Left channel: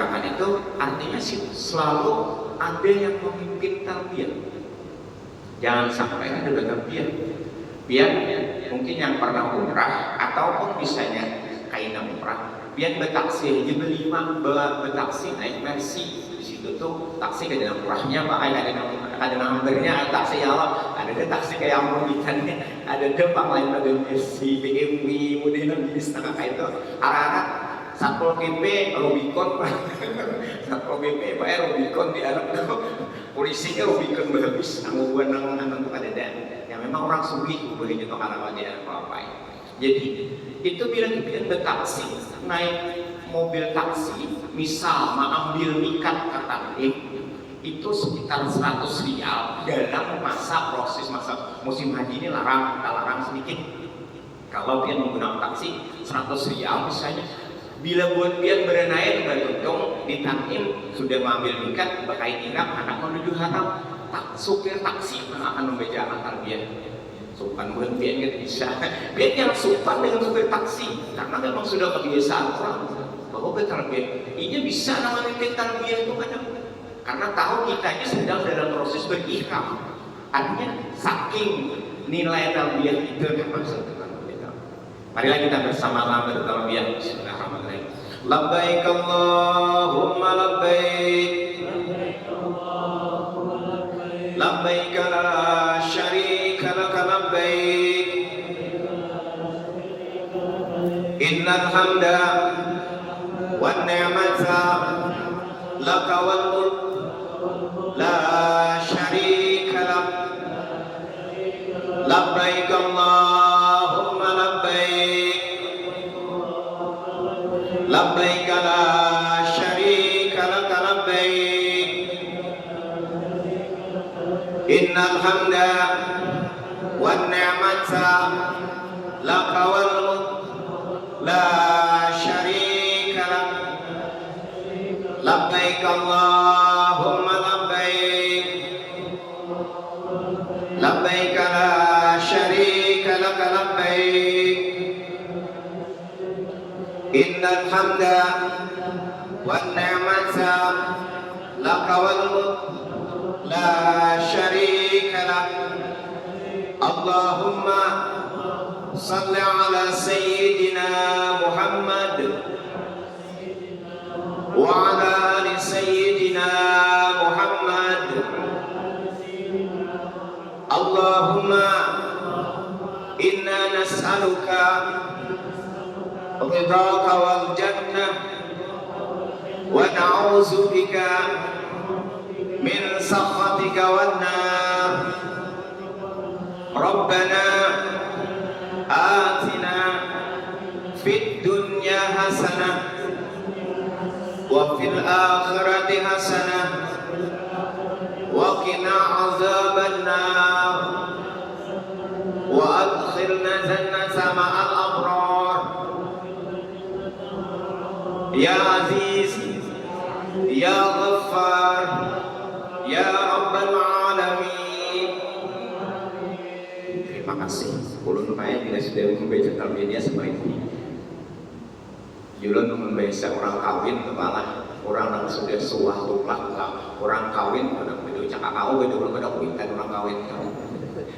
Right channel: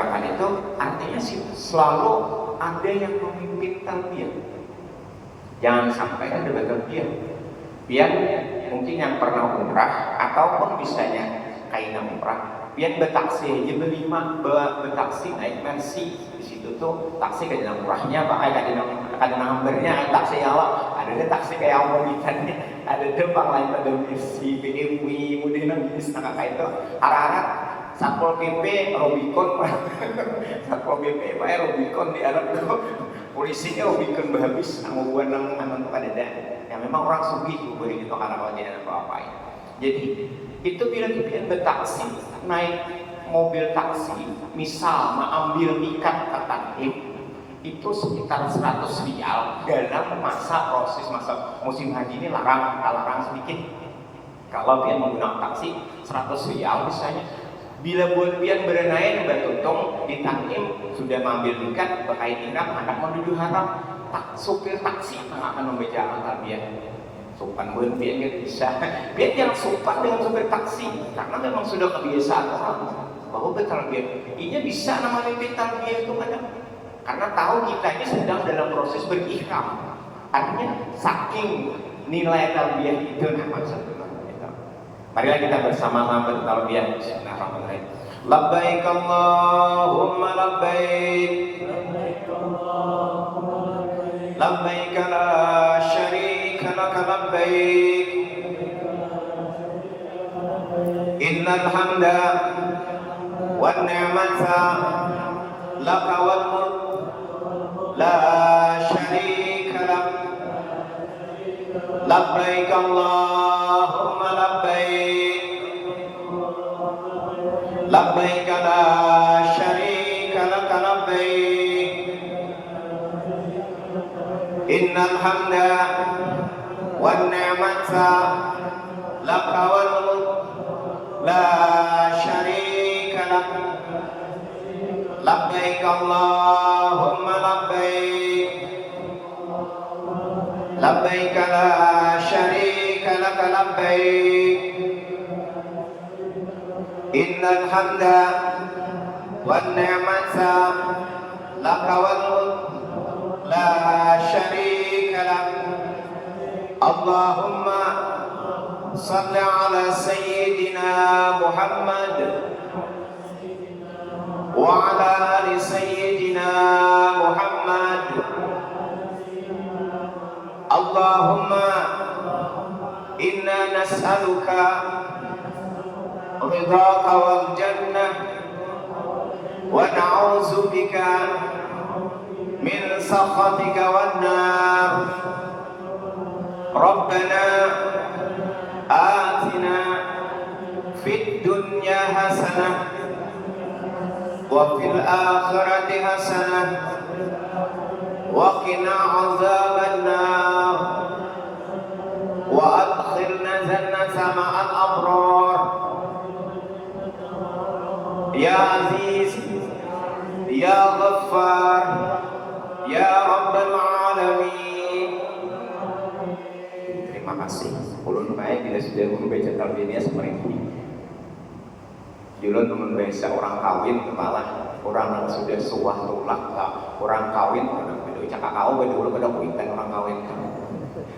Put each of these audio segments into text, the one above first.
gerakan itu artinya sih selalu ada yang memimpin talbiyah. Jangan sampai ada berlebihan. Biar mungkin yang pernah umrah ataupun misalnya kaina umrah, biar betaksi aja betaksi naik Mercy. Di situ tuh taksi ada murahnya Pak, ada numbernya taksi nyala, ada taksi kayak mau ikan nih, ada dempang lain pada Mercy, BMW, kemudian di setengah kayak itu arah-arah Satpol PP Rubicon Satpol PP Pak Rubicon di Arab tuh polisinya Rubicon habis ngomong nang untuk ada yang memang orang sugi tuh boleh gitu karena kalau dia apa ya. Jadi itu bila kita bertaksi naik mobil taksi misal mau ambil nikat ke Tandim itu sekitar 100 rial dalam masa musim haji ini larang sedikit. Kalau dia menggunakan taksi 100 rial misalnya, bila buat pian berenai udah tuntung di Tandim sudah mengambil nikat berkait ihram anak menuju haram, supir taksi yang akan membedakan talbiyah. Sopan buat pian nggak bisa, pian yang sopan dengan supir taksi karena memang sudah kebiasaan orang bahwa bertalbiyah. Ini bisa namanya memimpin talbiyah itu kadang karena tahu kita ini sedang dalam proses berihram. Artinya saking nilai talbiyah itu maksudnya. Marilah kita bersama-sama bertalbiyah. Bismillahirrahmanirrahim. Labbaik Allahumma labbaik. Labbaik la syarika laka labbaik. Innal hamda wan ni'mata laka wal mulk la syarika lak. Labbaik Allahumma labbaik. Labbaik la syarika laka labbaik. Innal hamda wan ni'mata laka wal mulk la syarika lak. Labbaik Allahumma labbaik. Labbaik la syarika laka labbaik. Innal hamda wan ni'mata laka wal mulk la syarika lak. Allahumma salli ala sayyidina Muhammad wa ala ali sayyidina Muhammad. Allahumma inna nas'aluka ridhaka wal jannah wa na'udzu bika min sakhatika wan nar. Rabbana atina fid dunya hasanah wa fil akhirati hasanah wa qina azaban nar wa adkhilna jannata ma'al abrar. Ya Aziz, Ya Ghaffar, Ya Rabbal Alamin. Terima kasih. Ulun bae bila sudah membaca talbiyah seperti ini. Julun membaca orang kawin kepala, orang yang sudah suah tulah, orang kawin, orang bedo cakap kau bedo pada kuintan orang kawin.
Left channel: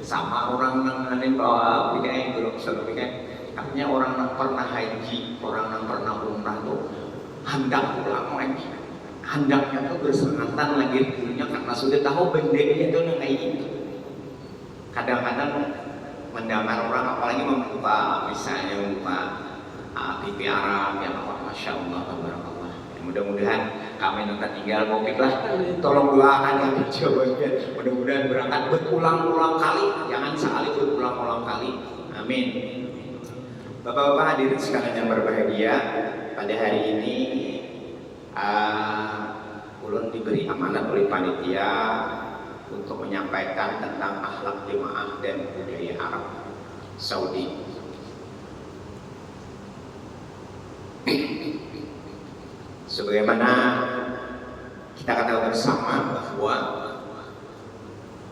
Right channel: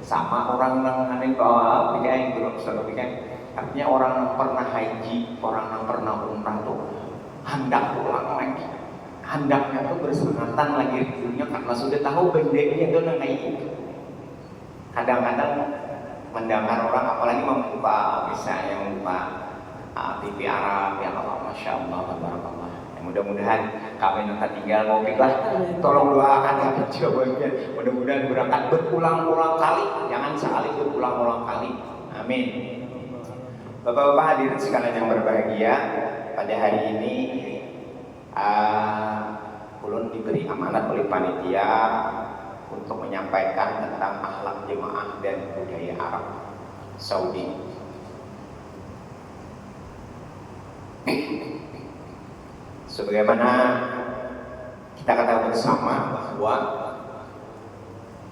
Sama orang yang anin bawa pikai grup satu pikai. Artinya orang yang pernah haji, orang yang pernah umrah tuh hendak pulang lagi. Hendaknya tuh bersengatan lagi dulunya karena sudah tahu bendanya itu kayak itu. Kadang-kadang mendengar orang apalagi membuka misalnya membuka TV Arab ya Allah, Masya Allah, Tabarakallah. Ya, mudah-mudahan kami yang tinggal covid lah, tolong doakan ya jawabannya. Mudah-mudahan berangkat berulang-ulang kali, jangan sekali berulang-ulang kali. Amin. Bapak-bapak hadirin sekalian yang berbahagia, pada hari ini ulun diberi amanat oleh panitia untuk menyampaikan tentang akhlak jemaah dan budaya Arab Saudi. Sebagaimana kita ketahui bersama bahwa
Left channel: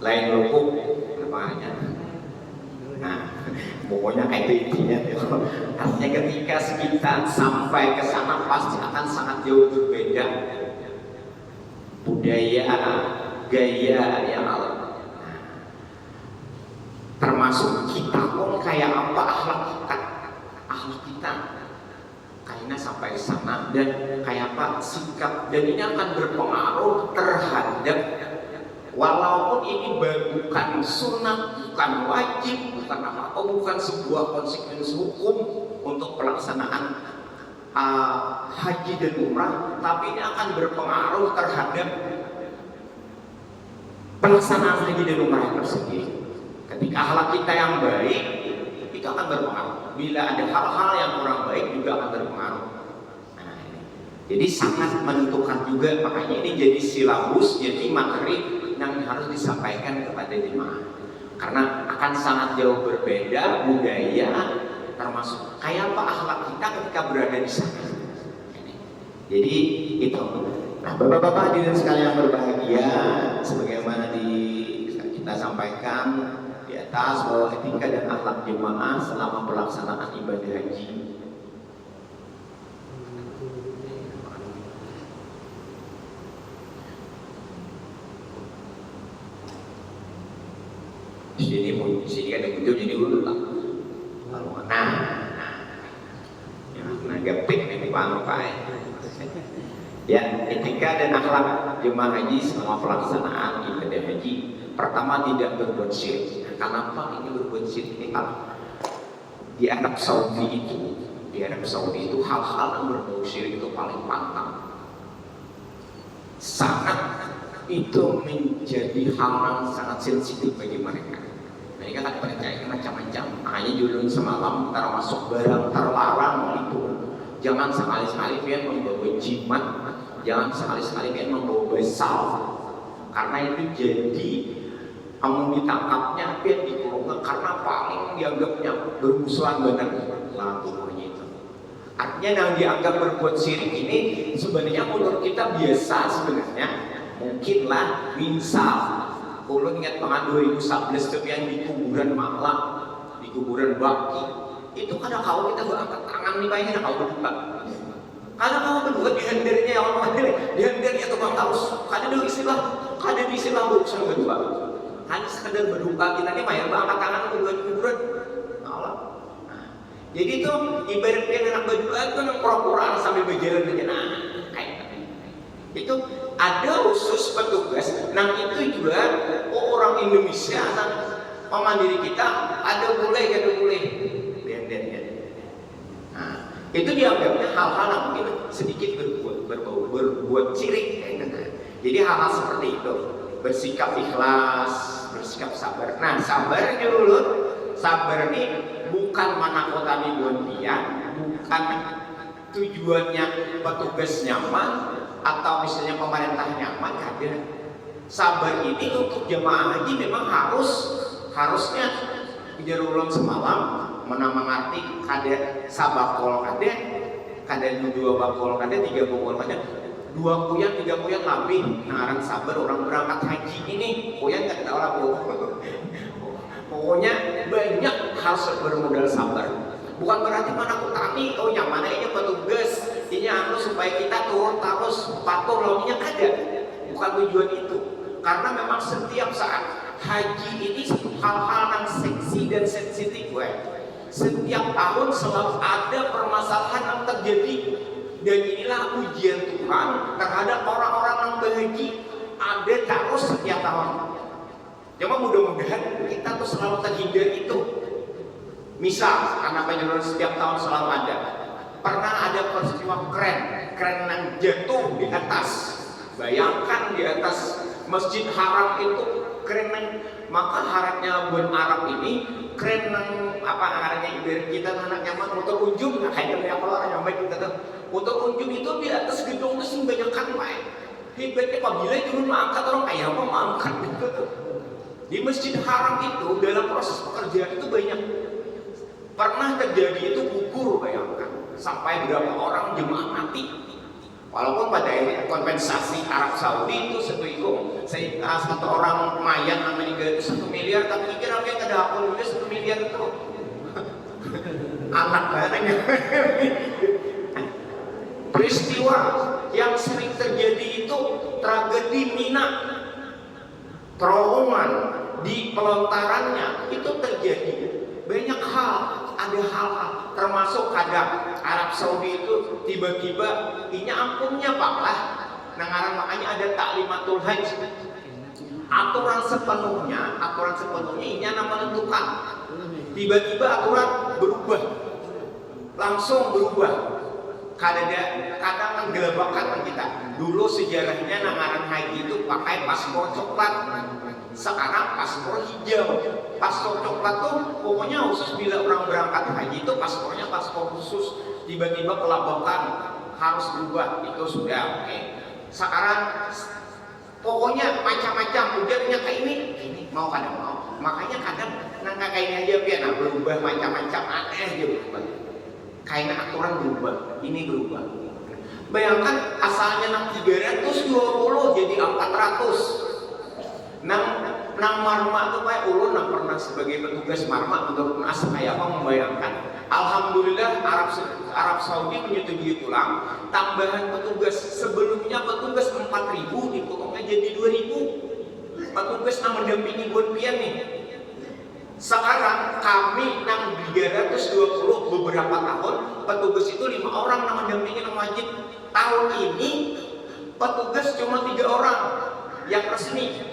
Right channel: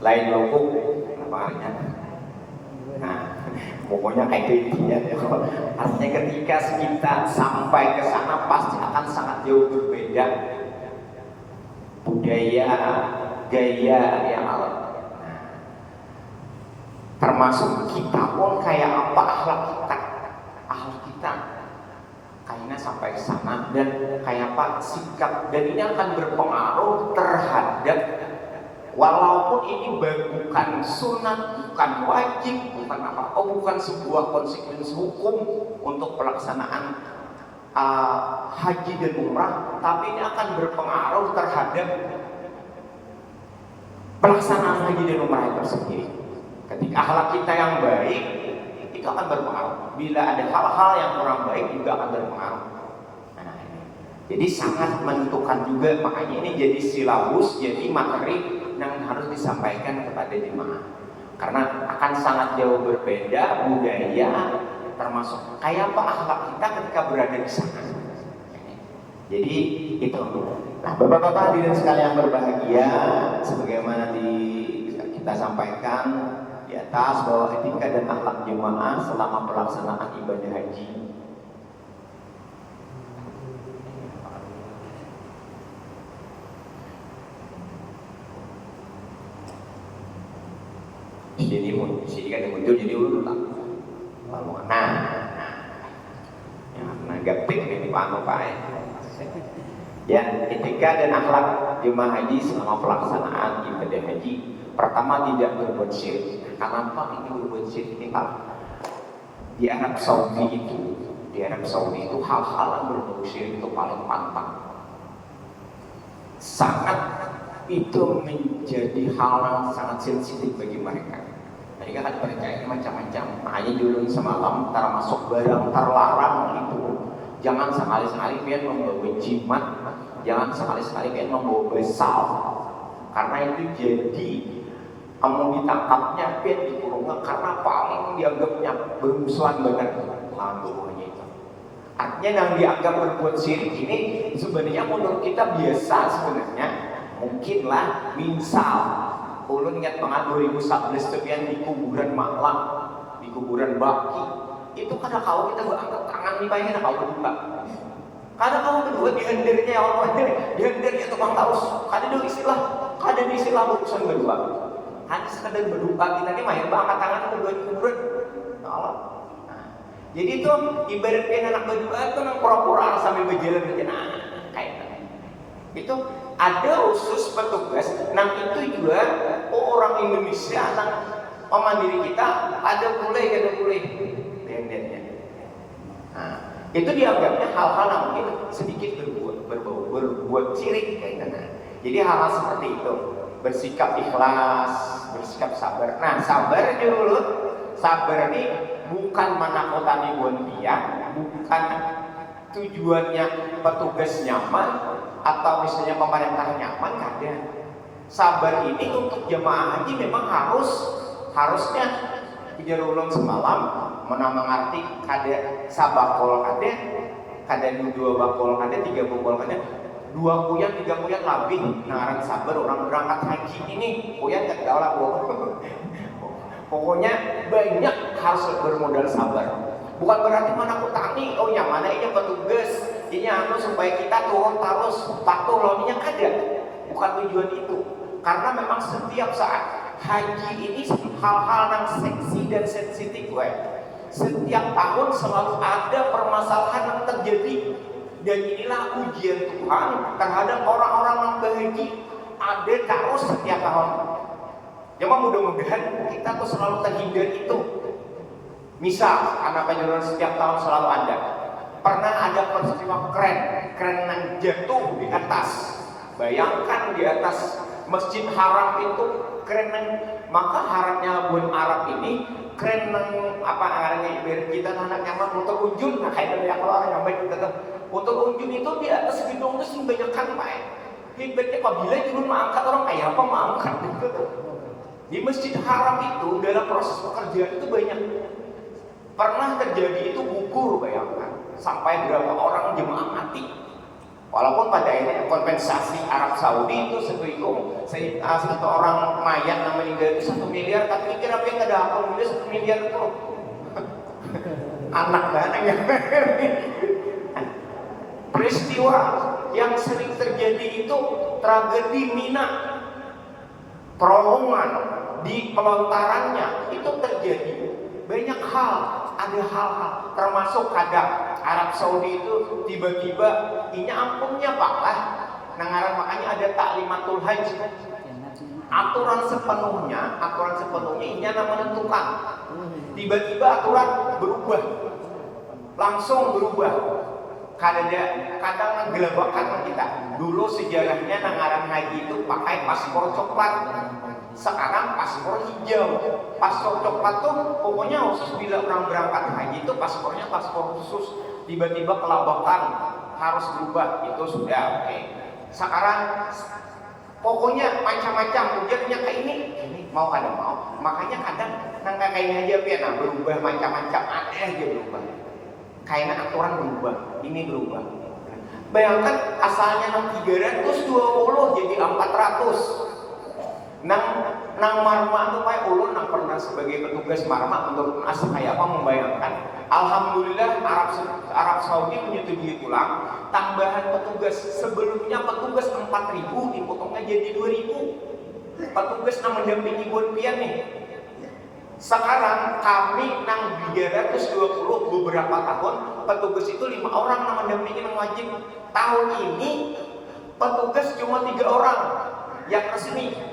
lain lubuk apa artinya? Nah, pokoknya kayak itu intinya. Artinya ketika kita sampai ke sana pasti akan sangat jauh berbeda budaya, gaya yang alam. Termasuk kita pun kayak apa akhlak kita kayaknya sampai ke sana, dan kayak apa sikap, dan ini akan berpengaruh terhadap, walaupun ini bukan sunat, bukan wajib, bukan apa, bukan sebuah konsekuensi hukum untuk pelaksanaan haji dan umrah, tapi ini akan berpengaruh terhadap pelaksanaan haji dan umrah itu sendiri. Ketika akhlak kita yang baik, itu akan berpengaruh. Bila ada hal-hal yang kurang baik juga akan berpengaruh. Nah, jadi sangat menentukan juga, makanya ini jadi silabus, jadi materi yang harus disampaikan kepada jemaah. Karena akan sangat jauh berbeda budaya, termasuk kayak apa akhlak kita ketika berada di sana. Jadi itu. Nah, bapak-bapak hadirin sekalian yang berbahagia, sebagaimana kita sampaikan di atas bahwa etika dan akhlak jemaah selama pelaksanaan ibadah haji. Di sini kan yang muncul jadi ulang. Nah, negatif ini Pak. Ya, etika dan akhlak jemaah haji selama pelaksanaan ibadah haji. Pertama, tidak berbuat syirik. Kenapa ini berbuat syirik? Ini kalah. Di Arab Saudi itu hal-hal yang berbau syirik itu paling pantang. Sangat itu menjadi hal yang sangat sensitif bagi mereka. Mereka kan percaya macam-macam. Makanya dulu semalam termasuk barang terlarang itu. Jangan sekali-sekali pengen membawa jimat, jangan sekali-sekali pengen membawa besal. Karena itu jadi kamu ditangkapnya, pengen dikurungnya, karena paling dianggapnya bermusuhan benar lagunya itu. Artinya yang dianggap berbuat syirik ini sebenarnya menurut kita biasa sebenarnya. Mungkinlah misal, ulun ingat banget 2011 tuh yang di kuburan Makla, di kuburan Baki. Itu kadang kalau kita berangkat tangan nih pengen kau berdua. Kadang kamu berdua dihendernya ya Allah, dihendernya tukang taus. Kadang ada istilah bukan berdua. Hanya sekedar berdoa kita nih main berangkat tangan berdua di kuburan. Allah. Jadi itu ibaratkan anak berdua itu orang pura-pura sambil berjalan kayak itu ada khusus petugas. Nah itu juga orang Indonesia, anak mandiri kita ada boleh. Nah, itu dianggapnya hal-hal yang mungkin sedikit berbuat syirik kayaknya. Jadi hal-hal seperti itu, bersikap ikhlas, bersikap sabar. Nah, sabar dulu. Sabar ini bukan menakutani dia, bukan tujuannya petugas nyaman atau misalnya pemerintah nyaman, ada. Sabar ini untuk jemaah haji memang harusnya ujar semalam menarti kada sabakol kada dua bakol kada tiga bakol kada dua kuyan tiga kuyan lebih narang sabar orang berangkat haji ini kuyan kada tahu lah pokoknya banyak harus bermodal sabar. Bukan berarti menakutani, nyaman aja petugas ini supaya kita turun terus patuh lawannya kada. Bukan tujuan itu. Karena memang setiap saat haji ini hal-hal yang seksi dan sensitif, setiap tahun selalu ada permasalahan yang terjadi, dan inilah ujian Tuhan terhadap orang-orang yang berhaji, ada terus setiap tahun. Cuma mudah-mudahan kita tuh selalu terhindar itu. Misal anak panjenengan setiap tahun selalu ada. Pernah ada peristiwa kren yang jatuh di atas. Bayangkan di atas Masjid Haram itu keren, maka harapnya bun Arab ini keren apa arahnya dari kita anak nyaman motor unjung, nah kayak dari keluar yang baik kita tuh motor unjung itu di atas gedung itu sih banyak kan pak. Hebatnya apabila turun mengangkat orang kayak apa mengangkat gitu. Di Masjid Haram itu dalam proses pekerjaan itu banyak. Pernah terjadi itu gugur, bayangkan sampai berapa orang jemaah mati. Walaupun pada akhirnya kompensasi Arab Saudi itu satu orang mayat yang meninggal itu 1 miliar, tapi kira-kira ke dapur juga 1 miliar itu. Anak banyak. Peristiwa yang sering terjadi itu tragedi Mina, terowongan di pelontarannya itu terjadi banyak hal. Ada hal-hal termasuk kadang Arab Saudi itu tiba-tiba inya ampunnya Pak lah. Nah, makanya ada taklimatul haji. Aturan sepenuhnya inya menentukan. Tiba-tiba aturan berubah. Langsung berubah. Kadang gelebakan kita. Dulu sejarahnya nangaran haji itu pakai paspor coklat. Sekarang paspor hijau. Paspor coklat tuh pokoknya khusus bila orang berangkat haji itu paspornya paspor khusus. Tiba-tiba kelabakan harus berubah, itu sudah oke. Sekarang pokoknya macam-macam ujarnya kayak ini mau kadang mau. Makanya kadang nangka kayaknya aja pian berubah macam-macam aneh aja berubah. Kayaknya aturan berubah, ini berubah. Bayangkan asalnya 320 jadi 400. Nang marma itu Pak ulun nang pernah sebagai petugas marma untuk asa kayak apa membayangkan. Alhamdulillah Arab Saudi menyetujui pulang tambahan petugas. Sebelumnya petugas 4.000 dipotongnya jadi 2.000. Petugas yang mendampingi buat pian nih. Sekarang kami nang 320 beberapa tahun petugas itu 5 orang yang mendampingi yang wajib. Tahun ini petugas cuma 3 orang yang resmi.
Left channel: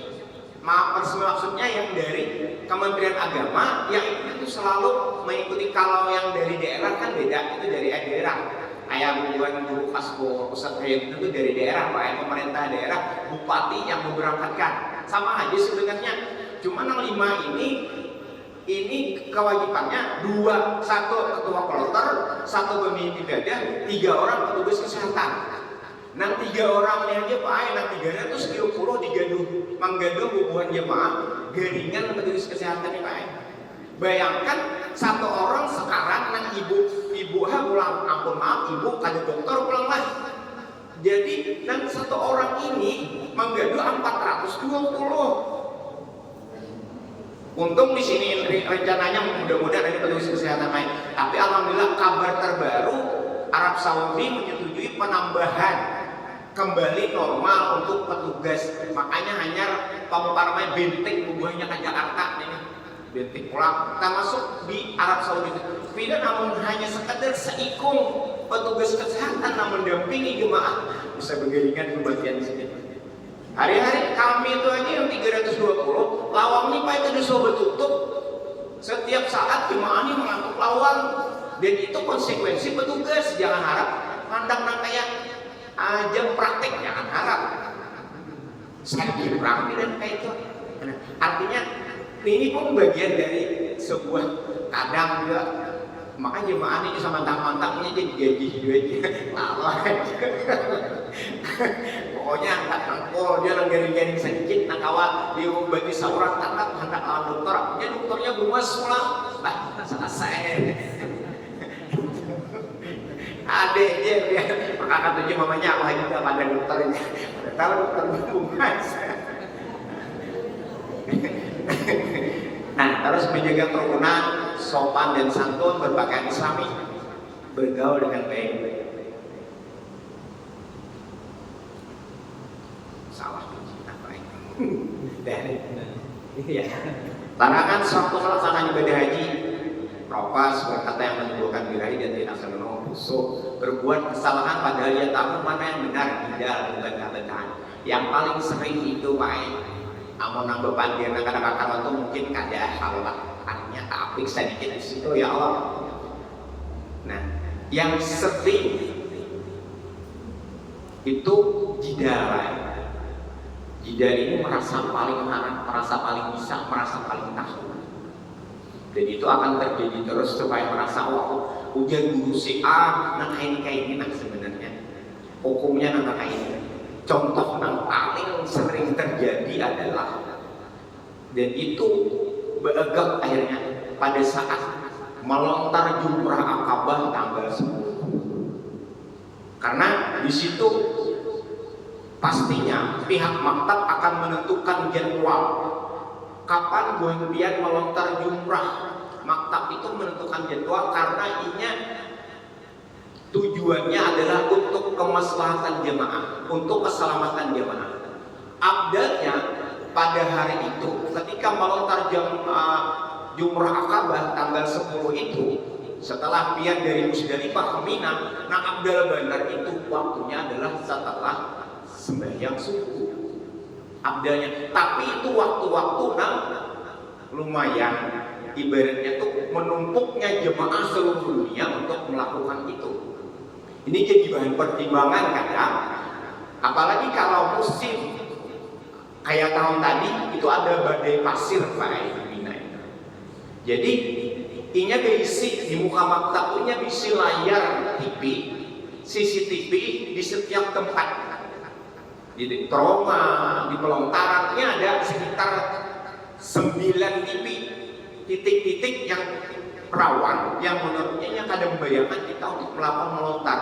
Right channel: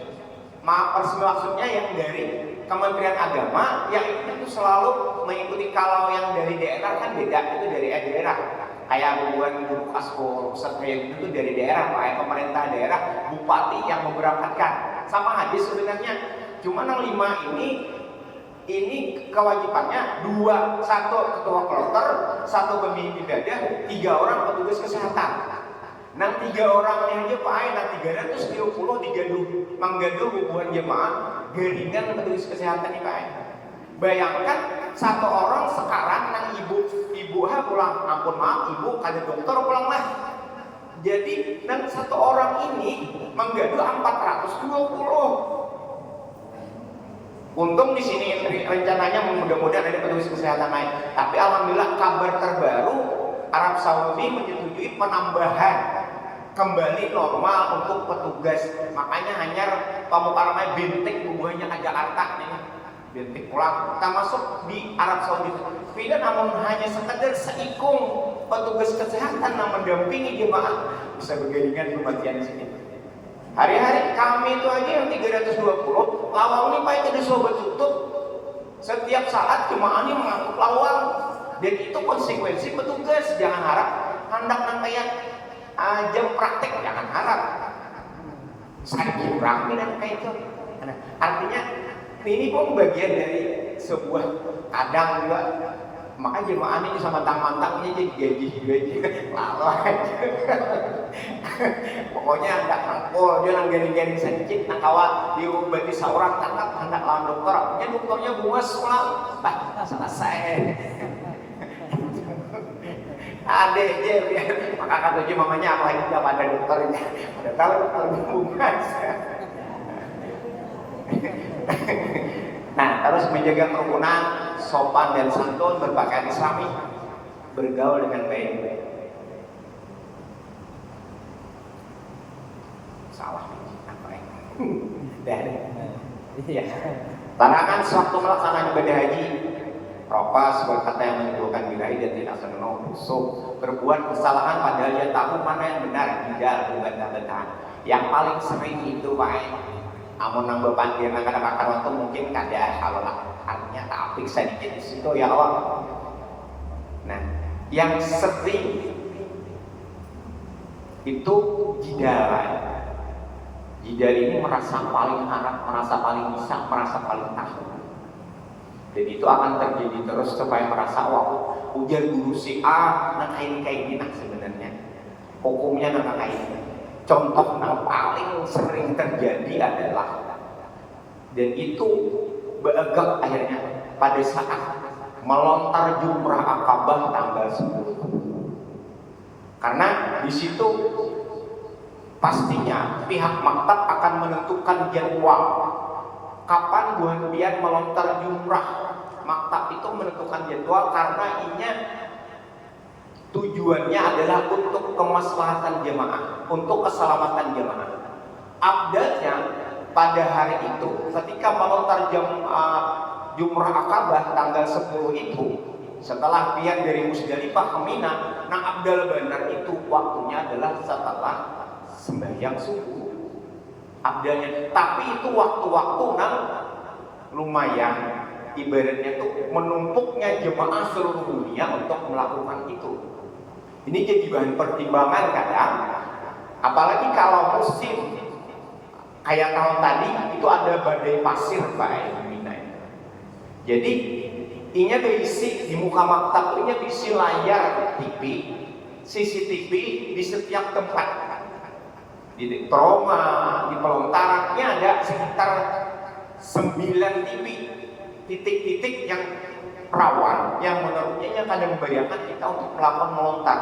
Maksudnya yang dari Kementerian Agama yang itu selalu mengikuti. Kalau yang dari daerah kan beda, itu dari daerah. Kayak hubungan guru asko Ustadz Hayat itu dari daerah, Pak, pemerintah daerah, bupati yang memberangkatkan. Sama aja sebenarnya. Cuma yang 5 ini kewajibannya 1 ketua kloter, 1 pemimpin ibadah, 3 orang petugas kesehatan. Nang 3 orang ini aja Pak, nang 330 menggaduh hubungan jemaah garingan petugas kesehatan ini Pak. Bayangkan 1 orang sekarang nang ibu pulang, ampun maaf ibu kada dokter pulang lah. Jadi nang 1 orang ini menggaduh 420. Untung di sini rencananya mudah-mudahan ada petugas kesehatan lain. Tapi alhamdulillah kabar terbaru Arab Saudi menyetujui penambahan kembali normal untuk petugas. Makanya hanya pamukaramai bentik hubungannya ke Jakarta nih. Bentik pulang termasuk di Arab Saudi. Tidak namun hanya sekedar seikung petugas kesehatan yang mendampingi jemaah bisa bergaringan di bagian sini. Hari-hari kami itu aja yang 320 lawang ini Pak itu disuruh tutup. Setiap saat jemaah ini mengangkut lawang. Dan itu konsekuensi petugas. Jangan harap mandang kayak jam praktek, jangan harap saya kurang dan kayak itu. Nah, artinya ini pun bagian dari sebuah kadang juga. Maka jemaah ini sama mantang-mantangnya jadi gaji juga aja. Lalai. Pokoknya hendak nangkol, dia nang garing-garing sedikit, nang kawa dia bagi seorang tangkap hendak lawan dokter. Dia dokternya bungas pulang. Selesai. Adek dia maka kata dia mamanya aku hanya tidak pada dokternya. Pada tahu dokter bungas. Nah, terus menjaga kerukunan, sopan dan santun, berpakaian islami, bergaul dengan baik. Salah apa ini? Iya. Larangan sewaktu melaksanakan ibadah haji. Propas berkata yang menimbulkan birahi dan tidak senang busuk. Berbuat kesalahan padahal dia tahu mana yang benar, tidak berbantah-bantahan. Yang paling sering itu Pak, amun nang bepandir nang kadang-kadang waktu mungkin kada kalau artinya tapi sedikit di situ ya Allah. Nah, yang sering itu jidal. Jidal ini merasa paling harap, merasa paling bisa, merasa paling tahu. Dan itu akan terjadi terus supaya merasa wah ujar guru si A nang kayak ini nah sebenarnya hukumnya nang kayak ini. Contoh yang paling sering terjadi adalah dan itu beegak akhirnya pada saat melontar jumrah Aqabah tanggal 10. Karena di situ pastinya pihak maktab akan menentukan jadwal kapan buah pian melontar jumrah. Maktab itu menentukan jadwal karena inya tujuannya adalah untuk kemaslahatan jemaah, untuk keselamatan jemaah. Abdalnya pada hari itu ketika melontar jumrah Akabah tanggal 10 itu, setelah pian dari Musdalifah ke Mina, nah abdal benar itu waktunya adalah setelah sembahyang subuh. Abdalnya, tapi itu waktu-waktu nang lumayan ibaratnya tuh menumpuknya jemaah seluruh dunia untuk melakukan itu. Ini jadi bahan pertimbangan kadang, apalagi kalau musim kayak tahun tadi itu ada badai pasir Pak Mina itu. Jadi inya berisi di muka maktab inya berisi layar TV, CCTV di setiap tempat. Di trauma, di pelontarannya ada sekitar 9 titik-titik yang rawan, yang menurutnya kadang membayangkan kita untuk melakukan melontar.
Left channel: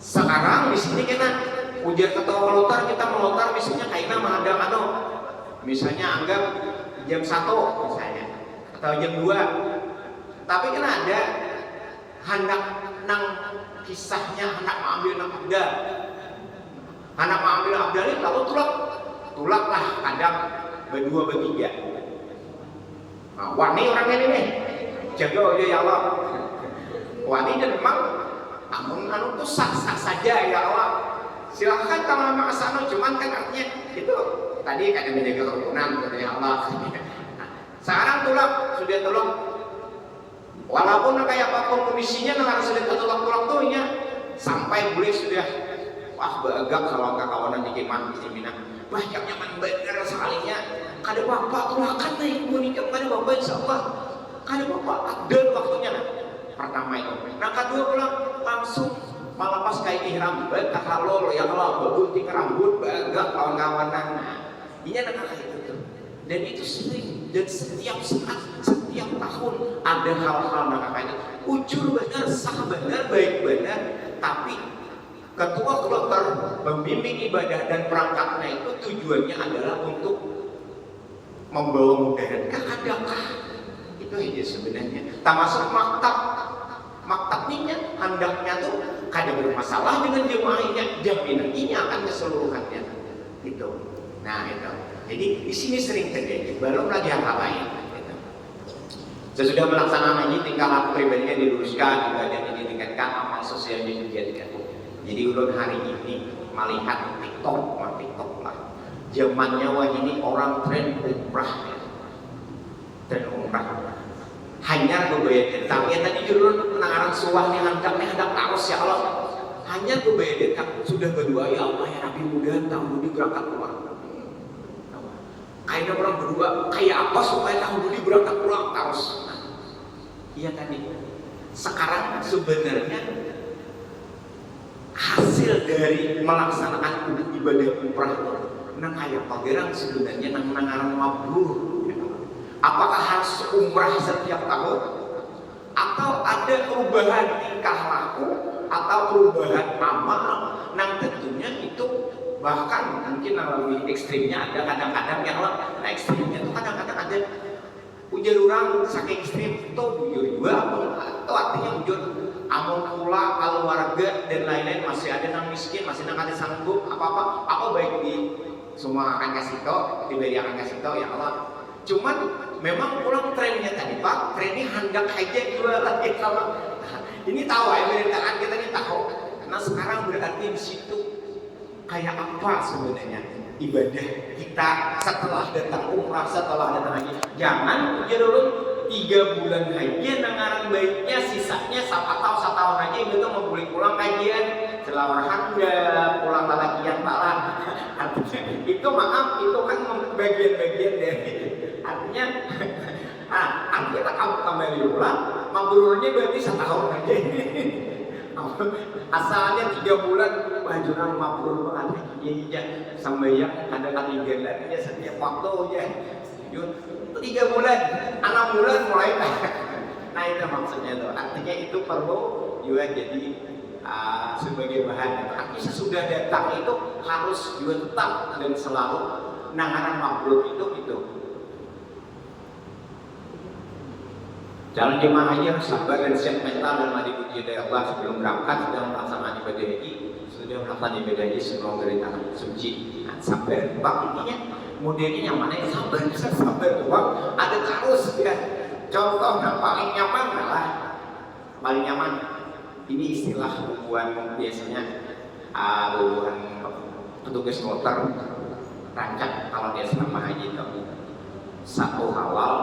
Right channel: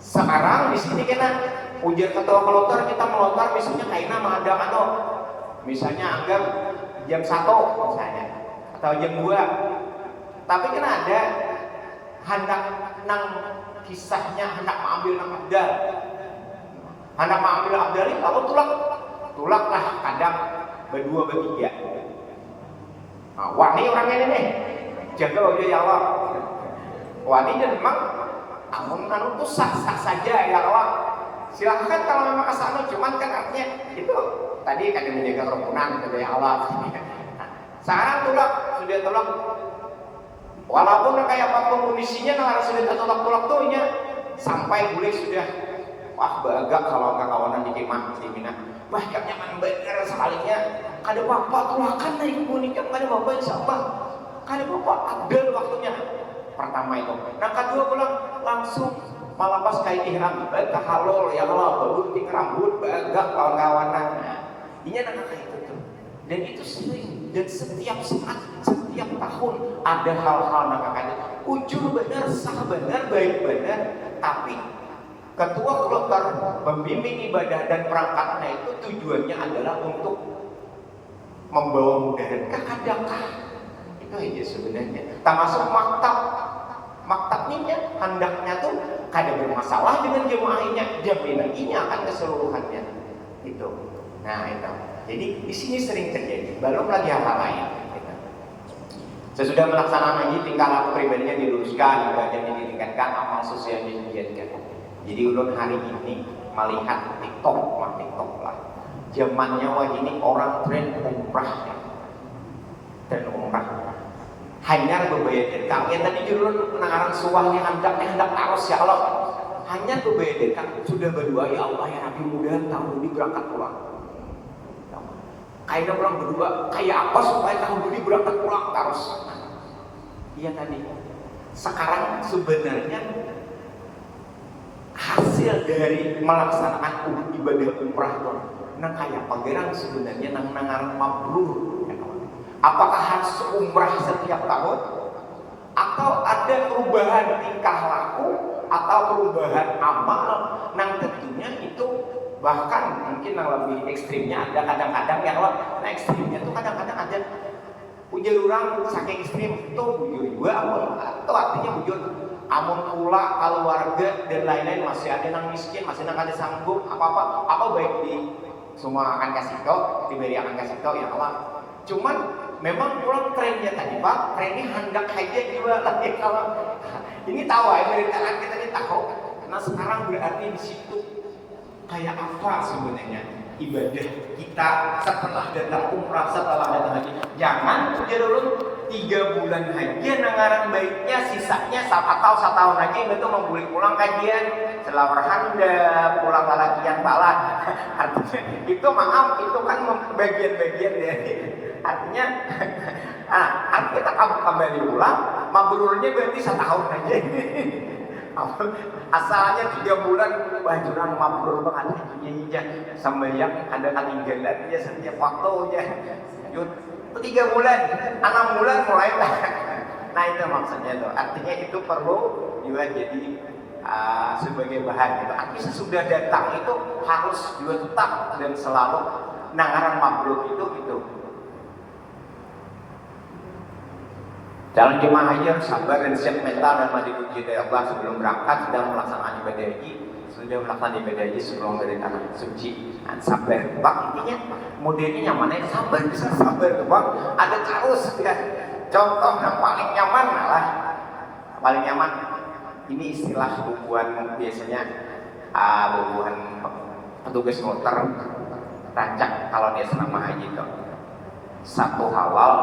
Sekarang di sini kena ujar ketua melontar, kita melontar misalnya kayak nama ada misalnya anggap jam 1 misalnya atau jam 2, tapi kena ada hendak nang kisahnya hendak mengambil nang abdal, hendak mengambil abdal ini kalau tulak lah kadang berdua bertiga. Nah, wani orang ini nih jaga ya Allah, wani dan memang amun anu tuh sah-sah saja ya Allah, silahkan kalau memang kesana, cuman kan artinya itu tadi kadang menjaga kerukunan gitu ya Allah. Nah, sekarang sudah tulak walaupun kayak apapun kondisinya nah harus sudah tulak tuh nya sampai boleh sudah wah bagak kalau kawanan di kemah di Mina banyak nyaman bener sekalinya. Kada bapak tuakan naik nikah, kada bapak insyaallah, kada bapak abdal waktunya. Pertama itu. Nah kedua pulang langsung malah pas kayak ihram, tahalul ya Allah, bagus ting rambut, bagak kawan-kawanan. Nah, ini nak kayak gitu. Dan itu sering dan setiap saat, setiap tahun ada hal-hal nak kayak ujur benar, sah benar, baik benar, tapi ketua kloter membimbing ibadah dan perangkatnya itu tujuannya adalah untuk membawa mudarat adakah itu aja sebenarnya. Termasuk maktabnya hendaknya tuh kada bermasalah dengan jemaahnya, jaminannya akan keseluruhannya itu. Nah itu. Jadi di sini sering terjadi. Belum lagi hal-hal lain. Gitu. Sesudah melaksanakan haji, tingkah laku pribadinya diluruskan, ibadahnya ditingkatkan, amal sosialnya ditingkatkan. Jadi ulun hari ini melihat TikTok lah. Zamannya wah ini orang tren umrah, hanya bebayar tapi tadi jurun penangaran suahnya hendak taros ya Allah, hanya bebayar sudah berdua ya Allah ya Nabi mudah tahun ini berangkat pulang. Kayaknya pulang berdua kayak apa supaya tahun ini berangkat pulang taros. Iya tadi. Sekarang sebenarnya hasil dari melaksanakan ibadah umrah itu nang kayak pagerang sebenarnya nang nangaran mabrur ya kawan. Apakah harus umrah setiap tahun atau ada perubahan tingkah laku atau perubahan amal nang tentunya itu bahkan mungkin yang lebih ekstrimnya ada kadang-kadang yang nah ekstrimnya itu kadang-kadang ada ujar orang saking ekstrim itu bujur juga atau artinya bujur amun pula keluarga dan lain-lain masih ada nang miskin, masih nang ada sanggup apa baik di semua akan kasih tau, diberi akan kasih tau ya Allah. Cuman memang pulang trennya tadi Pak, trennya hendak aja juga lah ya kalau ini tahu ya beritaan kita ini tahu. Nah sekarang berarti di situ kayak apa sebenarnya ibadah kita setelah datang umrah, setelah datang haji. Jangan dulu 3 bulan haji nangaran baiknya sisanya satu tahun haji itu memboleh pulang kajian selawar handap pulang lalakian pala. Artinya itu maaf itu kan bagian-bagian dari artinya artinya kamu kembali ulang mabrurnya berarti 1 tahun aja. Asalnya 3 bulan wah jurang mabrur banget iya sambayang ada ketinggalannya setiap waktunya 3 bulan 6 bulan mulai nah itu maksudnya tuh artinya itu perlu juga jadi sebagai bahan itu. Artinya sudah datang itu harus juga tetap dan selalu nangaran mabrur itu. Calon jemaah haji harus sabar dan siap mental dan mandi puji dari Allah sebelum berangkat, sedang melaksanakan ibadah haji, sebelum dari tanah suci. Sabar, bang, intinya modelnya nyamannya sabar, bisa sabar tuh bang. Ada terus ya. Contoh yang paling nyaman malah paling nyaman. Ini istilah bubuhan biasanya bubuhan petugas motor rancak kalau dia selama haji itu 1 halal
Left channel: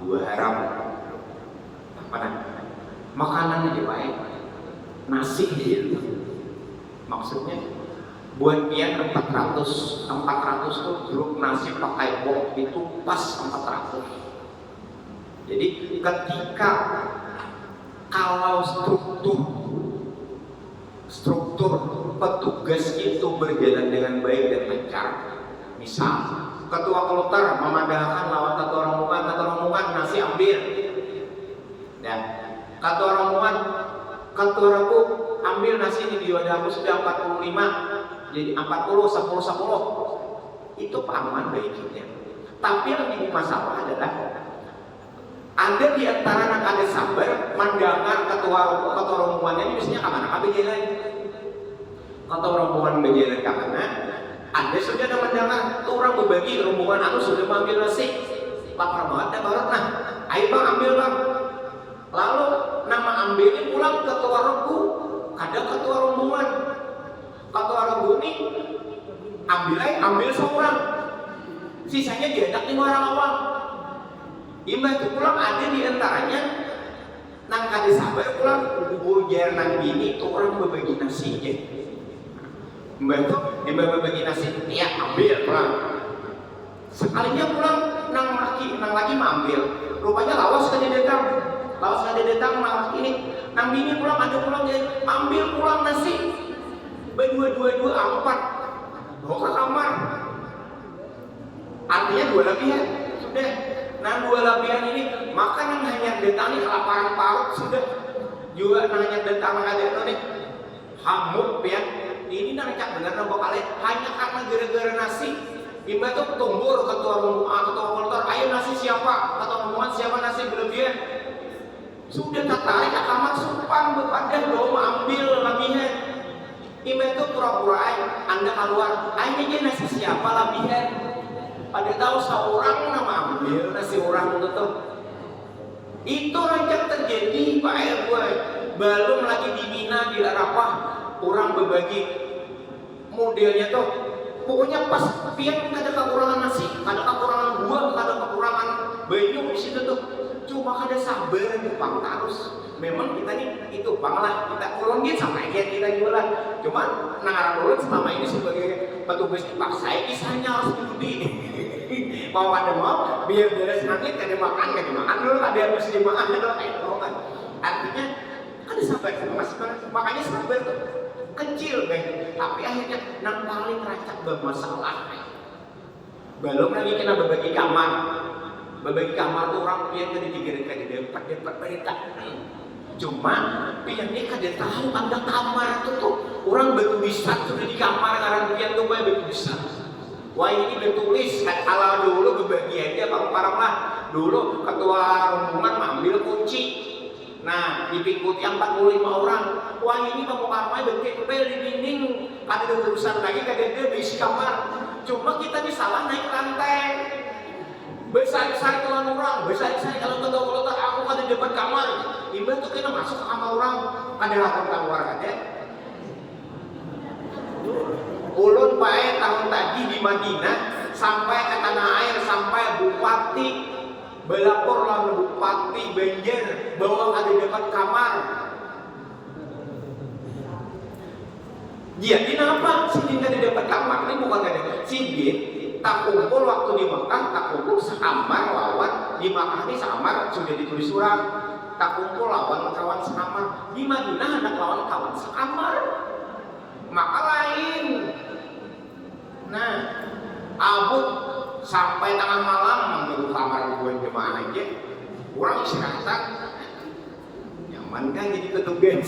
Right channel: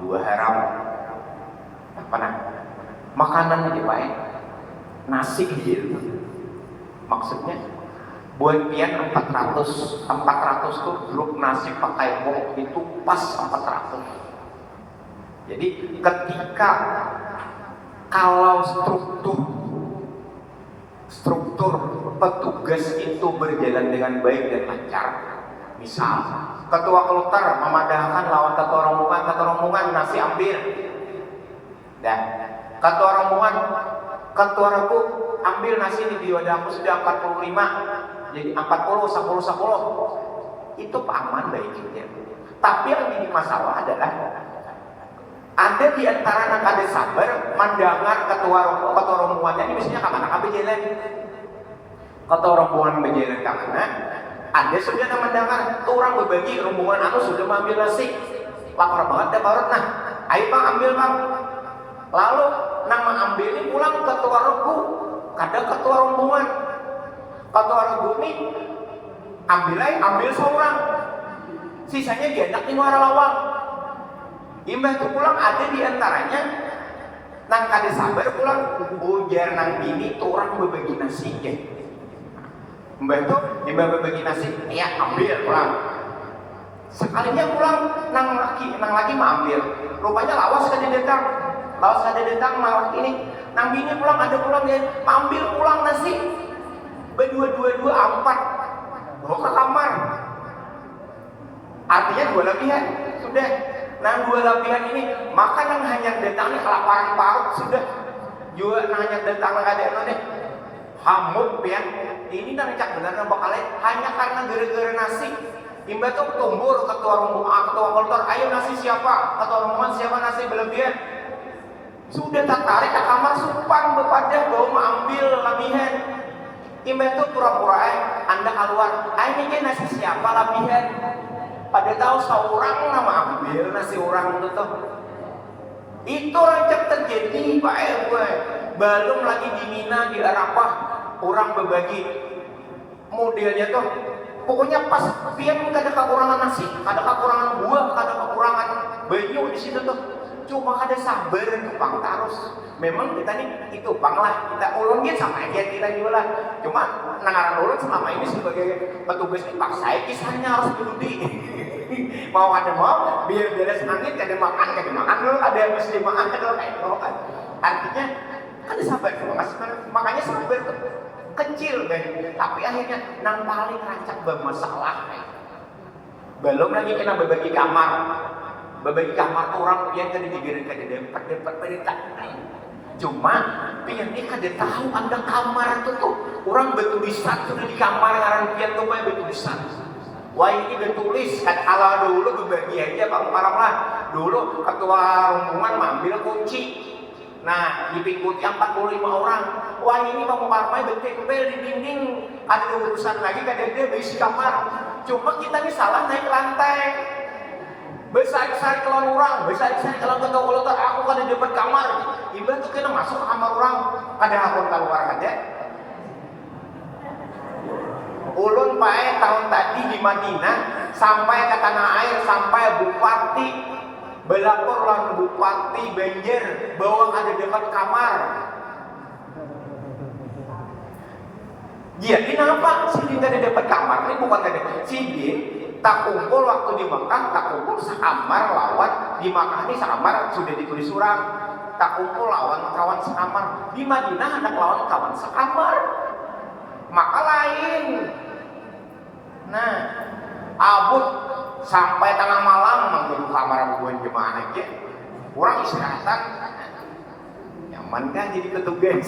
2 haram. Makanan aja baik, nasi gitu. Maksudnya buat pian 400 tuh grup nasi pakai bok itu pas 400. Jadi ketika kalau struktur petugas itu berjalan dengan baik dan lancar, misal ketua kloter memandangkan lawan ketua rombongan nasi ambil. Dan ketua rombonganku ambil nasi ini di wadahku sudah 45, jadi 40, 10. Itu aman baiknya. Tapi yang jadi masalah adalah ada di antara anak ada sabar mandangan ketua rombongannya ini biasanya kemana? Ke jalan. Ketua rombongan berjalan kemana? Ada sudah mandangan orang berbagi rombongan aku sudah mengambil nasi. Lapar banget ya baru nah, ayo bang ambil bang. Lalu nama ambilnya pulang ketua regu, kadang ketua rombongan. Ketua regu ini ambil seorang, sisanya diajak di muara lawang. Imbah itu pulang ada di antaranya nang kade sabar pulang ujar nang bini tuh orang berbagi nasi ya. Mbah itu berbagi nasi, ya ambil pulang. Sekalinya pulang nang lagi mau ambil, rupanya lawas kade datang. Lawas ada datang malah ini, nang bini pulang ada pulang dia ambil pulang nasi, berdua 4 bawa ke kamar. Artinya 2 lebihan sudah. Nang 2 lebihan ini makanan hanya datang nih kelaparan parut sudah. Juga nang hanya datang nang ada nih hamut ya. Ini nang cak benar nang bakal hanya karena gara-gara nasi. Imbah tuh tumbur ketua rombongan, ketua koltor, ayo nasi siapa? Ketua rombongan siapa nasi berlebihan? Sudah tak tarik ke kamar sumpang bepadah bawa mengambil lebihan. Imbah itu pura-pura Anda keluar, ayo nasi siapa lebihan? Pada tahu seorang nama ambil nasi orang itu tuh. Itu rancak terjadi Pak RW. Belum lagi di Mina di Arafah orang berbagi modelnya tuh. Pokoknya pas pian nggak ada kekurangan nasi, ada kekurangan buah, ada kekurangan banyu di situ tuh. Cuma kada sabar bang terus. Memang kita nih itu bang lah kita ulungin sama kita juga lah. Cuma nangaran ulun selama ini sebagai petugas dipaksa kisahnya harus diundi. Mau kada mau biar beres angin kada makan dulu kada habis dimakan dulu kayak itu kan. Artinya kada sabar makanya sabar tuh kecil deh. Tapi akhirnya nang paling rancak bermasalah. Belum lagi kena berbagi kamar. Berbagi kamar tuh orang yang kada digiring kada dapat perintah. Cuma pian ini kada tahu Anda kamar itu tuh orang bertulisan sudah di kamar ngaran pian tuh banyak bertulisan. Wah ini bertulis kan ala dulu berbagi aja parang lah. Dulu ketua rombongan mengambil kunci. Nah diikuti 45 orang. Wah ini kamu kamar betul-betul di dinding ada urusan lagi kada ada berisi kamar. Cuma kita nih salah naik lantai. Besar-besar kelan orang, besar-besar kelan ketua kolot aku kada dapat kamar. Imbah tuh kena masuk ke kamar orang, kada aku keluar aja. Ulun pae tahun tadi di Madinah sampai ke tanah air sampai bupati belapor lan bupati Banjar bahwa kada dapat kamar. Jadi kenapa Sidin kada dapat kamar? Ini bukan kada. Sidin tak kumpul waktu di Mekah, tak kumpul sekamar lawan di Mekah ini sekamar sudah ditulis surat. Tak kumpul lawan kawan sekamar. Di Madinah ada lawan kawan sekamar. Maka lain. Nah, abut sampai tengah malam manggil kamar bubuhan jemaah aja. Orang istirahat. Ya nyaman kan jadi petugas.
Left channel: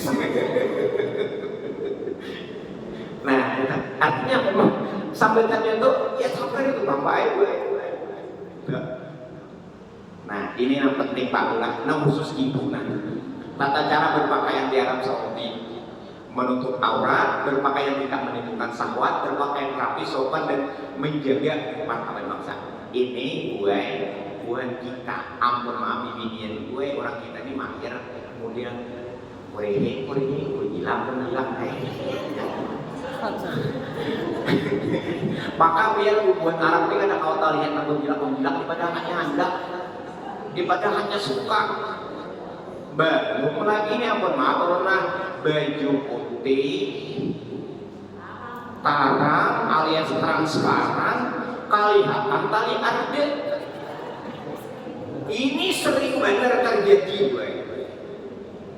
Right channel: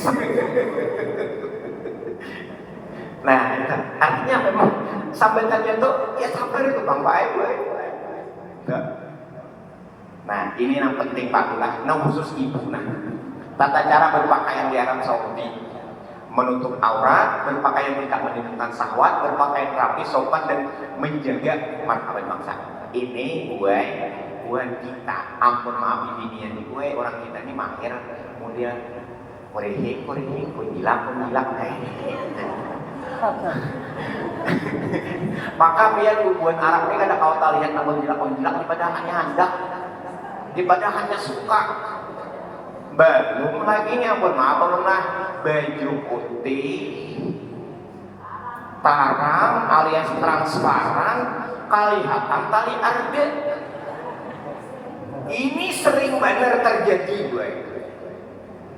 Nah, artinya memang sambutannya tuh ya sabar itu bang, baik gue. Nah, ini yang penting Pak Lurah, nah khusus ibu. Nah, tata cara berpakaian di Arab Saudi, menutup aurat, berpakaian tidak menimbulkan syahwat, berpakaian rapi, sopan dan menjaga martabat bangsa. Ini gue kita, ampun maaf bibinian gue, orang kita ini mahir, kemudian korehe, hilang, maka biar buat Arab ini kada kau tak lihat namun bilang ibadah hanya hendak, ibadah hanya suka. Belum lagi nih ampun maaf baju putih, tarang alias transparan, kelihatan tali arde. Ini sering benar terjadi gue.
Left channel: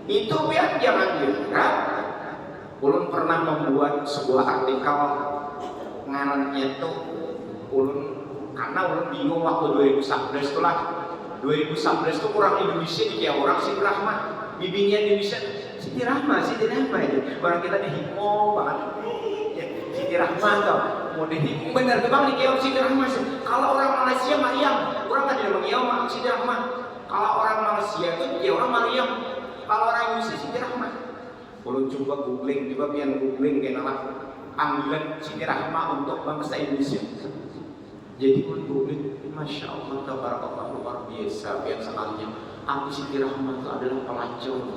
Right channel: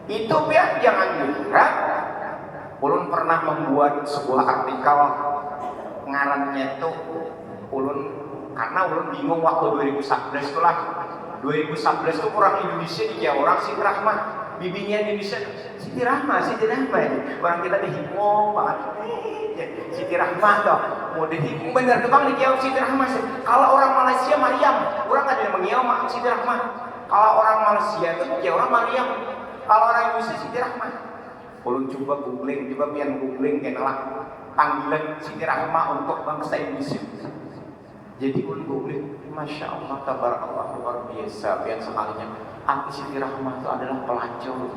Itu biar jangan diharap. Ulun pernah membuat sebuah artikel ngarannya tuh ulun karena ulun bingung waktu 2011 itulah. 2011 tuh orang Indonesia dia orang Siti Rahmah, bibinya Indonesia Siti Rahmah orang kita dihinggung banget Siti Rahmah tuh mau dihinggung bener tuh bang dikiau Siti Rahmah. Kalau orang Malaysia Maryam, orang ada yang mengiau Siti Rahmah. Kalau orang Malaysia itu dia orang Maryam, kalau orang Indonesia Siti Rahmah. Ulun coba googling, coba pian googling kenalah panggilan Siti Rahmah untuk bangsa Indonesia. Jadi ulun googling, masya Allah, tabarakallah, luar biasa. Biar sekalinya, aku Siti Rahmah itu adalah pelacur.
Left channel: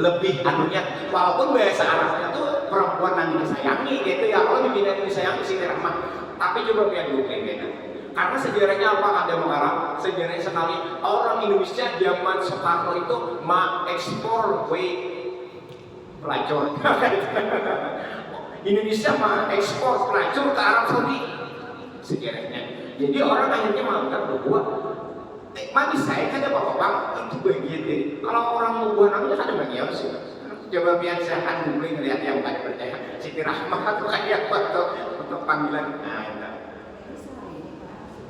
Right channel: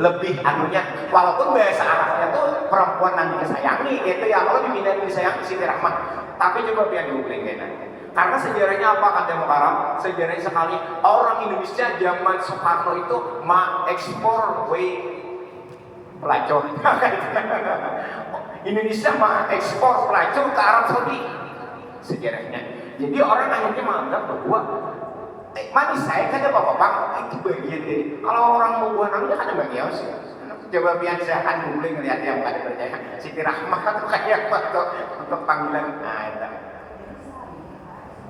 Lebih anunya, walaupun bahasa Arabnya tuh perempuan yang disayangi gitu ya. Kalau dibina disayangi Siti Rahmah, tapi coba pian googling gitu. Karena sejarahnya apa kan Demokrat? Sejarahnya sekali orang Indonesia zaman Soekarno itu ekspor pelacur. Indonesia ekspor pelacur ke Arab Saudi. Sejarahnya. Jadi orang akhirnya menganggap bahwa manis saya kan bapak-bapak itu bagian dari. Kalau orang mau buah namanya kan bagian sih. Coba biar saya akan googling lihat yang tadi percaya Siti Rahmah atau kayak apa untuk panggilan. Nah, itu.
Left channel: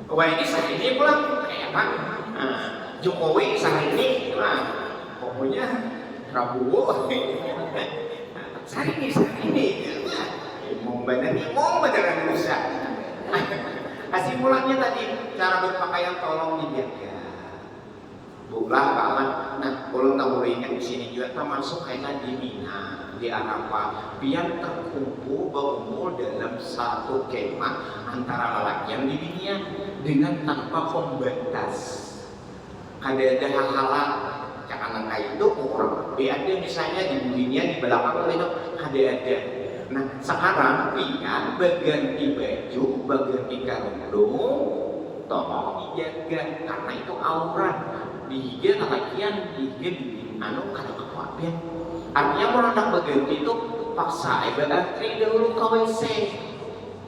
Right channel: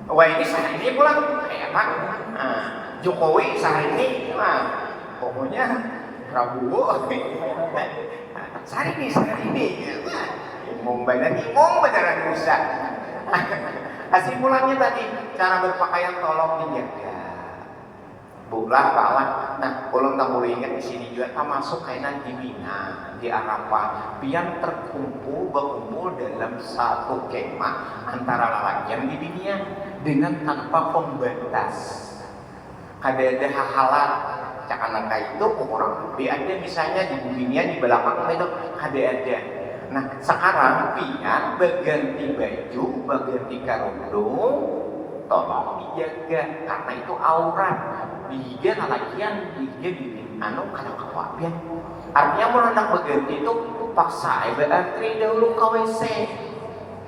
Wah ini sehari ini pulang kayak apa? Jokowi sehari ini, pokoknya Prabowo. Sehari ini, imong beneran rusak. Kesimpulannya tadi cara berpakaian tolong dijaga. Bulah palah. Nah, kalau kamu ingat di sini juga termasuk kainan di Mina, di Arafah, yang berkumpul dalam satu kemah antara lelakian di dunia dengan tanpa pembatas. Ada hahalan cakan itu orang ada misalnya di dunia di belakang itu ada. Nah, sekarang pian berganti baju, berganti kerudung, tolong dijaga karena itu aurat. Dihigen lelakian, dihigen anu kada kawapian. Artinya mau hendak berganti itu paksa berantri dahulu ke WC.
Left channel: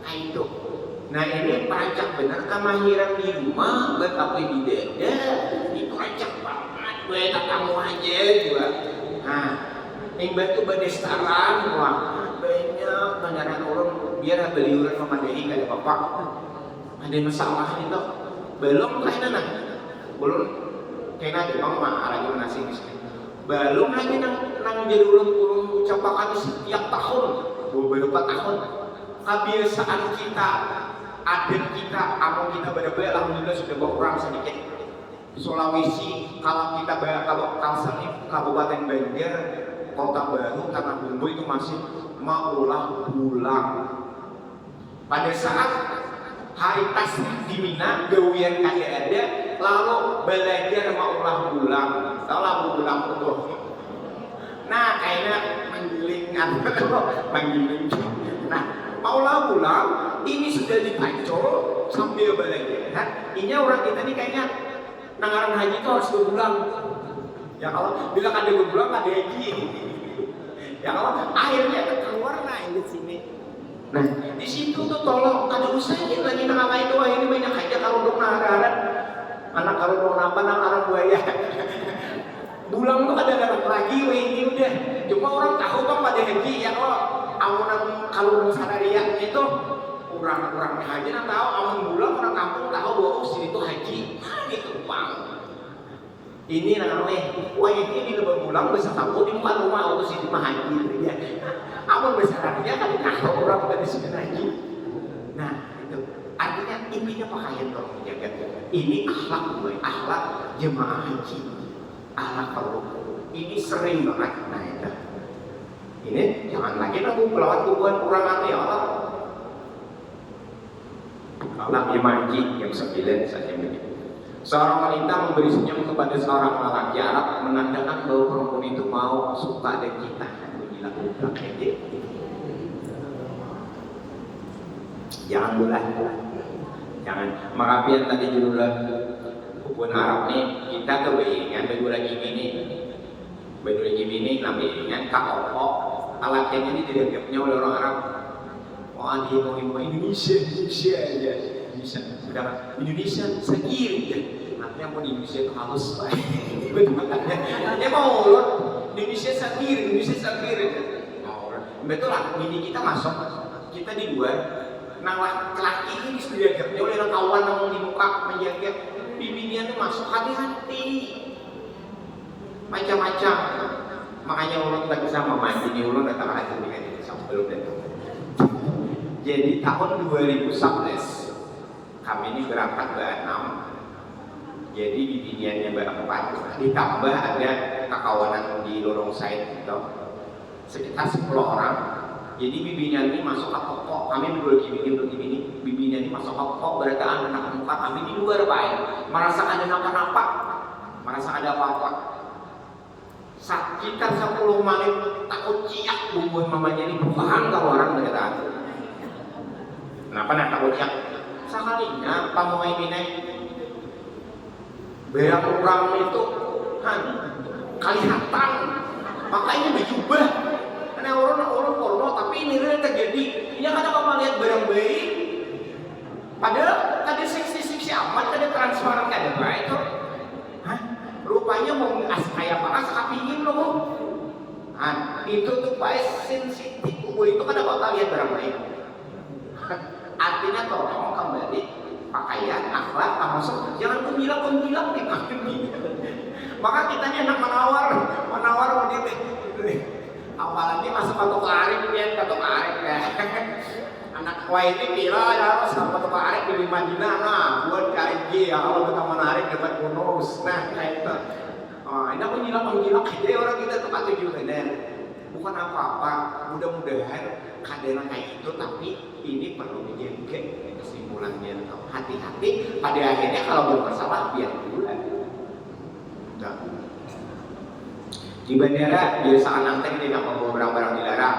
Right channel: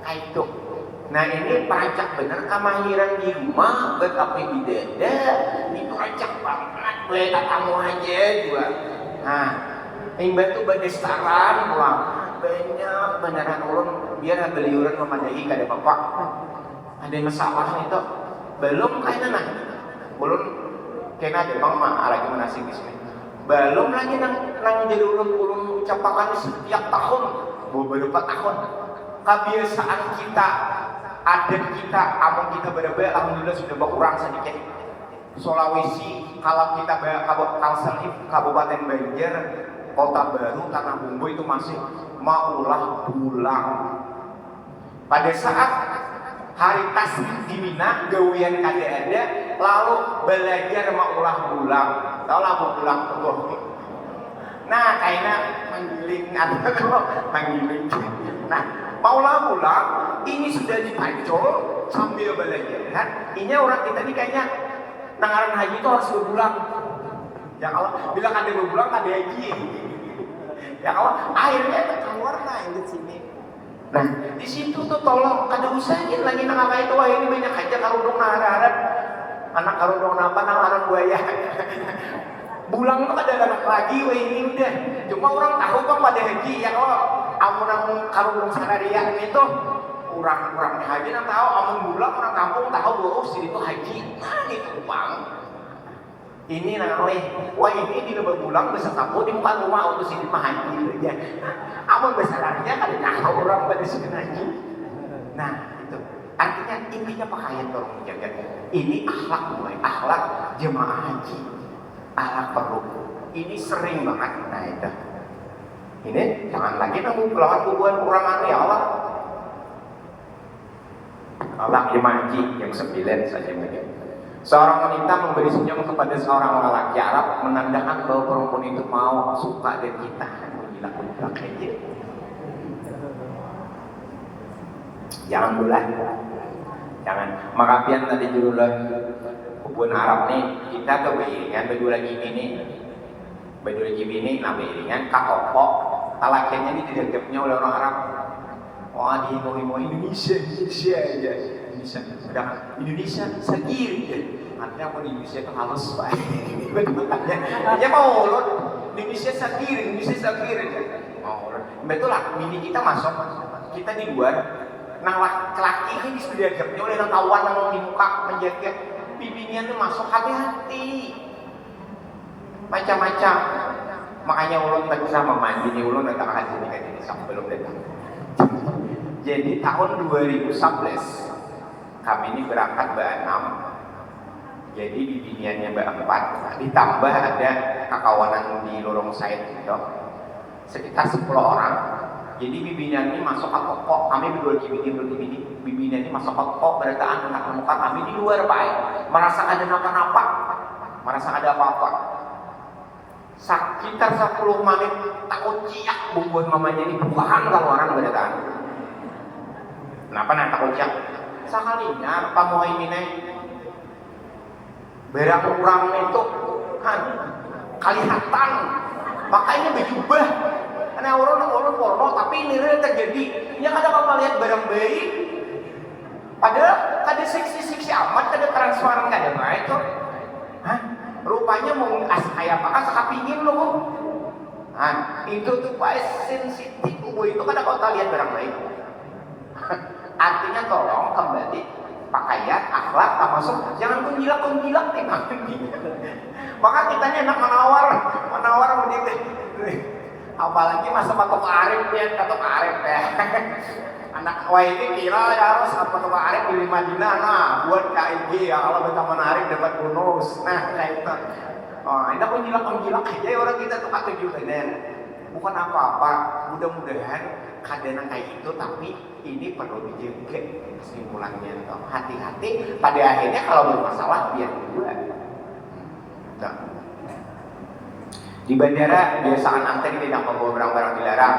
Itu. Nah ini perancak bener kemahiran di rumah, tapi di dada itu perancak banget, gue tak kamu aja juga. Nah, yang batu berdestaran, wah banyak beneran ulun biar beli urut memadai kada bapak. Ada masalah itu belum kayaknya nanya, ulun kena ada bang mah lagi menasih di sini. Belum lagi nang jadi ulun ucapakan setiap tahun, beberapa tahun. Kebiasaan kita, adat kita, among kita berbeda, alhamdulillah sudah berkurang sedikit. Sulawesi, kalau kita Kalsel, Kabupaten Banjar, Kota Baru, Tanah Bumbu itu masih maulah pulang. Pada saat hari tas di Mina, gawian kada ada, lalu belajar maulah pulang. Tahu lah mau pulang tuh. Nah, kayaknya menggiling menggiling. Nah, maulah pulang, ini sudah dipancol sambil belajar. Ini orang kita ini kayaknya nangaran haji itu harus berbulan. Ya kalau bilang ada berbulan ada haji. Ya kalau akhirnya keluar yang di sini. Nah, di situ tuh tolong kada usahain lagi nang itu wah ini banyak aja karudung harap anak karudung apa nang anak buaya. Bulang tuh kada anak lagi wah ini udah. Cuma orang tahu kan pada haji ya kalau amunan karudung sararia itu orang haji nang tahu amun bulang orang kampung tahu bahwa sini tuh haji. Nah, gitu bang. Ini namanya, wah ini di lubang bulang bisa kamu di muka rumah untuk si dimahan gitu ya. Amun besarnya kan tahu orang pada sebenarnya. Nah itu artinya intinya pakaian tolong dijaga. Ini akhlak gue, akhlak jemaah haji, akhlak perlu. Ini sering banget. Nah itu. Ini jangan lagi nunggu pelawan kubuan kurang ya Allah. Allah jemaah haji yang 9 saja ini. Seorang wanita memberi senyum kepada seorang lelaki Arab menandakan bahwa perempuan itu mau suka dan cinta. Gila aja. Jangan bulan, jangan. Maka pian tadi judulnya hubungan Arab nih kita kebaikan baju lagi ini namanya kaopok. Alakannya ini dianggapnya oleh orang Arab. Wah dia mau Indonesia aja. Indonesia sagir ya. Artinya mau di Indonesia itu halus pak. Dia mau loh Indonesia sagir. Mau betul lah. Ini kita masuk, kita di luar. Nah laki ini disediakannya oleh kawan yang mau di muka menjaga bibirnya tuh masuk hati-hati. Macam-macam. Makanya ulun tak bisa mandi ini ulun tak hasil nikah ini sebelum datang. Jadi tahun 2011 kami ini berangkat ber-6, jadi bibiniannya ber-4, ditambah ada kakawanan di lorong Said gitu, sekitar 10 orang. Jadi bibinian ini masuk ke pokok, kami berdua gini, bibinian ini masuk ke pokok, berarti anak muka kami di luar Pak, merasa ada apa-apa, merasa ada apa-apa. Sekitar 10 menit takut ciak bubuhan mamanya ini bukan kalau orang berdatang. Kenapa nak takut ciak? Sekalinya Pak Muhaimin barang orang itu kelihatan makanya berjubah karena orang porno tapi ini real terjadi yang kadang kamu lihat barang baik padahal ada seksi amat ada transparan ada baik kok rupanya mau kayak apa sekapingin loh itu tuh baik sensitif itu kadang kau lihat barang baik. Artinya tolong kembali pakaian, akhlak, termasuk jangan kunjilak nih kami. Maka kita ini enak menawar begitu. Apalagi masa patok arif ya. Anak ini kira ya harus patok arif di Madinah. Nah, buat KIG yang kalau kita menarik dapat bonus. Nah, kayak itu. Oh, ini kunjilak aja orang kita tuh kata juga bukan apa-apa. Mudah-mudahan kadang kayak itu, tapi ini perlu dijaga kesimpulannya. Hati-hati pada akhirnya kalau bermasalah biar dua. Di bandara biasaan anteng tidak membawa barang-barang dilarang.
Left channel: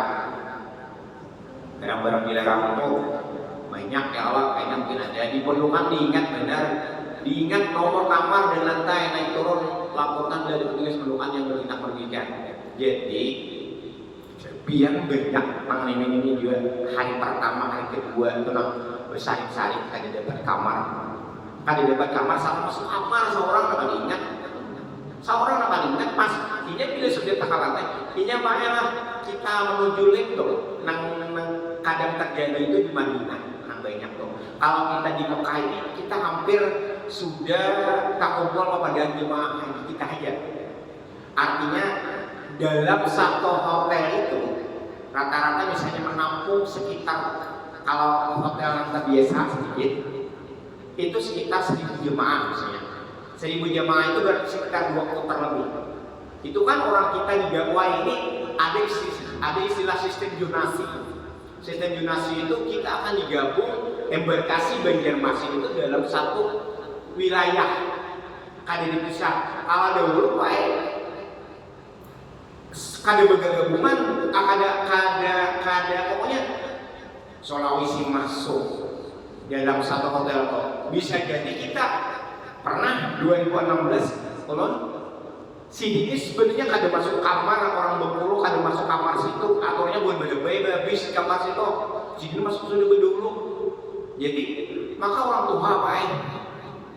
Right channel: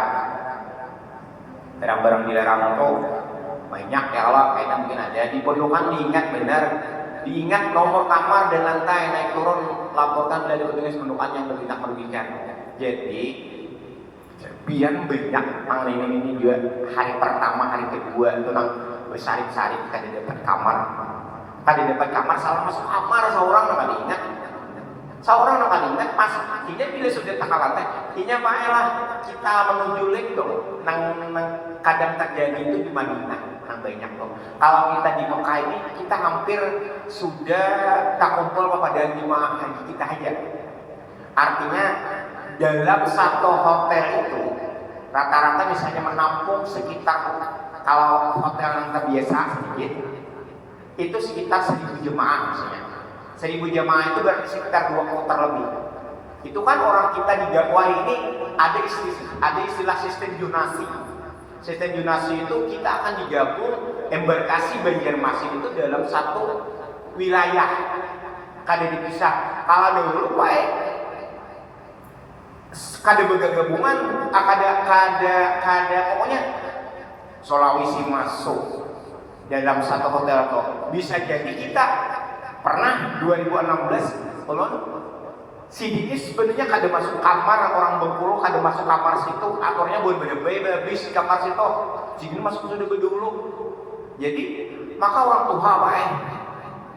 Barang-barang dilarang itu banyak ya Allah, kayaknya mungkin ada. Di pondokan diingat nomor kamar dan lantai naik turun, laporkan dari petugas pondokan yang bertindak merugikan. Jadi biar banyak pang ini juga hari pertama hari kedua itu nang bersarip-sarip kada dapat kamar salah masuk kamar seorang nggak diingat pas ini bila sudah tak lantai ini baiklah kita menuju lek dong nang kadang terjadi itu di Madinah nang banyak dong kalau kita di Mekah ini kita hampir sudah tak kumpul kepada jemaah haji kita aja artinya dalam satu hotel itu rata-rata misalnya menampung sekitar kalau hotel yang terbiasa sedikit itu sekitar 1000 jemaah misalnya 1000 jemaah itu berarti sekitar 2 kloter lebih itu kan orang kita di dakwah ini ada istilah sistem zonasi itu kita akan digabung embarkasi Banjarmasin itu dalam satu wilayah kada dipisah kalau dahulu kada bergabungan, kada pokoknya Sulawesi masuk dalam satu hotel kok. Bisa jadi kita pernah 2016 ulun si ini sebenarnya kada masuk kamar orang Bengkulu kada masuk kamar situ aturnya buat habis di kamar situ si ini masuk sudah dulu jadi maka orang tua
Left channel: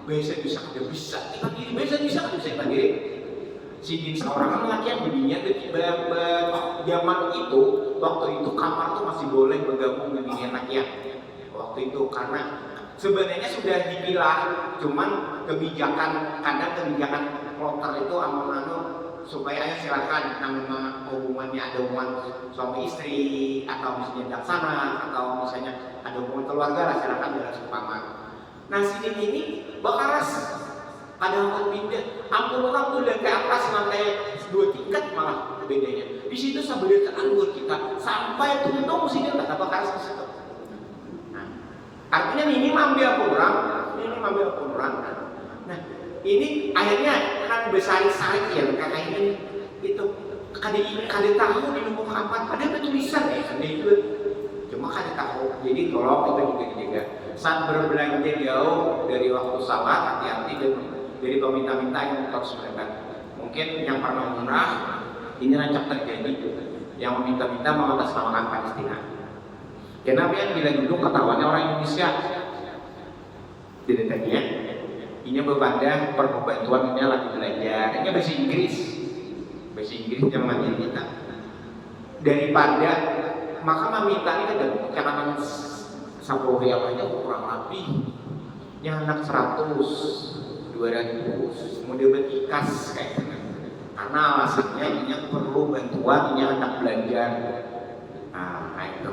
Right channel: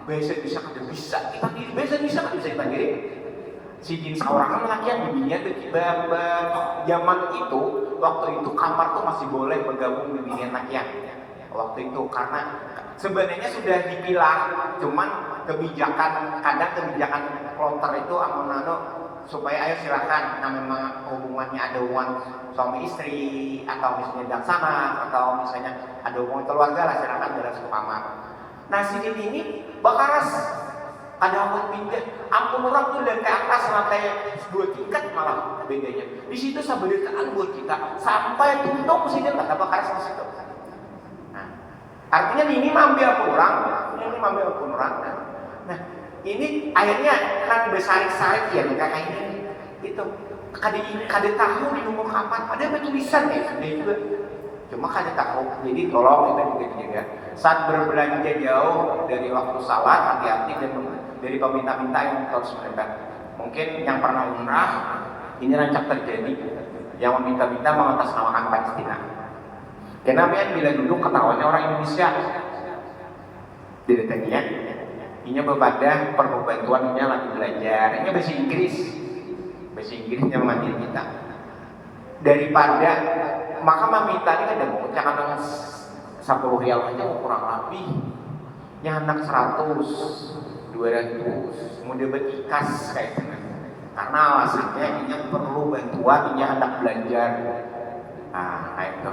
bisa kada bisa kita diri bisa diri si jin seorang laki yang dunia zaman itu waktu itu kamar tuh masih boleh bergabung di dunia anaknya waktu itu karena sebenarnya sudah dipilah cuman kebijakan kloter itu amun supaya ayo silakan, nah memang hubungannya ada hubungan suami istri atau misalnya dan sana atau misalnya ada hubungan keluarga lah, silakan dalam satu kamar. Nah si ini bakaras ada orang pindah, ampun orang tuh dari ke atas lantainya 2 tingkat malah bedanya. Di situ sabelitaan buat kita sampai tuntung sih dia kata bakaras di situ. Nah, artinya ini ambil orang, ini ambil orang. Nah, ini akhirnya nang besarik-sarik ya kakak ini itu kada tahu di nomor kapan ada tulisan ya juga cuma kada tahu, jadi tolong itu juga dijaga saat berbelanja jauh dari waktu salat, hati-hati dan dari peminta-minta yang terus mendekat. Mungkin yang pernah umrah ini rancak terjadi yang meminta-minta mengatasnamakan Palestina. Kenapa ya bila duduk ketahuannya orang Indonesia didetekinya ini berbeda perlu bantuan ini lagi belajar ini bahasa Inggris yang mengajar kita daripada maka meminta ini kada mau cakapan 10 rial aja kurang lebih yang anak 100 200 mau dapat ikas kayak gitu karena alasannya ini perlu bantuan ini anak belajar. Nah kayak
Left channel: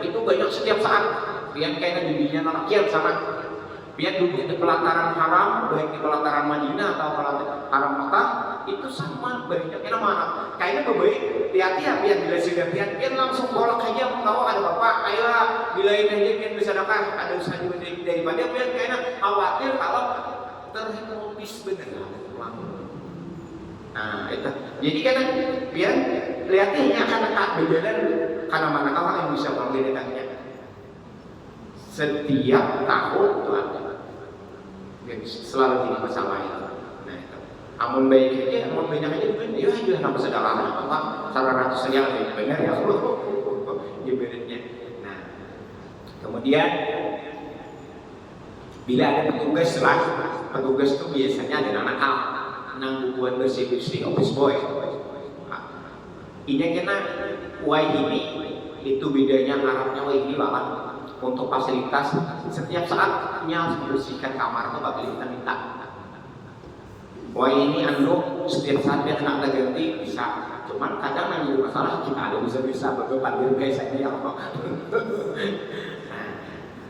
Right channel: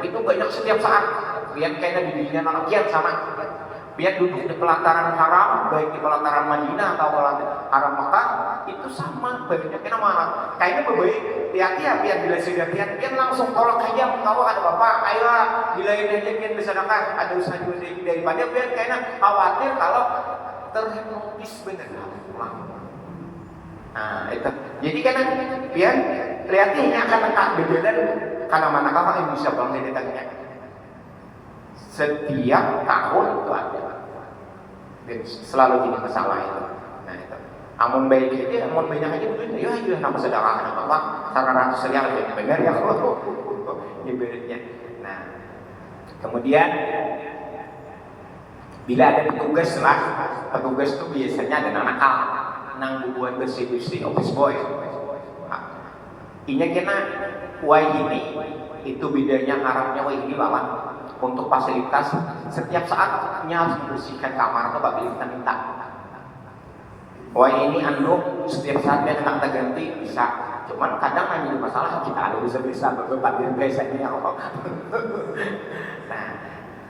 itu banyak setiap saat biar kayaknya bimbingan anak kian sama biar duduk di pelataran haram, baik di pelataran Madinah atau pelataran haram Makkah itu sama banyaknya mana. Kayaknya berbaik hati-hati ya biar bila sudah biar langsung kolak aja tahu ada bapak, ayo bilain aja biar bisa dapat ada usaha juga daripada biar kayaknya khawatir kalau terhipnotis bener pulang. Nah itu jadi karena biar lihatnya akan berbeda karena manakah yang bisa pulang dari tanya setiap tahun itu ada. Selalu jadi masalah itu. Nah itu. Amun baik aja, amun banyak aja bener. Ya nama sedekah anak Allah. 100 saja lebih benar ya. Ibaratnya. Nah, kemudian bila ada petugas lah, petugas itu biasanya ada nakal, nang bubuan bersih-bersih office boy. Inya kena wai ini itu bedanya harapnya wai ini lawan. Untuk fasilitas setiap saatnya harus membersihkan kamar atau apabila kita minta. Wah ini anduk setiap saat yang nak ganti bisa. Cuman kadang nanya masalah kita ada bisa beberapa biasanya yang apa. Nah,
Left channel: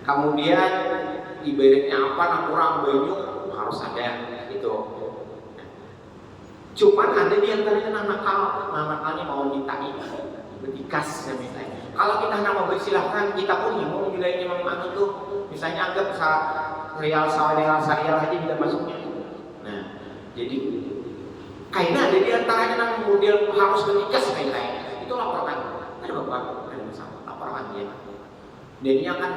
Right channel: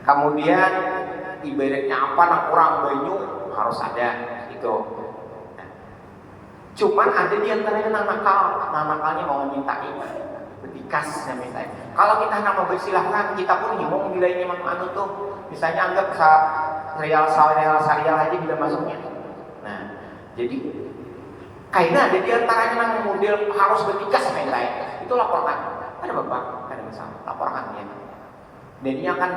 kemudian ibaratnya apa nak kurang banyu harus ada itu. Nah, cuman ada di antaranya nakalnya mau minta ini. Betikas minta. Kalau kita nak memberi silahkan, kita pun ngomong nilainya memang tuh. Misalnya anggap real sarial aja tidak masuknya. Nah, jadi kayaknya ada di antaranya yang model harus betikas minta. Itu laporkan. Ada bapak, ada masalah, laporkan dia. Dan ini akan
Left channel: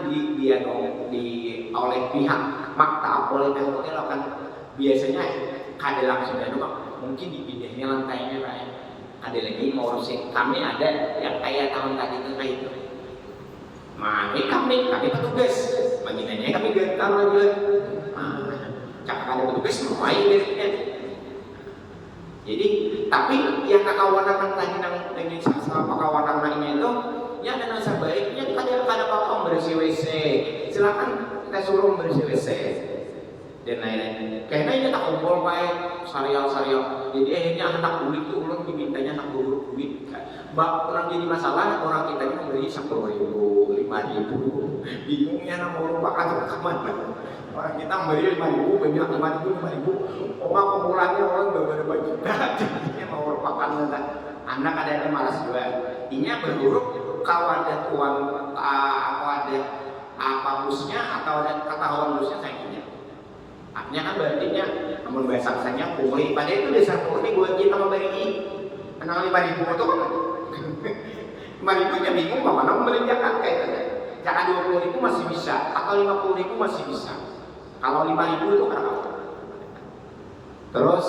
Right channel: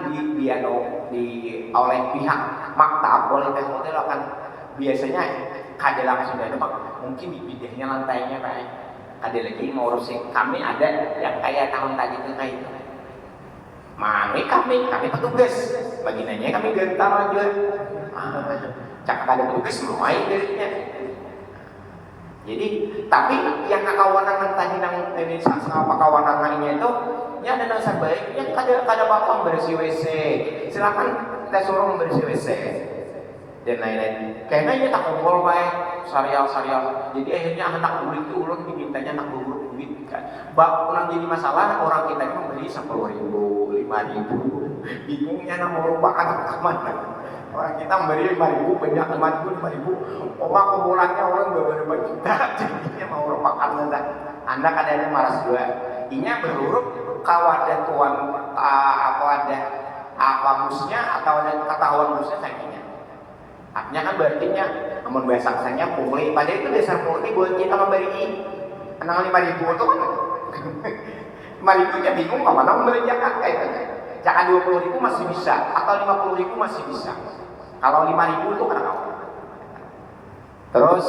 oleh pihak maktab, oleh pihak hotel akan biasanya kada langsung ada mungkin dipindahnya lantainya Pak. Ada lagi mau urusin kami ada yang kayak tahun tadi itu kayak itu. Mari kami petugas, baginanya kami gentar aja. Cakap ada petugas mulai darinya. Jadi tapi yang kawanan tadi nang ini sama kawanan lainnya itu, ya ada nang baiknya kada bapak bersih WC. Silakan kita suruh membersih WC dan lain-lain. Kayaknya tak kumpul baik sarial. Jadi akhirnya anak ulit itu ulun dimintanya anak beurut duit kan. Orang jadi masalah orang kita ini membeli 10.000, 5.000. Bingungnya nak mau rupakan kemana. Orang kita membeli 5.000 banyak 5.000. Oma kumpulannya orang beberapa juta. Jadinya mau rupakan enggak. Anda kadang-kadang malas juga. Inya berhuruf kawadan tuan apa busnya atau ada ketahuan busnya sayangnya. Artinya kan berartinya namun bahasa asalnya pungli. Padahal itu dasar pungli buat kita memberi kenal 5.000 itu kan 5.000 ya bingung mana membelanjakan kayaknya. Jika 20.000 masih bisa atau 50.000 masih bisa. Kalau 5.000 itu kadang apa? Terus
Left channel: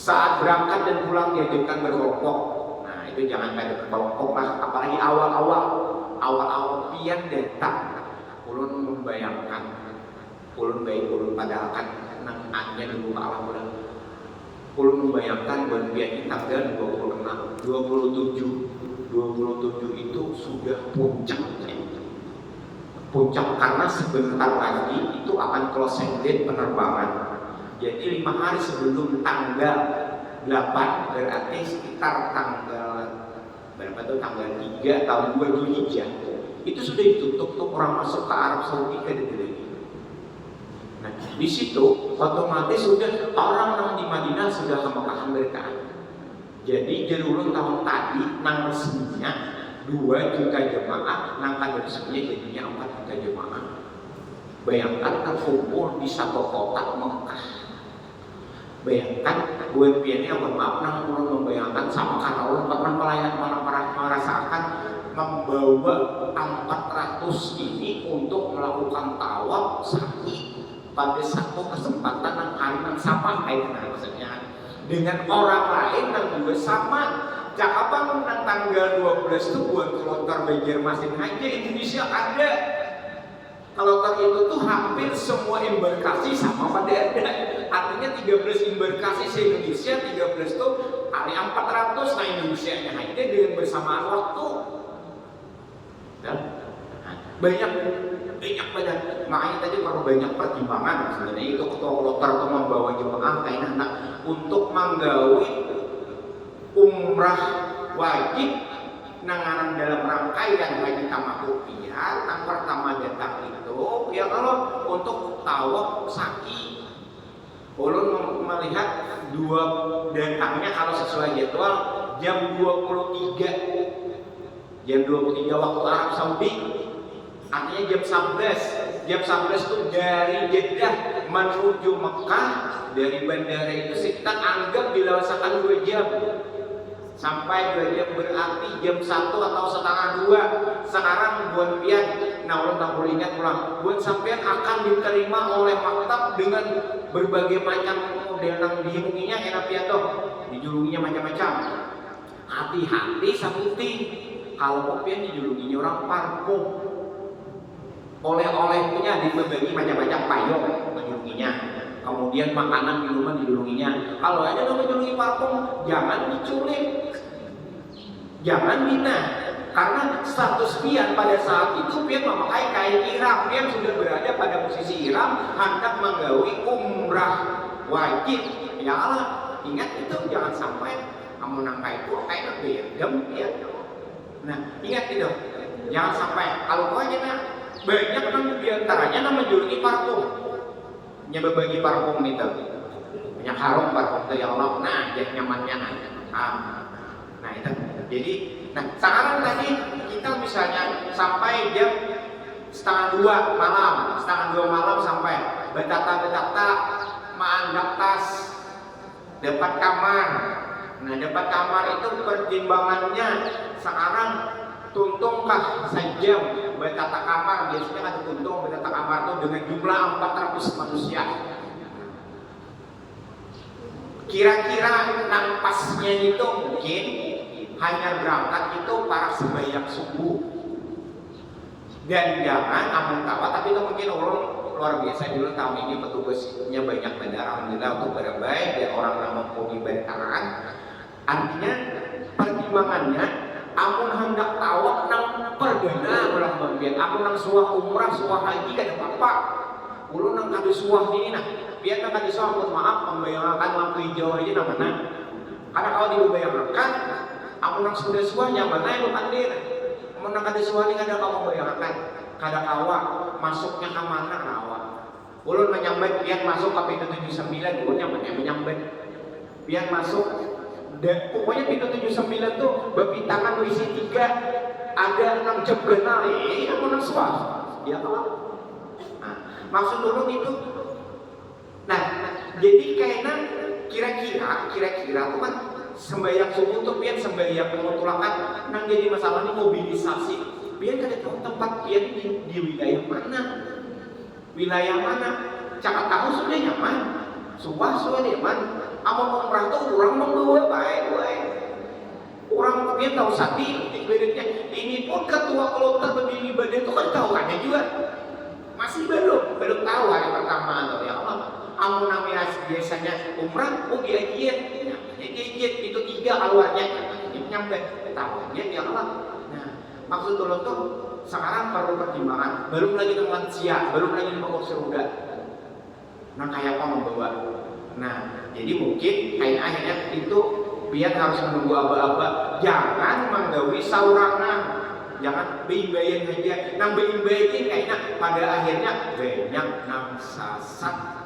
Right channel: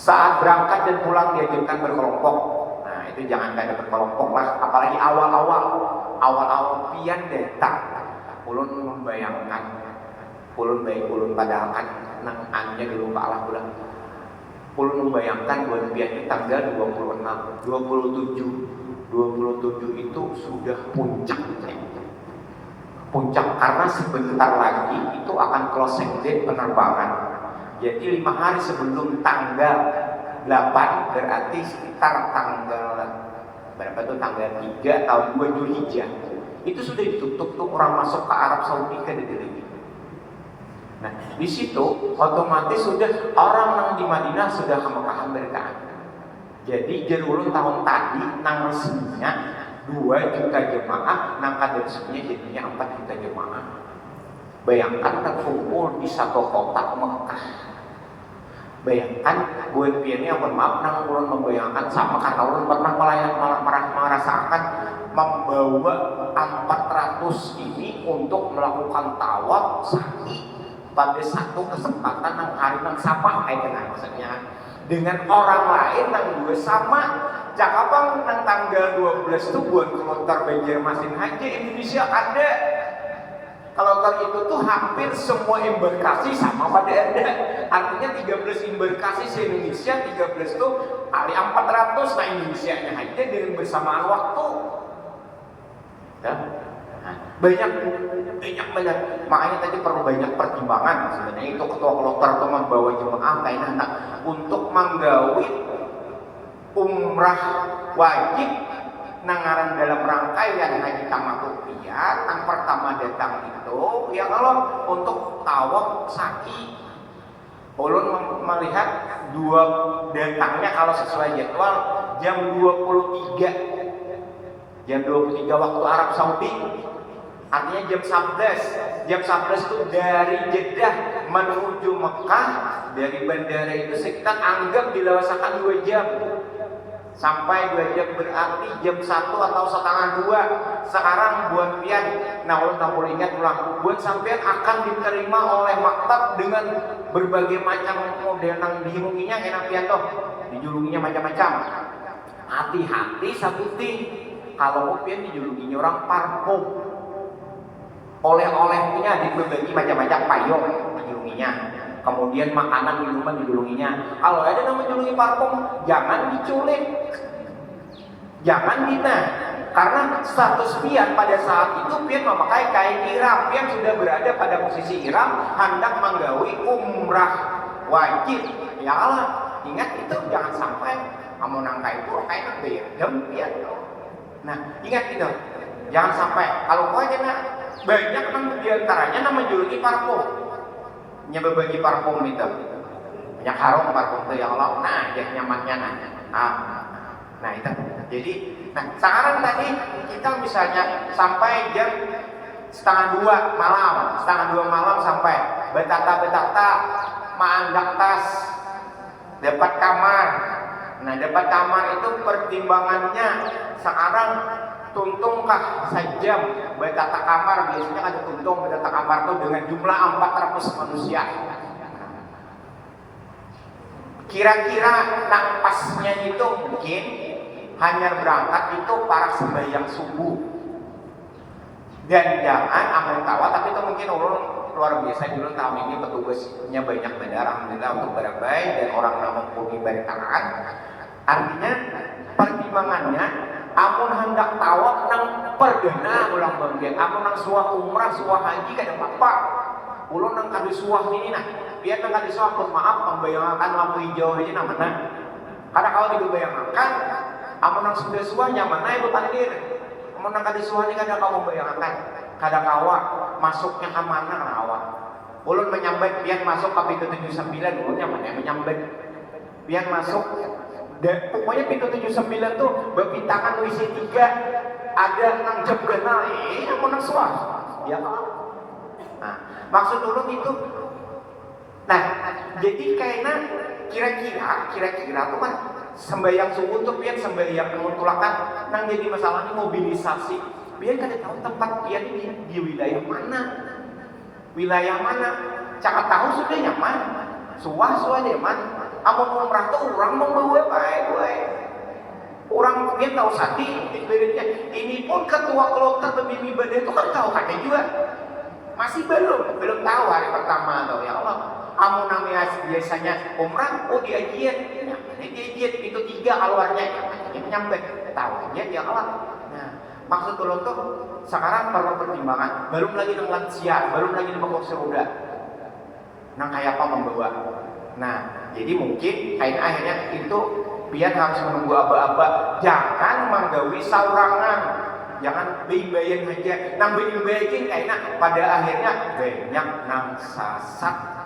saat berangkat dan pulang diajukan berkelompok. Nah itu jangan kayak berkelompok lah. Apalagi awal-awal pian datang. Ulun membayangkan ulun padahal kan nang anya di rumah Allah bulan. Ulun membayangkan bulan pian tanggal 26, 27 itu sudah puncaknya. Puncak karena sebentar lagi itu akan closing date penerbangan. Jadi 5 hari sebelum tanggal 8, berarti sekitar tanggal berapa tuh, tanggal 3 atau 2 Dzulhijjah, itu sudah ditutup tuh orang masuk ke Arab Saudi ke Deli. Nah, di situ otomatis sudah orang yang di Madinah sudah kemekahan berkaan. Jadi jerulun tahun tadi nang resminya 2 juta jemaah, nang kada resminya jadinya 4 juta jemaah. Bayangkan terkumpul di satu kota Mekah. Bayangkan buat piannya, maaf nang ulun membayangkan sama karena ulun pernah merasakan membawa 400 ini untuk melakukan tawaf sa'i pada satu kesempatan yang hari yang sama, maksudnya dengan orang lain yang juga sama. Jakabang nang tanggal 12 itu buat kelontar Banjarmasin aja Indonesia ada. Kelontar itu tuh hampir semua embarkasi sama pada ada. Artinya 13 embarkasi se Indonesia, 13 tuh kali 400, nah Indonesia nya aja dengan bersamaan waktu. Dan banyak. Makanya tadi perlu banyak pertimbangan. Sebenarnya itu ketua kloter itu membawa jemaah kain anak untuk menggawi umrah wajib nangaran dalam rangkaian haji tamattu'iyah. Yang pertama datang itu ya kalau untuk tawaf sa'i. Ulun melihat dua datangnya kalau sesuai jadwal jam 23 waktu Arab Saudi. Artinya jam 11 itu dari Jeddah menuju Mekah. Dari bandara itu sekitar anggap dilawasakan 2 jam. Sampai 2 jam berarti jam 1 atau setengah 2. Sekarang buat pian, nah ulun tak boleh ingat ulang, buat sampean akan diterima oleh maktab dengan berbagai macam model yang dihimunginya enak pian toh, dijulunginya macam-macam. Hati-hati sabuti kalau pian dijulunginya orang parfum. Oleh-olehnya dibagi macam-macam, payung dijulunginya. Kemudian makanan minuman dijulunginya. Kalau ada nama julungi parfum, jangan diculik, jangan dina. Karena status pian pada saat itu pian memakai kain ihram, pian sudah berada pada posisi ihram, hendak menggawi umrah wajib. Ya Allah, ingat itu jangan sampai kamu nangka itu kayak berdem pian. Nah, ingat itu, jangan sampai. Kalau kau aja banyak kan diantaranya nama julungi parfum. Berbagi parfum itu banyak harum parfum itu ya Allah, nah dia nyamannya nah itu. Jadi sekarang tadi kita misalnya sampai jam setengah 2 malam sampai betata maanggak tas dapat kamar. Nah dapat kamar itu pertimbangannya sekarang tuntungkah sejam betata kamar, biasanya ada tuntung betata kamar itu dengan jumlah 400 manusia. Kira-kira nampasnya itu mungkin hanya berangkat itu para sembahyang subuh. Dan jangan amun tawa, tapi itu mungkin ulun luar biasa dulu tahun ini petugasnya banyak benar, alhamdulillah untuk barabai dan orang yang mempunyai baritaan. Artinya pertimbangannya amun hendak tawaf nang perdana ulang berbiak, amun nang suah umrah suah haji kan apa ulun nang kadu suah ini nah biar nang kadu suah maaf membayangkan lampu hijau ini namanya. Karena kalau dibayangkan amun nang sudah suah nyaman ibu pandir, amun nang kadu suah ini kadang kamu bayangkan kadang kawa masuknya ke mana rawa. Ulun menyambat biar masuk ke pintu 79, ulun nyaman menyambat biar masuk. Dan pokoknya pintu 79 tuh bebintangan lo isi 3 ada nang jam genal ini yang menang suah ya kan. Nah maksud ulun itu jadi kayaknya kira-kira tuh kan sembahyang subuh tuh pian sembahyang pengutulakan nang jadi masalahnya mobilisasi pian kada tahu tempat pian di wilayah mana cakap tahu sudah nyaman suah nyaman. Amun umrah tuh orang membawa baik. Orang dia tahu sati beritnya. Ini pun ketua kloter begini ibadah itu kan tahu kan juga. Masih belum tahu hari pertama tuh ya Allah. Amun namanya biasanya umrah diajiat itu 3 keluarnya ini nyampe tahu ya Allah. Nah, maksud turun tuh sekarang perlu pertimbangan. Belum lagi dengan lansia, belum lagi dengan kursi roda. Nang kayak apa membawa Nah, jadi mungkin kain akhirnya itu pian harus menunggu aba-aba, jangan menggawi saurangan, jangan beimbayan aja, nang beimbayin kayaknya pada akhirnya banyak nang sasat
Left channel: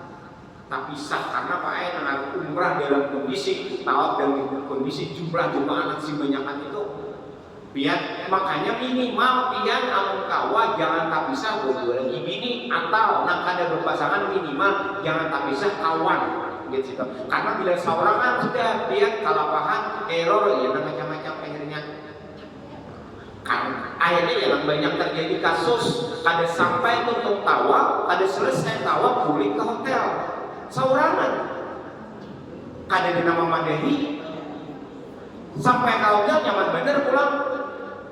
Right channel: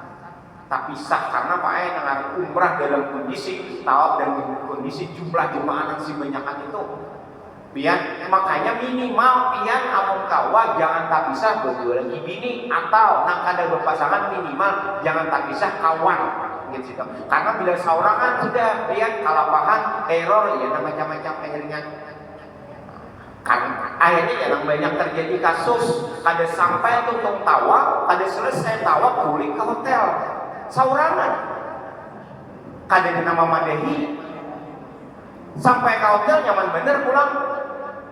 tapi sah karena Pak nang umrah dalam kondisi tawaf dan kondisi jumlah jemaah yang si banyakan itu pian, makanya minimal pian amun kawa jangan tak bisa berdua lagi bini atau nang kada berpasangan minimal jangan tak bisa kawan gitu. Karena bila seorang kan sudah pian kalapahan error ya macam-macam akhirnya kan akhirnya ya banyak terjadi kasus kada sampai tuntung tawa kada selesai tawa pulang ke hotel saurangan kada nama mandahi sampai ke hotel nyaman bener pulang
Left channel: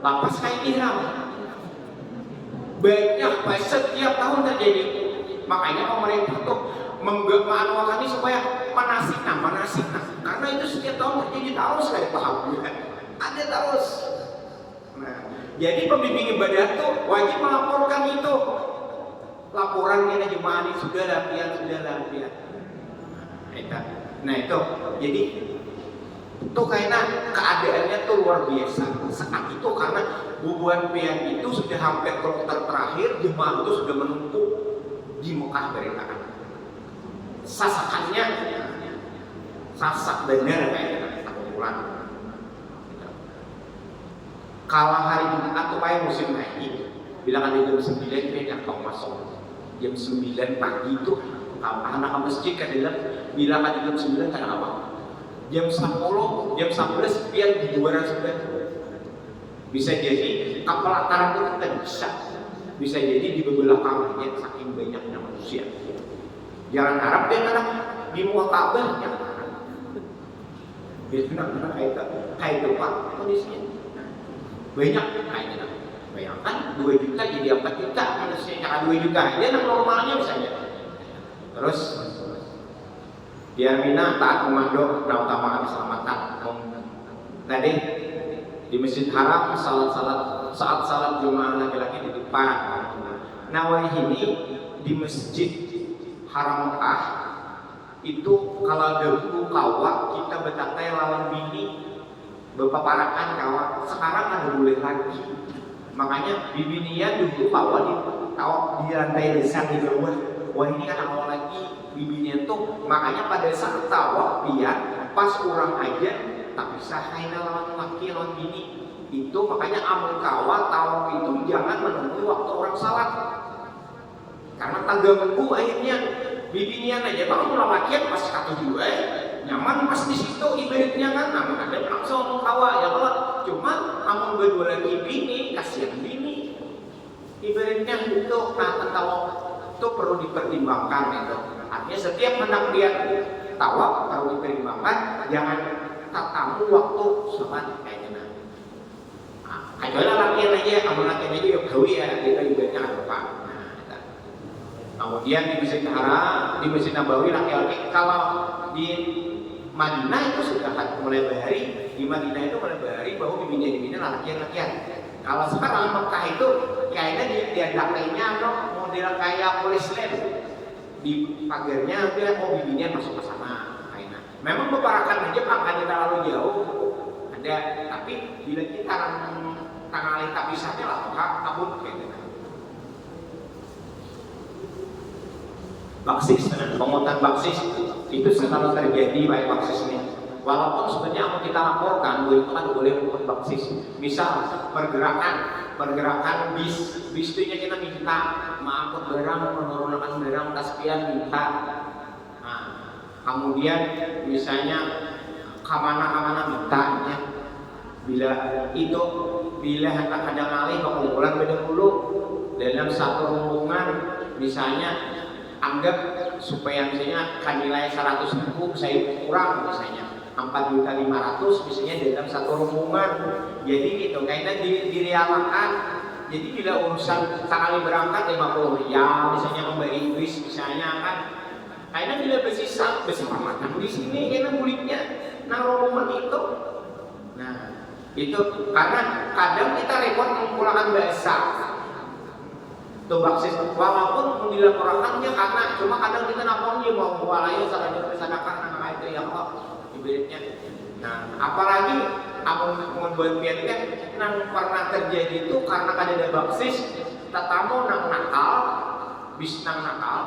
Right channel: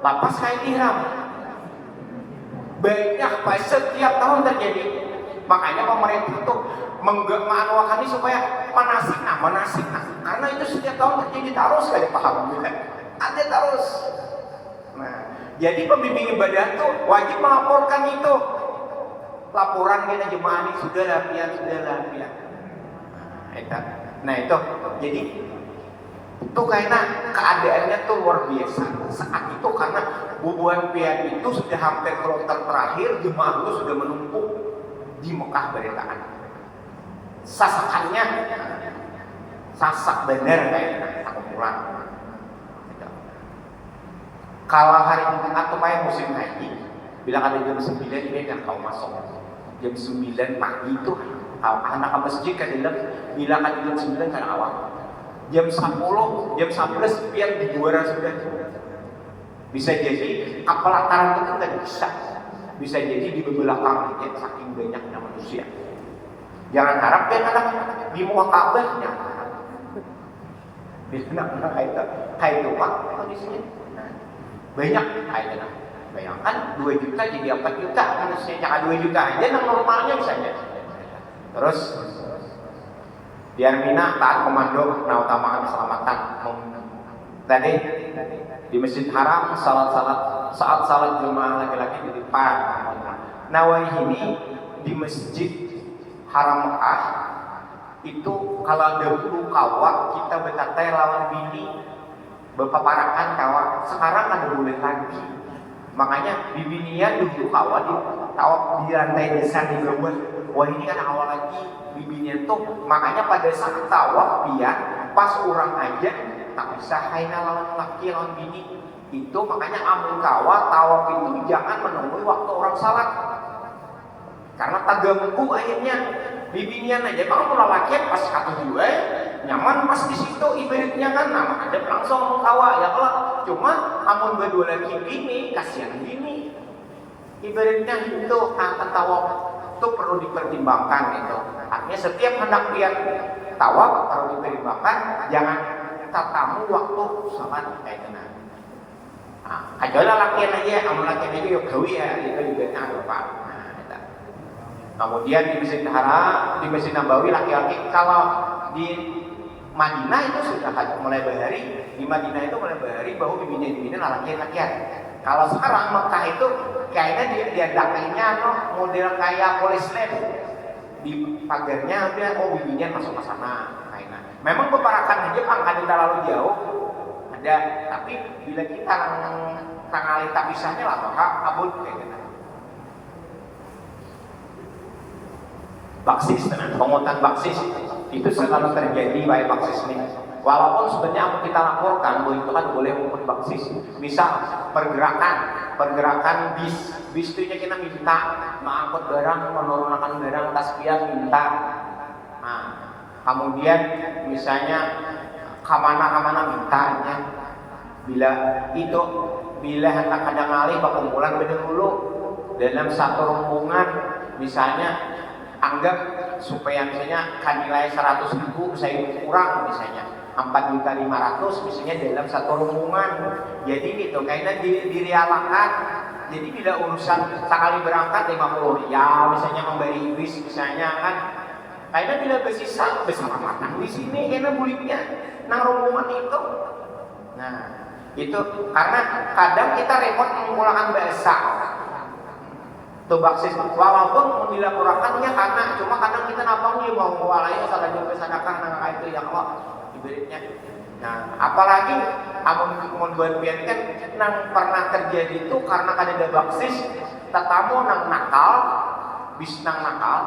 lapas kain ihram. Banyak setiap tahun terjadi. Makanya pemerintah tuh menganuakan ini supaya manasik nah. Karena itu setiap tahun terjadi terus kayak paham juga. Ada terus. Nah, jadi pembimbing ibadah tuh wajib melaporkan itu. Laporan kena jemaah ini sudah latihan. Nah itu. Jadi itu karena keadaannya tuh luar biasa saat itu karena bubuan pian itu sudah hampir kloter terakhir jemaah itu sudah menumpuk di Mekah beritaan sasakannya sasak bener kayaknya kumpulan kalau hari Jumat atau kayak musim haji bila ada jam 9 dia yang kau masuk jam 9 pagi itu kalau anak ke masjid kan bila ada jam 9 kan awal jam 10, jam 11 biar di luar sudah bisa jadi kepelataran itu tidak bisa jadi di belakang ya, saking banyaknya manusia jangan harap dia anak di muka Ka'bah kayak itu pak kondisinya banyak kayaknya bayangkan 2 juta jadi 4 juta manusia jangan 2 juta aja yang normalnya misalnya terus biar Mina taat komando nah utamakan keselamatan tadi di Masjid Haram saat salat jemaah laki-laki di depan Nawawi ini di Masjid Haram Mekah itu kalau dahulu kawa kita berkata lawan bini berpaparakan kawa sekarang ada boleh lagi makanya bibinian dulu kawa di lantai dasar di bawah wah ini kan awal lagi bibinya tuh makanya pada saat tawaf dia pas orang aja tak bisa haina lawan laki lawan bini itu makanya amun kawal tawaf itu jangan menemui waktu orang salat karena tak ganggu akhirnya bibinya aja kalau lawan laki pas satu dua nyaman pas di situ ibaratnya kan nama ada langsung amun kawa ya kalau cuma amun berdua lagi bini kasihan bini ibaratnya itu akan tawaf itu perlu dipertimbangkan gitu. Artinya setiap hendak dia tawaf perlu dipertimbangkan jangan tatamu waktu sholat kayak gitu. Kecuali laki aja, amal laki aja yuk gawi ya itu juga ada pak. Kemudian di Masjid Haram, di Masjid Nabawi laki-laki kalau di Madinah itu sudah mulai bahari, di Madinah itu mulai bahari bahwa bibinya laki-laki. Kalau sekarang Mekah itu kayaknya dia dakainya model kayak polis lane di pagarnya udah bibinya masuk ke sana kayaknya. Memang beberapa aja pangkatnya terlalu jauh ada, tapi bila kita tangali tak bisanya lah hak abut kayak gitu. Baksis dengan pengutan baksis itu selalu terjadi baik baksis ini. Walaupun sebenarnya apa kita laporkan bahwa itu kan boleh mengumpul baksis. Misal pergerakan bis itu kita minta mengangkut barang, menurunkan barang, taspian minta. Nah, kemudian misalnya kemana mintanya. Bila hendak kadang alih perkumpulan beda dulu dalam satu rombongan misalnya anggap supaya misalnya kan nilai 100.000 saya kurang misalnya 4.500.000 misalnya dalam satu rombongan jadi gitu kayaknya direalakan jadi bila urusan sekali berangkat 50 ya misalnya memberi bis misalnya kan kayaknya bila bersisa makan di sini kayaknya buliknya nang rombongan itu nah itu karena kadang kita repot menggunakan bahasa tuh baksis walaupun dilaporkannya karena cuma kadang kita napangnya mau walaya salah jawab sedekah nah itu ya kok ibaratnya. Nah apalagi amun buat kan nang pernah terjadi itu karena kada baksis tetamu nang nakal bis nang nakal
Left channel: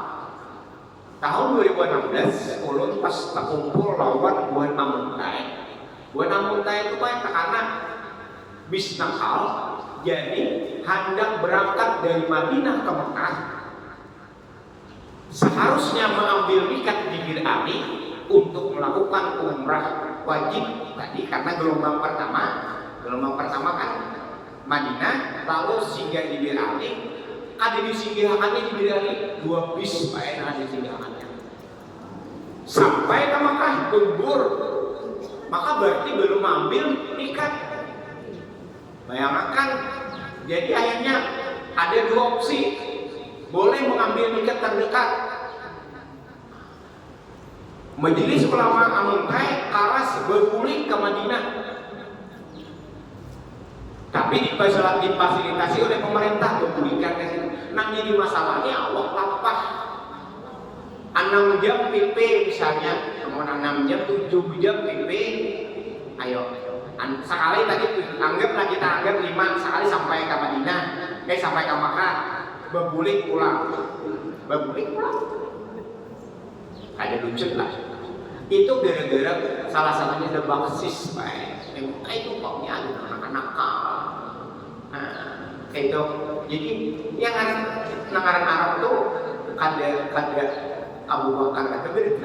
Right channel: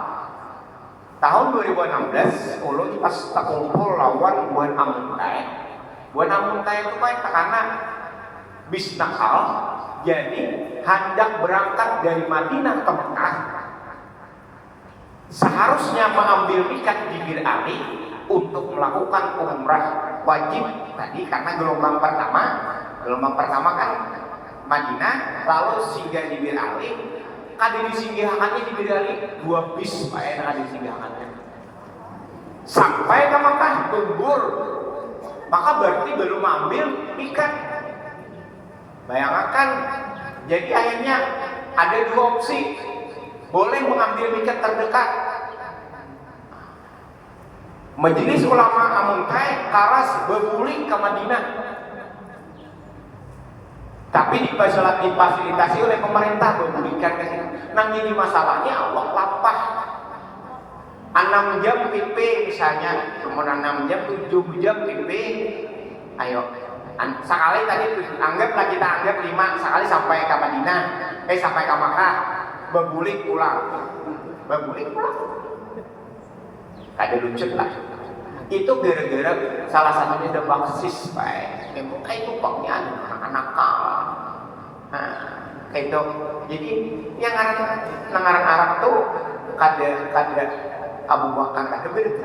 tahun 2016 ulun pas terkumpul lawan Buan Amuntai itu kayak karena bis nakal jadi hendak berangkat dari Madinah ke Mekah seharusnya mengambil mikat di Bir Ali untuk melakukan umrah wajib tadi karena gelombang pertama kan Madinah lalu singgah di Bir Ali kada disinggahannya di Bir Ali 2 bis Pak kada disinggahannya sampai ke Mekah tumbur maka berarti belum ambil ikat. Bayangkan jadi akhirnya ada 2 opsi boleh mengambil ikat terdekat Majelis Ulama Amuntai karas bebuling ke Madinah tapi difasilitasi oleh pemerintah berbulingkan ke situ. Nah jadi masalahnya Allah lapah 6 jam TP misalnya, kemudian 6 jam 7 jam TP. Ayo, sekali tadi anggaplah kita anggap 5 sekali sampai ke Madinah, sampai ke Makkah, bebulik pulang. Ada lucut lah. Itu gara-gara salah satunya ada baksis, Pak. Itu paknya ada anak-anak. Nah, itu jadi yang nangaran Arab tuh kada Abu Bakar ada beda.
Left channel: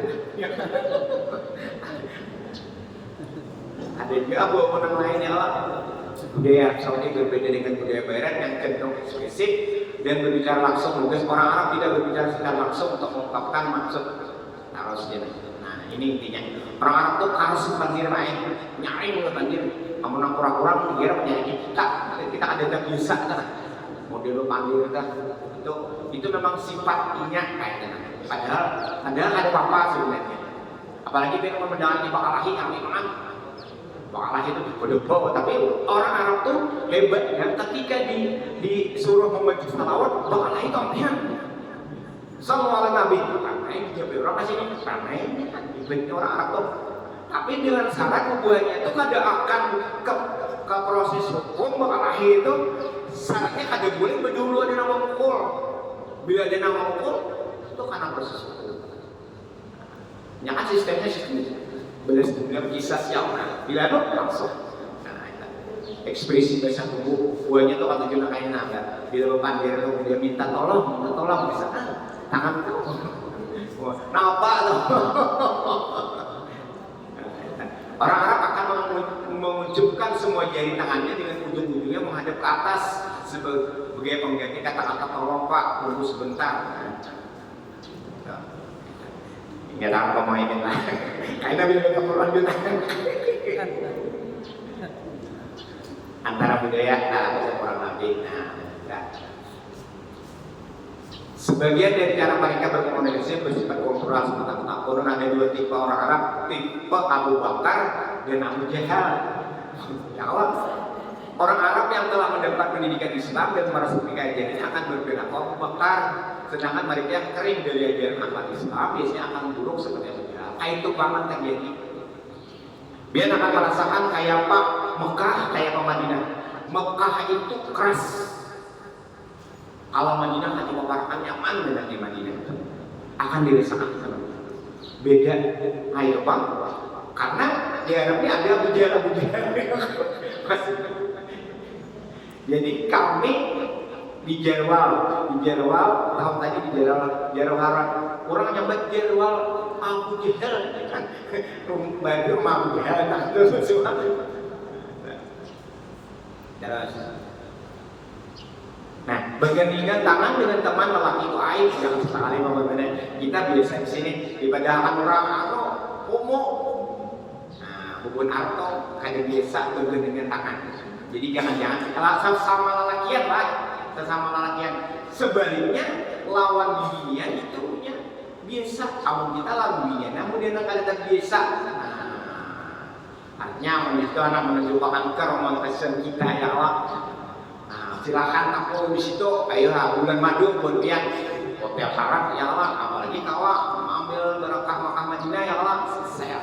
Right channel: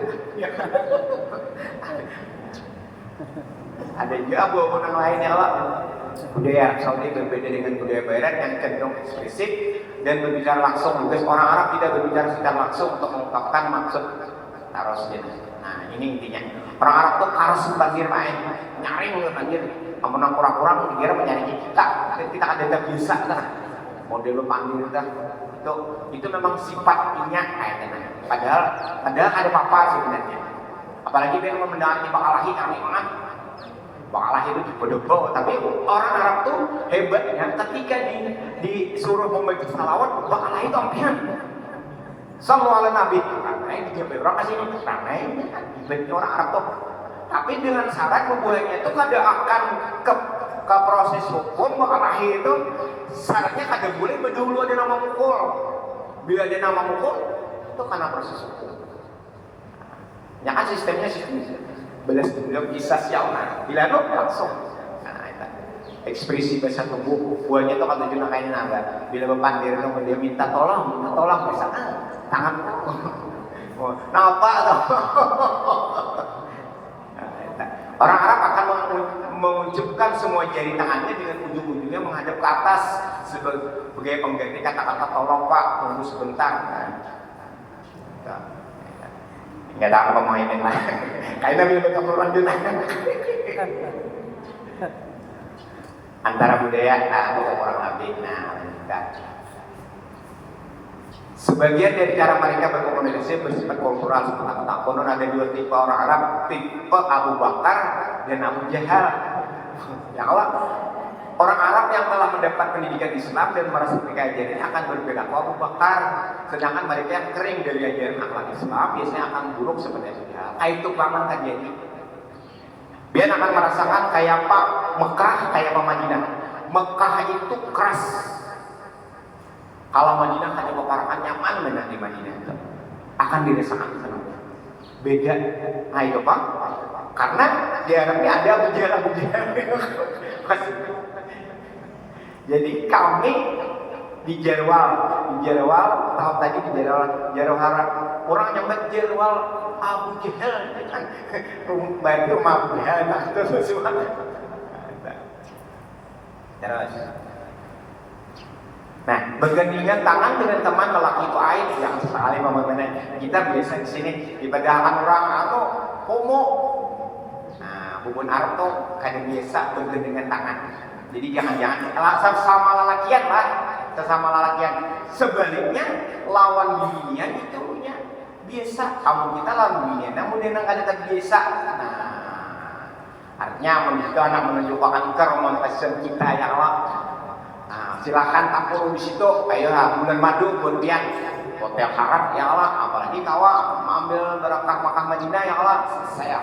Ada juga abu-abu yang lainnya lah. Budaya Arab Saudi berbeda dengan budaya Barat yang cenderung ekspresif dan berbicara langsung. Lugas orang Arab tidak berbicara secara langsung untuk mengungkapkan maksud tarosnya. Nah ini intinya. Orang Arab tuh harus banjir main, nyari mulai banjir. Amun kurang-kurang dia mencari kita ada biasa dah. Model panggil dah. Itu memang sifatnya kayaknya. Padahal ada apa sebenarnya. Apalagi dia mendengar ini bakalahi kami mana. Bakalahi itu berdebo, tapi orang Arab tuh hebatnya ketika disuruh membaca salawat bakalahi itu ampian. Sallallahu alaihi Nabi. Karena dijawab orang kasihnya karena ini hebatnya orang Arab tuh. Tapi dengan syarat membuatnya itu kada akan ke proses hukum bakalahi itu syaratnya kada boleh berdulu ada nama mukul. Bila ada nama mukul itu karena proses hukum. Ya kan sistemnya belas dendam kisah siapa bila lu langsung. Nah itu ekspresi bahasa tubuh buahnya itu kata Juna kain naga. Bila bepandir itu dia minta tolong bisa tangan napa tuh. Orang Arab akan mengucupkan semua jari tangannya dengan ujung-ujungnya menghadap ke atas sebagai pengganti kata-kata tolong Pak, tunggu sebentar. Nggak ada apa mainin lah. Kayaknya bila baca Quran di tangan. Antara budaya atau orang lebih. Sebagian dari cara mereka berkomunikasi bersifat kultural seperti konon ada 2 tipe orang Arab, tipe Abu Bakar dan Abu Jahal. Ya Allah, orang Arab yang telah mendapat pendidikan Islam dan merasa ajaran akan berbeda Abu Bakar, sedangkan mereka yang kering dari ajaran akhlak Islam biasanya akan buruk seperti Abu Jahal. Itu banget terjadi. Dia akan merasakan kayak Pak Mekah, kayak Pak Madinah. Mekah itu keras. Kalau Madinah hanya mengatakan nyaman benar di Madinah akan dirasakan beda. Nah itu Pak, karena di Arabnya ada Abu Jahal. Jadi kami di Jarwal tahun tadi di Jarwal orang nyambat Jarwal Abu Jahal kan rumah Abu Jahal itu semua. Nah, bergandengan tangan dengan teman lelaki itu aib yang sekali membenar. Kita biasa di sini dipedahkan orang atau homo. Nah, bubun arto kada biasa bergandengan tangan. Jadi jangan sesama lelakian lah, sesama lelakian. Sebaliknya lawan dirinya itu nya biasa. Kamu kita lawan dirinya, namun dia kada terbiasa. Nah, artinya menunjukkan anak menunjukkan keromantisan kita ya Allah. Nah, silahkan tampung di situ. Ayo bulan madu berpian hotel haram ya Allah, apalagi kawa ambil berkah Makkah Madinah ya Allah, saya.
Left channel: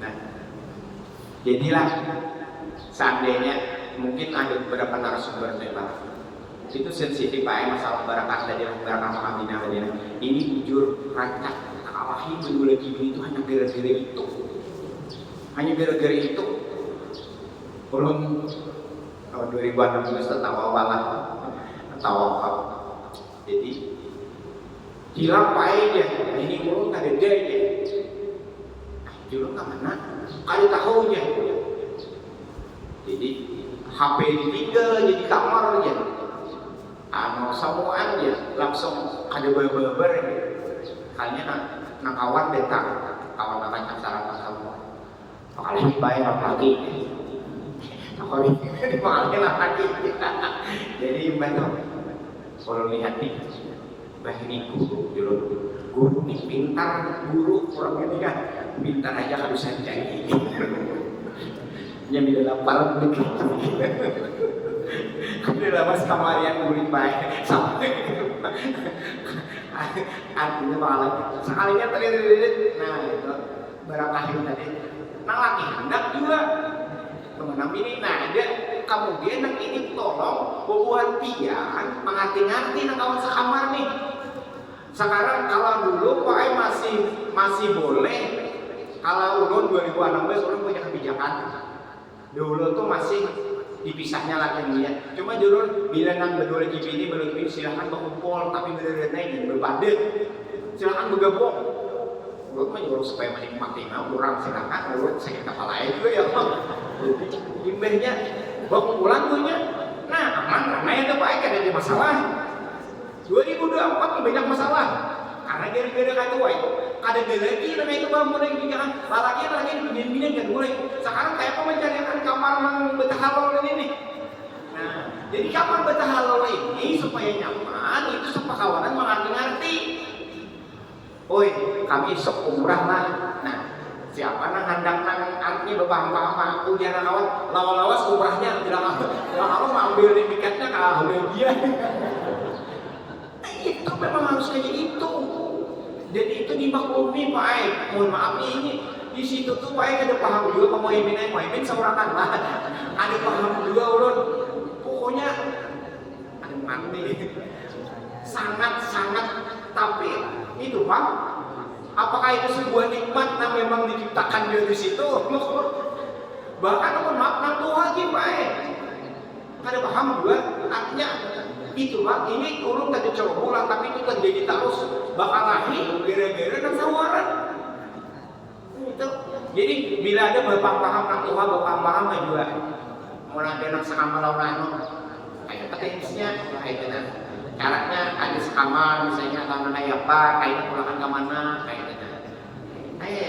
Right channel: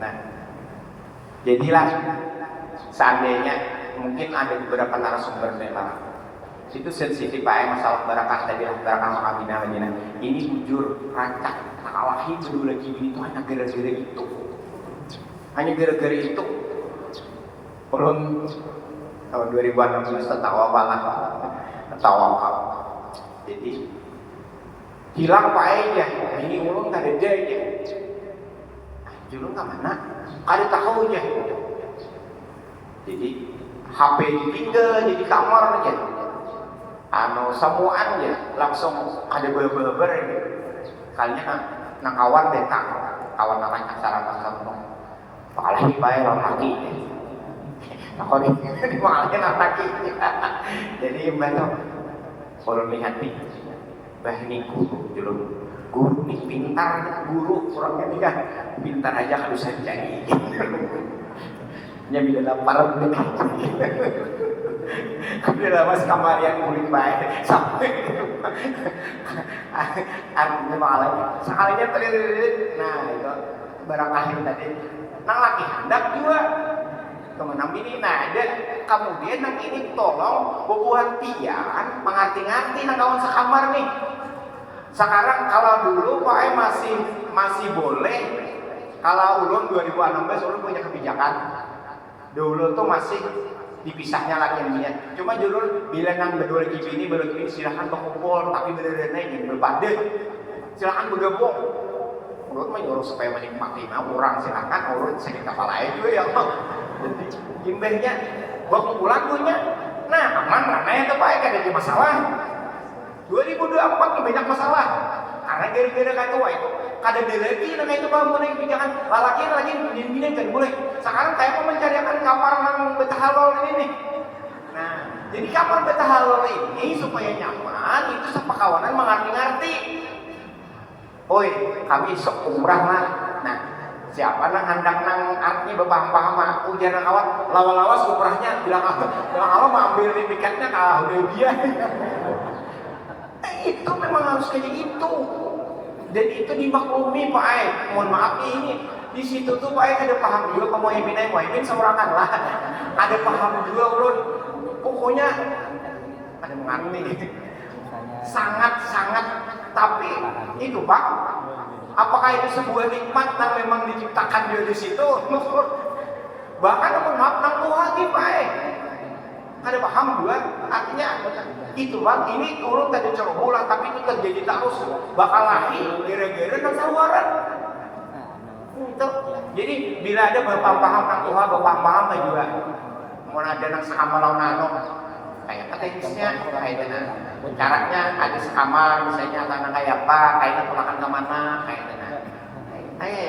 Nah, jadilah seandainya mungkin ada beberapa narasumber tembak itu sensitif masalah barakah tadi, barakah Makkah Madinah. Ini jujur rancak kalahin dulu lagi ini tuh hanya gara-gara itu. Hanya gara-gara itu. Belum tahun 2016 tertawa malah tertawa. Jadi hilang pae aja. Ini ulun tak ada aja. Ulun ke mana? Ada tahu aja. Jadi HP ditinggal jadi kamar aja. Semuaan ya langsung ada beber ini. Kalinya nang kawan datang, kawan orang acara pasal paling baik orang lagi. Aku nih malah lagi. Jadi bantu kalau lihat nih, ini guru nih pintar, guru kurang ini kan pintar aja harus saya cari. Yang bila lapar udah mas kamarian murid baik sampai artinya malah sekalinya nah itu barakahin tadi nang laki hendak juga teman ini nah ada kemudian nang ini tolong bubuhan pian mengerti-ngerti nang kawan sekamar nih sekarang kalau dulu Pak masih boleh kalau ulun 2016 ulun punya kebijakan dulu tuh masih dipisahnya laki dia. Cuma dulu bila nang berdua gini silahkan berkumpul tapi bener-bener ingin berbadan. Silahkan bergabung. Urut mah nyuruh supaya menikmati orang silahkan urut sakit kepala itu ya. Jadi gimbahnya berkumpulan punya. Nah aman karena yang kebaik ada di masalah. 2024 banyak masalah. Karena gara-gara kacau itu kada lagi dengan itu kamu nih jangan lalaki lagi begini kan boleh. Sekarang kayak apa mencarikan kamar nang betahalol ini nih. Nah, jadi kamar betahalol ini supaya nyaman itu sepakawanan mengerti-ngerti. Oi, kami sok umrah lah. Nah, siapa nang hendak nang artinya berpaham-paham ujian awal lawas umrahnya bilang awal ambil tiketnya kalau dia. Itu memang harus kayak itu dan itu dimaklumi Pak Ai. Mohon maaf nih ini di situ tuh Pak Ai ada paham juga Muhaimin seorangan lah ada paham juga ulun pokoknya ada mengerti sangat tapi itu Pak apakah itu sebuah nikmat yang memang diciptakan dari situ bahkan mohon maaf nang Tuhan nih Pak Ai ada paham juga artinya itu Bang, ini urun tadi bulan tapi itu terjadi terus bakal lahir gara-gara nang sawaran itu. Jadi bila ada berpaham nang Tuhan berpaham juga mau ada nang sekamar lawan anom kayak teknisnya kayak tenan caranya ada sekamar misalnya anak kayak apa kayak pulakan ke mana kayak tenan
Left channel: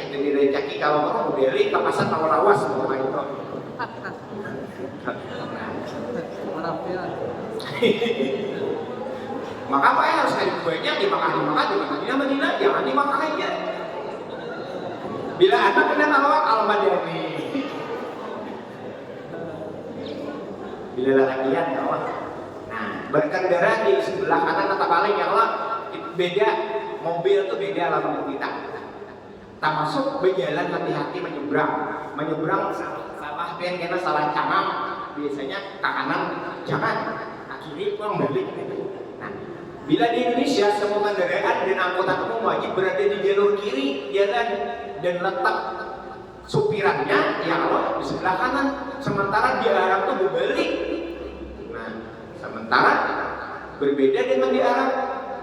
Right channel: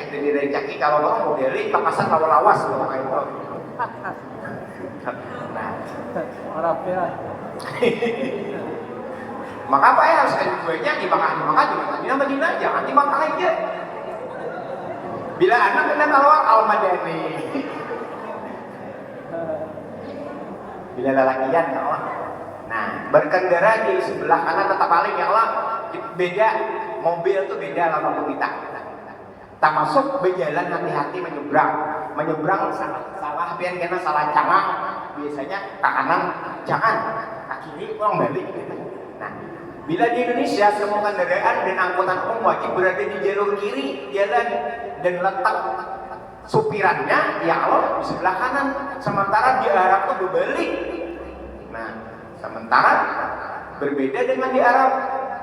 dari rezeki kalau orang mau beli papasan lawas kalau kayak itu maka apa ya harus dari buahnya di Madinah jangan di Makkah aja. Bila anak kena kalau Al-Madani bila lalakian kawan nah berkendara di sebelah kanan atau paling yang lah beda mobil tuh beda lawan kita termasuk berjalan hati-hati menyeberang salah pian kena salah cangang biasanya ke kanan jangan ke kiri pulang balik. Nah, bila di Indonesia semua kendaraan dan angkutan umum wajib berada di jalur kiri jalan dan letak supirannya ya Allah di sebelah kanan sementara di Arab tuh berbalik. Nah, sementara berbeda dengan di Arab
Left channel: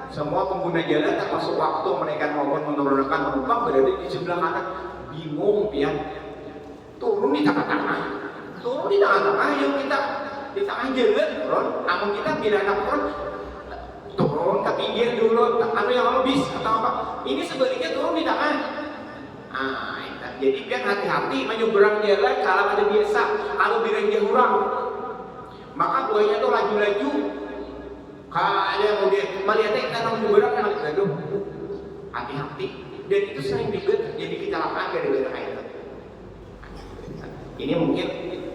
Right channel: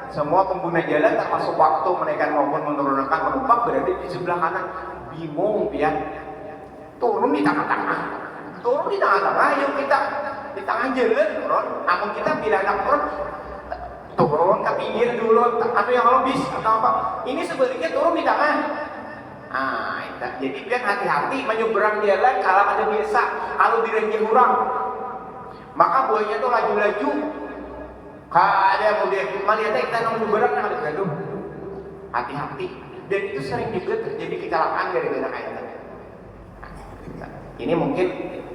semua pengguna jalan termasuk waktu menaikkan maupun menurunkan penumpang berada di sebelah kanan bingung ya turun di tengah-tengah yuk kita di tengah jalan turun namun kita bila anak turun ke pinggir dulu yang bis atau apa ini sebaliknya turun di tengah jadi biar hati-hati menyeberang jalan kalau ada biasa kalau direnggi orang maka buahnya tuh laju-laju ada kemudian melihatnya kita menyeberang gaduh hati-hati dan itu sering juga terjadi kecelakaan gara-gara kayak itu. Ini mungkin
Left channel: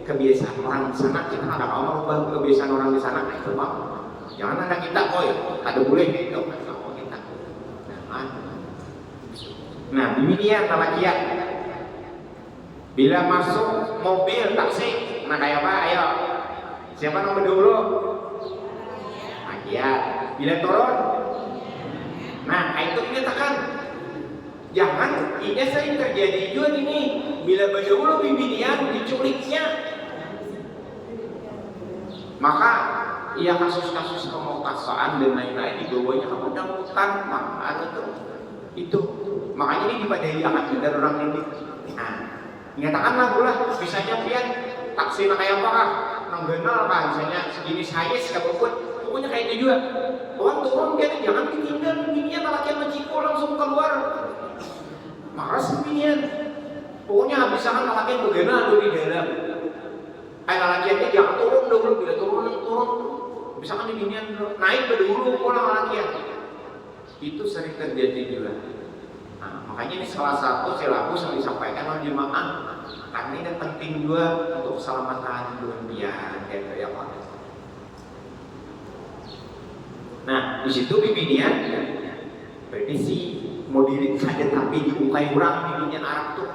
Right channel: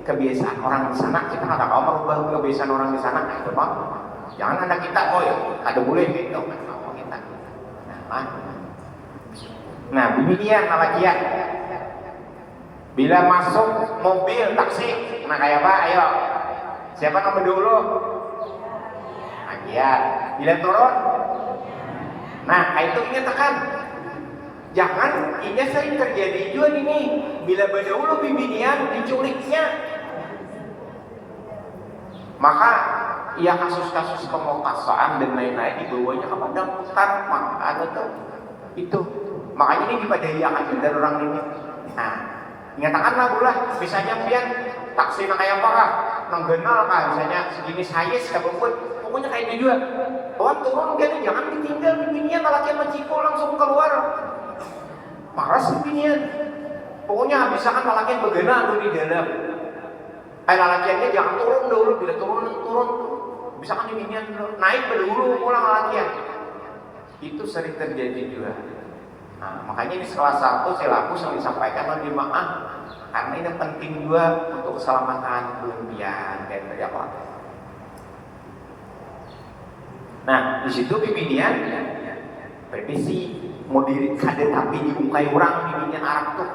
kebiasaan orang di sana, kita nggak tahu merubah kebiasaan orang di sana. Itu bang, jangan anak kita, boy, ada boleh gitu, kalau kita. Nah, demikian lalakian. Bila masuk mobil taksi, nah kayak apa? Ayo, siapa nomor dulu? Nah, iya. Bila turun, nah itu nyatakan. Jangan ini saya terjadi juga ini. Bila berdahulu bimbingan diculiknya, maka ya kasus-kasus pemerkosaan dan lain-lain dibawanya ke padang hutan, ada tuh itu. Makanya ini dipadaiakan benar orang ini. Nah, nyatakanlah lah, misalnya pian taksi kayak apa kah? Nang kenal kan, misalnya segini saya sebut, pokoknya kayak itu juga. Orang turun kan, jangan ditinggal bimbingan, laki maciko langsung keluar. Marah sebinian, pokoknya misalkan lalakian begana ada di dalam, lalakiannya jangan turun dulu, bila turun, misalkan di binian naik dulu pulang lalakian, itu sering terjadi juga. Nah, makanya ini salah satu silabus yang disampaikan oleh jemaah, karena ini penting juga untuk keselamatan berlebihan dari apa. Nah, di situ binian revisi mau diri kada tapi diungkai orang bimbingan Arab tuh.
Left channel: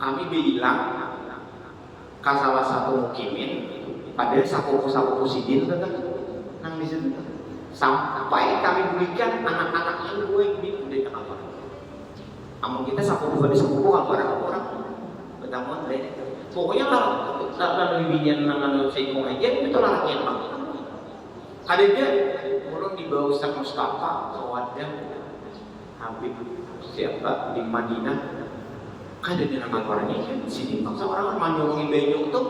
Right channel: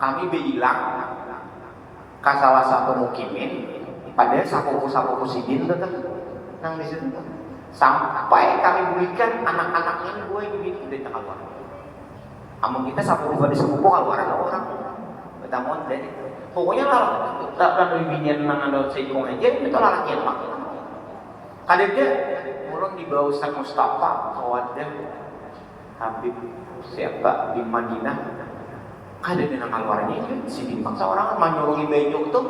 Kami bilang ke salah satu mukimin pada sakuku sidin tuh nang di situ sampai kami belikan anak-anaknya gue ini udah keluar. Amun kita sakuku pada sakuku keluar ada orang betamon deh. Pokoknya kalau bimbingan nang anu seikung aja itu lalakian pak. Kada dia mulai di bawah Ustaz Mustafa kawadnya Habib siapa di Madinah, kada dengan keluarnya sini maksa orang menyurungi banyu tuh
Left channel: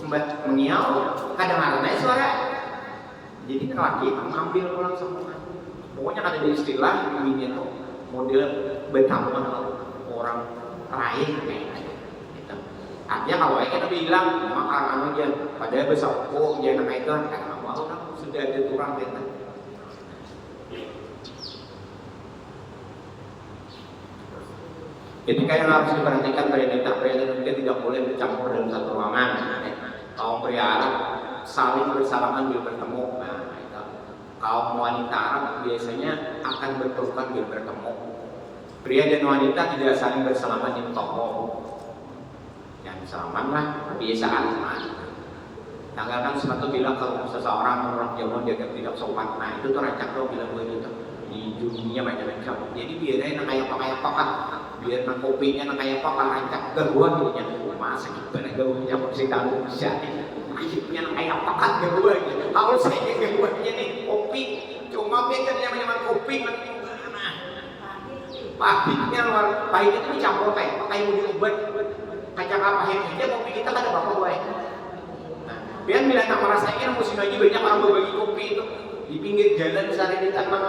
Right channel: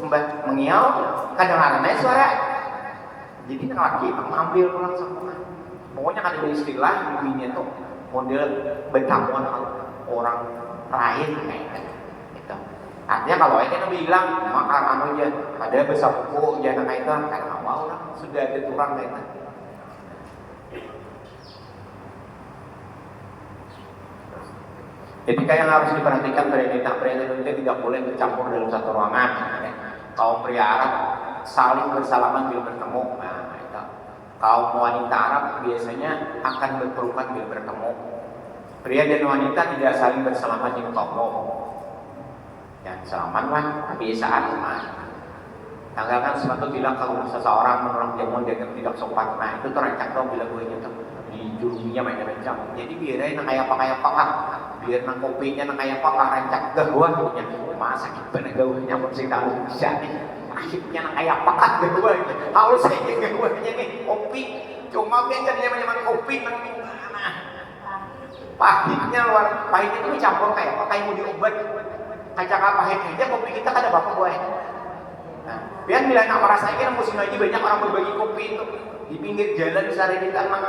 mbak mengiau kadang ada suara, jadi laki mengambil pulang semua. Pokoknya ada istilah ini tuh model betamuan orang lain kayak gitu. Artinya kalau kita bilang makan anu aja, padahal besar buku jangan kayak itu karena mau orang sudah ada turang kayak itu. Jadi yang harus diperhatikan wanita tidak boleh bercampur dalam satu ruangan. Kaum pria Arab saling bersalaman bila bertemu. Nah, itu. Kaum wanita Arab biasanya akan berpelukan bila bertemu. Pria dan wanita tidak saling bersalaman di muka umum. Yang salamanlah kebiasaan. Tanggalkan sepatu bilang kalau seseorang menolak jamuan dia tidak sopan. Nah itu tuh rancak dong bila gue itu di juruminya main rancak. Jadi biarin kayak apa biar nang kopinya nang kayak apa rancak gawah gitu. Masa kita gawahnya bersih kalau bisa nih. Akhirnya nang kayak apa gawah gitu. Halus aja gawahnya nih kopi. Cuma kita nyaman kopi nang pahitnya luar pahit itu dicampur kayak apa kayak mau diobat. Kacang pahit aja kopi kita kada apa gue. Nah, biar bila nak merasakan kan musim lagi banyak orang berbagi kopi itu di pinggir jalan misalnya di nang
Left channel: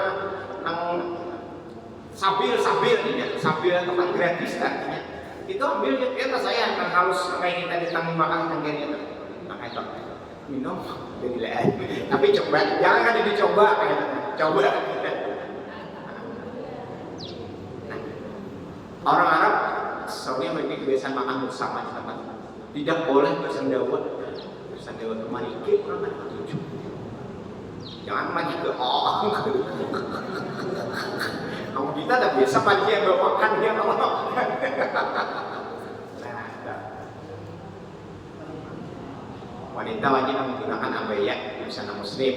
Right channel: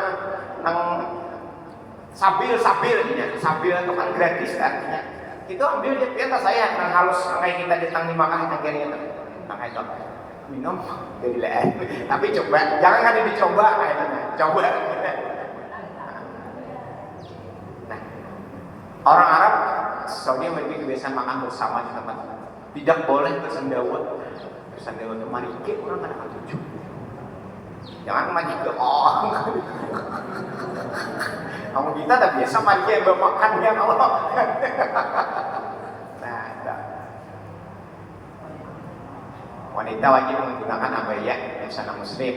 sabil teman gratis artinya itu ambil ya tas saya nang halus kayak kita ditang dimakan yang kiri itu nang itu minum jadi lain tapi coba jangan ada dicoba kayaknya coba. Nah, orang Arab soalnya memiliki kebiasaan makan bersama di tempat tidak boleh bersendawat kemari ke orang ada ketujuh jangan mandi ke kamu kita tak biasa mandi yang bermakan ya Allah. Nah, wanita wajib menggunakan abaya busana muslim.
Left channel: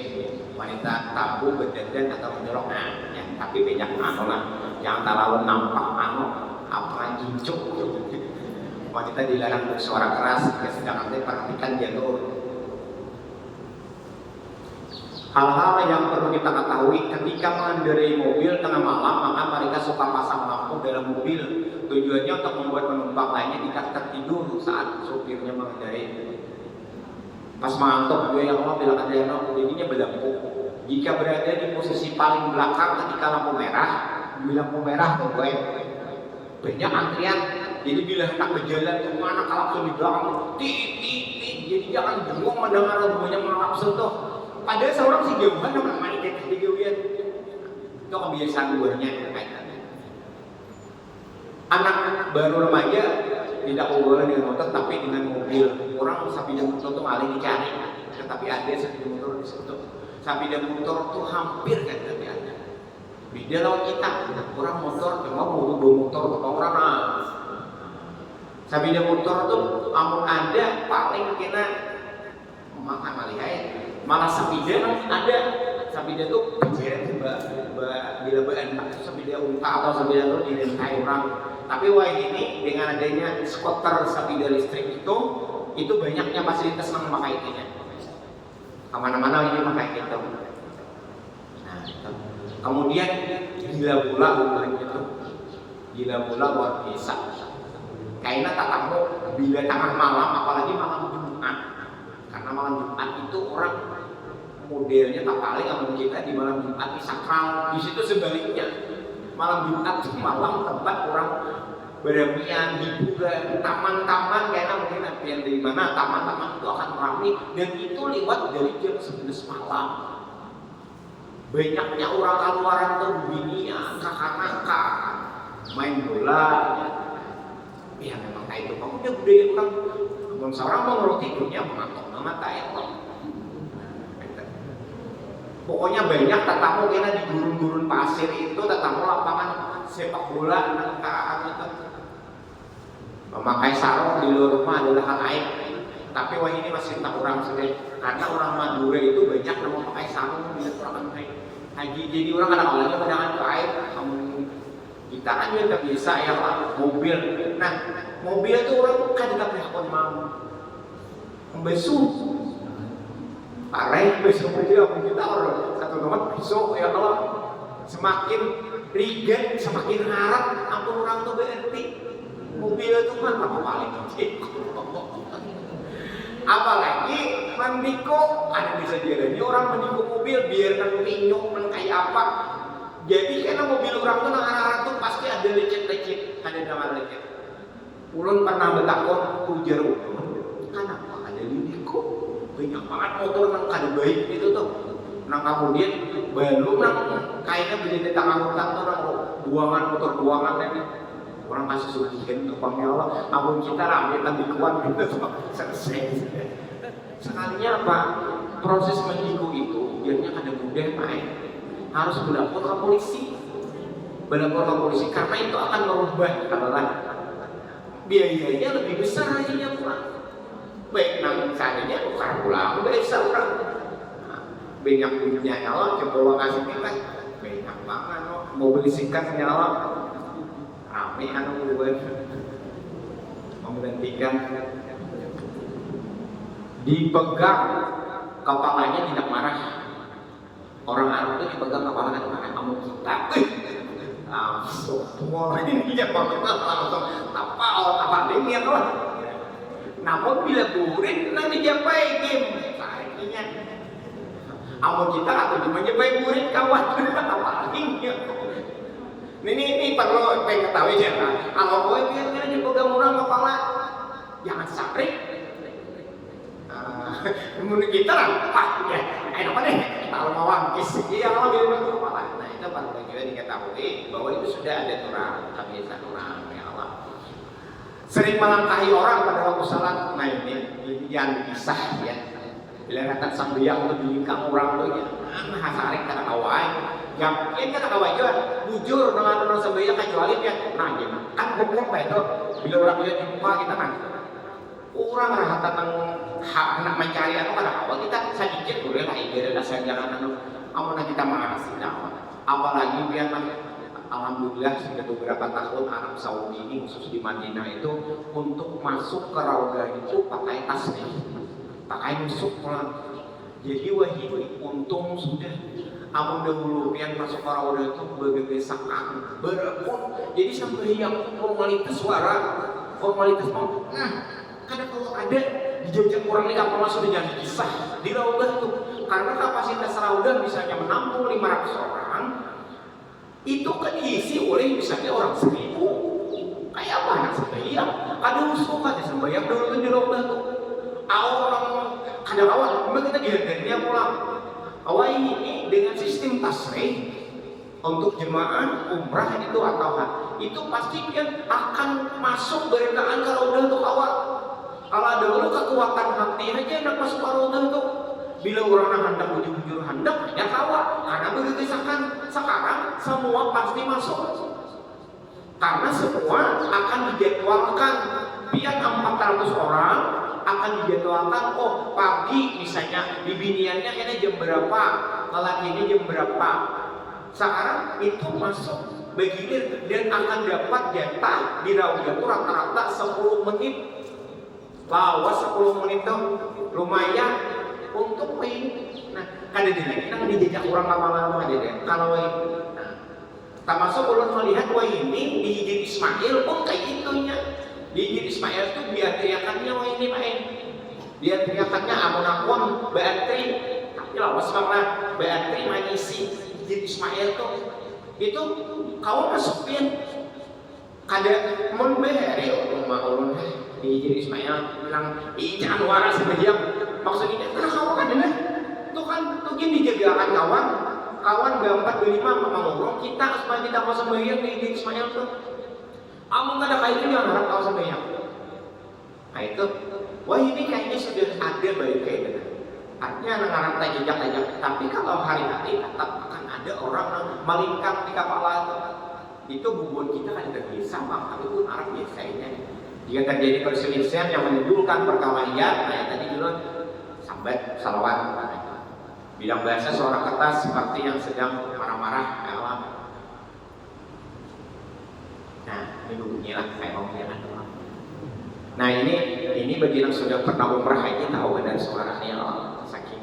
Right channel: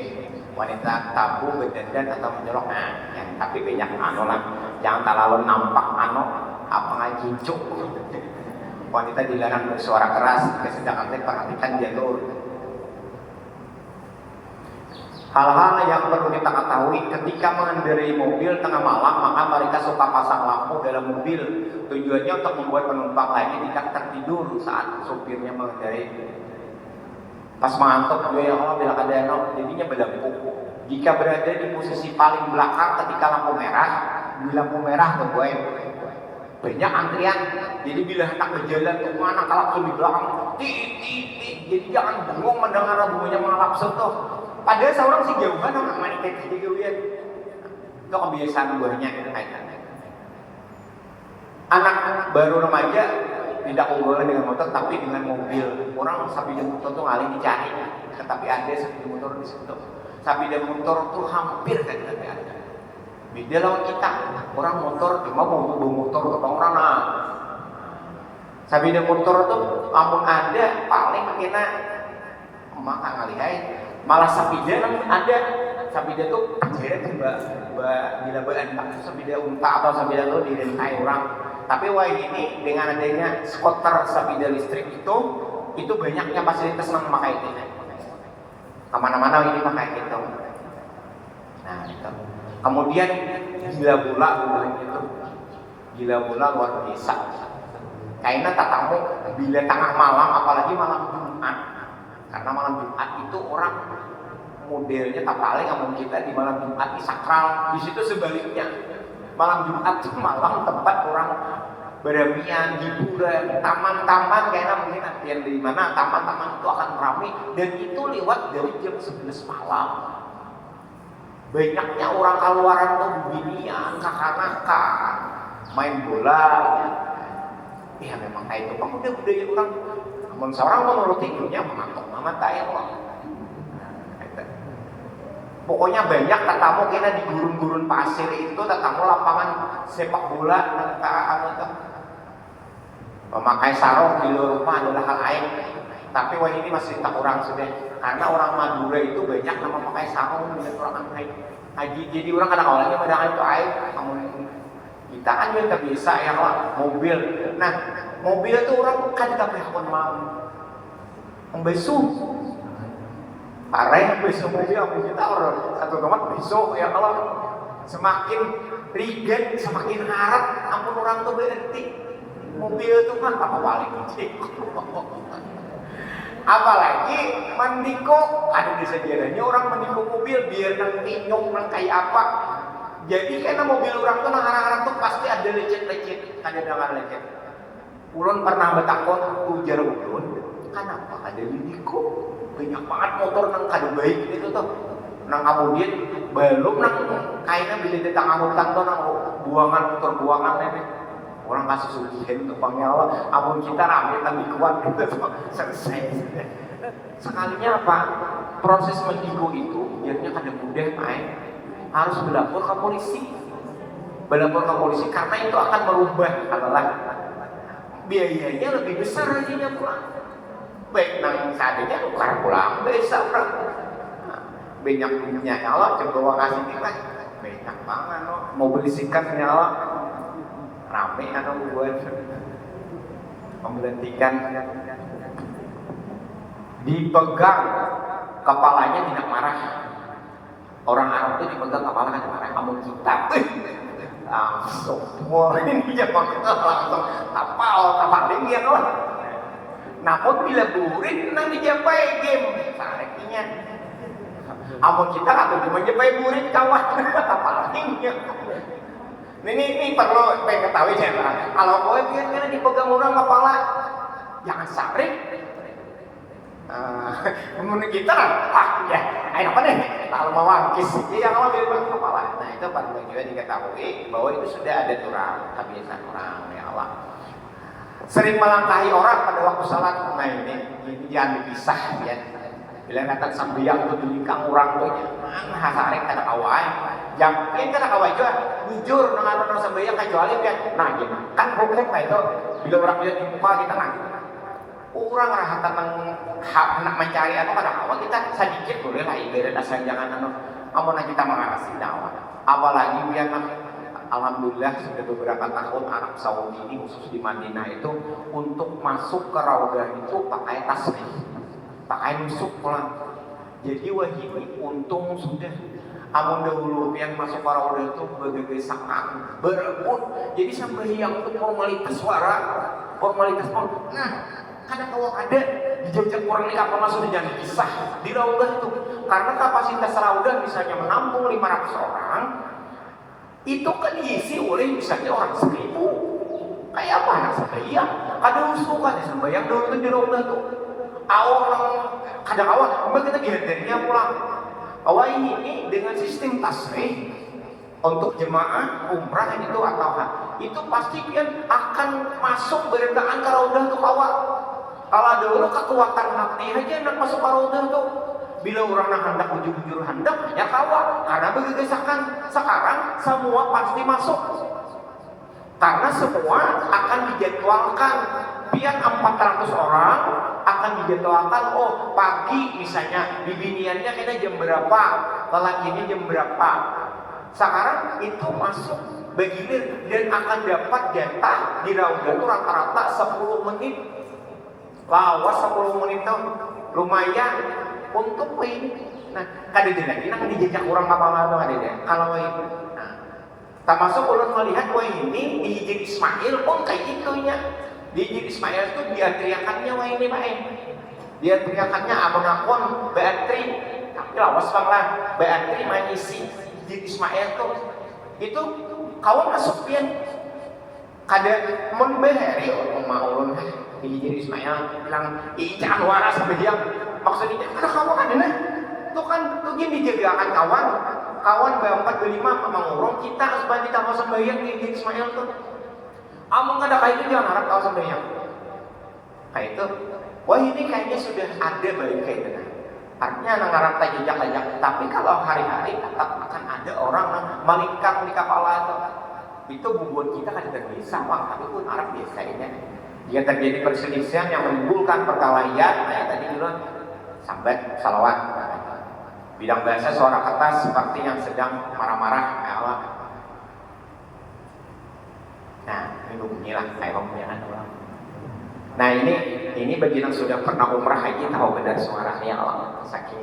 Wanita tabu berdandan atau menyolok yang tapi banyak anu lah jangan terlalu nampak anu apa gincuk. Wanita dilarang bersuara keras sedangkan perhatikan jalur. Hal-hal yang perlu kita ketahui ketika mengendarai mobil tengah malam maka mereka suka pasang lampu dalam mobil tujuannya untuk membuat penumpang lainnya tidak tertidur saat supirnya mengendarai. Pas mengantuk gue ya Allah bilang ada jadinya berlampu. Jika berada di posisi paling belakang ketika lampu merah, di lampu merah tuh gue banyak antrian. Jadi bila hendak berjalan ke mana kalau di belakang jadi jangan bingung mendengar lagunya mengalapsun tuh. Padahal seorang si jauhan orang main jadi jauhan. Itu kebiasaan buahnya kaitannya. Anak baru remaja tidak boleh dengan motor tapi dengan mobil. Orang sepeda motor tuh ngalih dicari, tetapi ada sepeda motor di situ. Sepeda motor tuh hampir kan ada. Beda lawan kita, orang motor cuma bawa motor ke orang nah. Sepeda motor tuh amun ada paling kena maka ngalihai malah sepeda ada. Sepeda tuh kejadian bila berentak sepeda unta atau sepeda tuh direntai orang. Tapi wah ini dengan adanya skuter sepeda listrik itu banyaknya fasilitas yang memakai itu. Kemana-mana ini pakai itu. Nah, itu. Kemudian gila bola itu, gila bola luar biasa. Kayaknya tatamu bila tengah malam, apalagi malam Jumat. Karena malam Jumat itu orang modelnya tak paling ngomong kita di malam Jumat di sakral. Di situ sebaliknya. Malam Jumat itu malam tempat orang beramian, hiburan, taman-taman kayaknya mungkin hampir di mana taman-taman itu akan ramai dan itu lewat dari jam 11 malam. Banyaknya orang keluaran tuh binian, kakak-kakak, main bola. Ya memang kayak itu. Kamu udah budaya orang. Namun seorang menurut hidupnya mengantuk banget kayak orang. Pokoknya banyak tetamu kita di gurun-gurun pasir itu tetamu lapangan sepak bola memakai sarung di luar rumah adalah hal aib. Tapi wah ini masih tak orang sudah karena orang Madura itu banyak yang memakai sarung di orang aib. Haji jadi orang kadang-kadang padahal itu aib. Namun kita kan juga biasa ya lah mobil. Nah mobil itu orang kan tidak pernah mau membesuh. Parah yang besok dia kita orang satu tempat besok ya kalau semakin riget semakin harap ampun orang tuh berhenti mobil itu kan apa paling apalagi mendiko ada disediaannya orang mendiko mobil biar nang pinyok nang kayak apa jadi karena mobil orang tuh nang arah-arah tuh pasti ada lecet-lecet ada dengan lecet ulun pernah bertakon ujar ulun kenapa ada didiko banyak banget motor nang kada baik itu tuh nang kemudian belum nang kayaknya bisa datang amutang tuh nang buangan motor buangan ini orang kasih sugihan tuh pangyawa amun kita rame tang dikuat juga tuh selesai sekalinya apa proses mendigo itu biarnya kada mudah main harus berlapor ke polisi karena itu akan merubah adalah biayanya lebih besar nantinya pulang baik nang saninya bukan pulang desa orang banyak duitnya nyala coba kasih kita banyak banget no mau beli sikat nyala rame anak dua memberhentikan dipegang kepalanya tidak marah orang Arab itu dipegang kepalanya tidak marah kamu kita langsung wah ini ya langsung tapal dia loh. Namun bila burin nang dijapai game artinya amun kita atau cuma japai burin kawan paling ini perlu ketahui ya kalau gue biarnya dipegang orang kepala jangan sakit menurut kita lah ya ayo apa nih kalau mau wangkis ya yang mau bilang kepala nah itu perlu juga diketahui bahwa itu sudah ada kebiasaan orang ya Allah sering melangkahi orang pada waktu salat. Nah ini jangan dipisah ya. Bila datang sambiang ke belakang orang tuh ya, hasarek kada kawai. Yang kada kawai juga bujur dengan orang sambiang kecuali kan. Nah gimana? Kan problem kayak itu. Bila orang lihat di muka kita kan. Orang rahatan hak nak mencari apa kada kawai kita sedikit boleh lah ibarat asal jangan amun kita mengarasi nyawa. Apalagi biar alhamdulillah sudah beberapa tahun Arab Saudi ini khusus di Madinah itu untuk masuk ke Raudah itu pakai tasbih, pakai nusuk pulang. Jadi wah ini untung sudah amun dahulu yang masuk ke Raudah itu begesekan, berebut. Jadi sampai yang itu formalitas suara, formalitas pun, kadang kalau ada di jejak kurang ini kapal sudah jadi kisah di Raudah itu karena kapasitas Raudah misalnya menampung 500 orang. Itu kan diisi oleh misalnya orang 1000 kayak apa anak sembahyang ada usul kan sembahyang dulu itu di Raudah tuh orang kadang awal kita dihadirnya pulang awal ini dengan sistem tasbih untuk jemaah umrah itu atau itu pasti pian akan masuk berkaan ka raudah tuh kawa. Kalau ada orang kekuatan hati aja nak masuk ke raudah tuh. Bila orang hendak bujur-bujur hendak hanya kawa karena begegesakan. Sekarang semua pasti masuk. Karena semua akan dijadwalkan. Pian 400 orang akan dijadwalkan, oh pagi misalnya bibiniannya kayaknya jam berapa, lelakinya jam berapa. Sekarang itu masuk begilir dan akan dapat jatah di raudah itu rata-rata 10 menit. Lawas 10 menit tuh lumayan untuk ini. Nah, kadang lagi nang dijajak orang kamalan tuh ada deh. Kalau ini, nah, termasuk ulun melihat wah ini di Hijin Ismail pun kayak gitunya. Di Hijin Ismail tuh dia teriakannya wah ini pak dia teriakannya abon-abon beantri, tapi lawas bang lah beantri mengisi Hijin Ismail tuh itu kawan masuk pian kada membeheri rumah ulun di Hijin Ismail bilang jangan waras sebagian maksudnya karena kawan kan ini tuh kan tuh gini dijagakan kawan berempat berlima mengurung kita supaya kita mau sembahyang di Hijin Ismail tuh among kada kayak itu jangan harap kau sembahyang kayak itu wah ini kayaknya sudah ada baik kayak gitu artinya nang ngarap jejak tapi kalau hari-hari tetap akan ada orang yang melingkang di kepala itu bubur kita kan terjadi sama tapi pun arah biasanya jika terjadi perselisihan yang menimbulkan perkelahian kayak tadi dulu sambat salawat bidang bahasa suara kata seperti yang sedang marah-marah Allah. Nah ini bunyilah kayak pembicaraan orang. Nah ini bagi yang sudah pernah umrah aja tahu benar suaranya Allah saking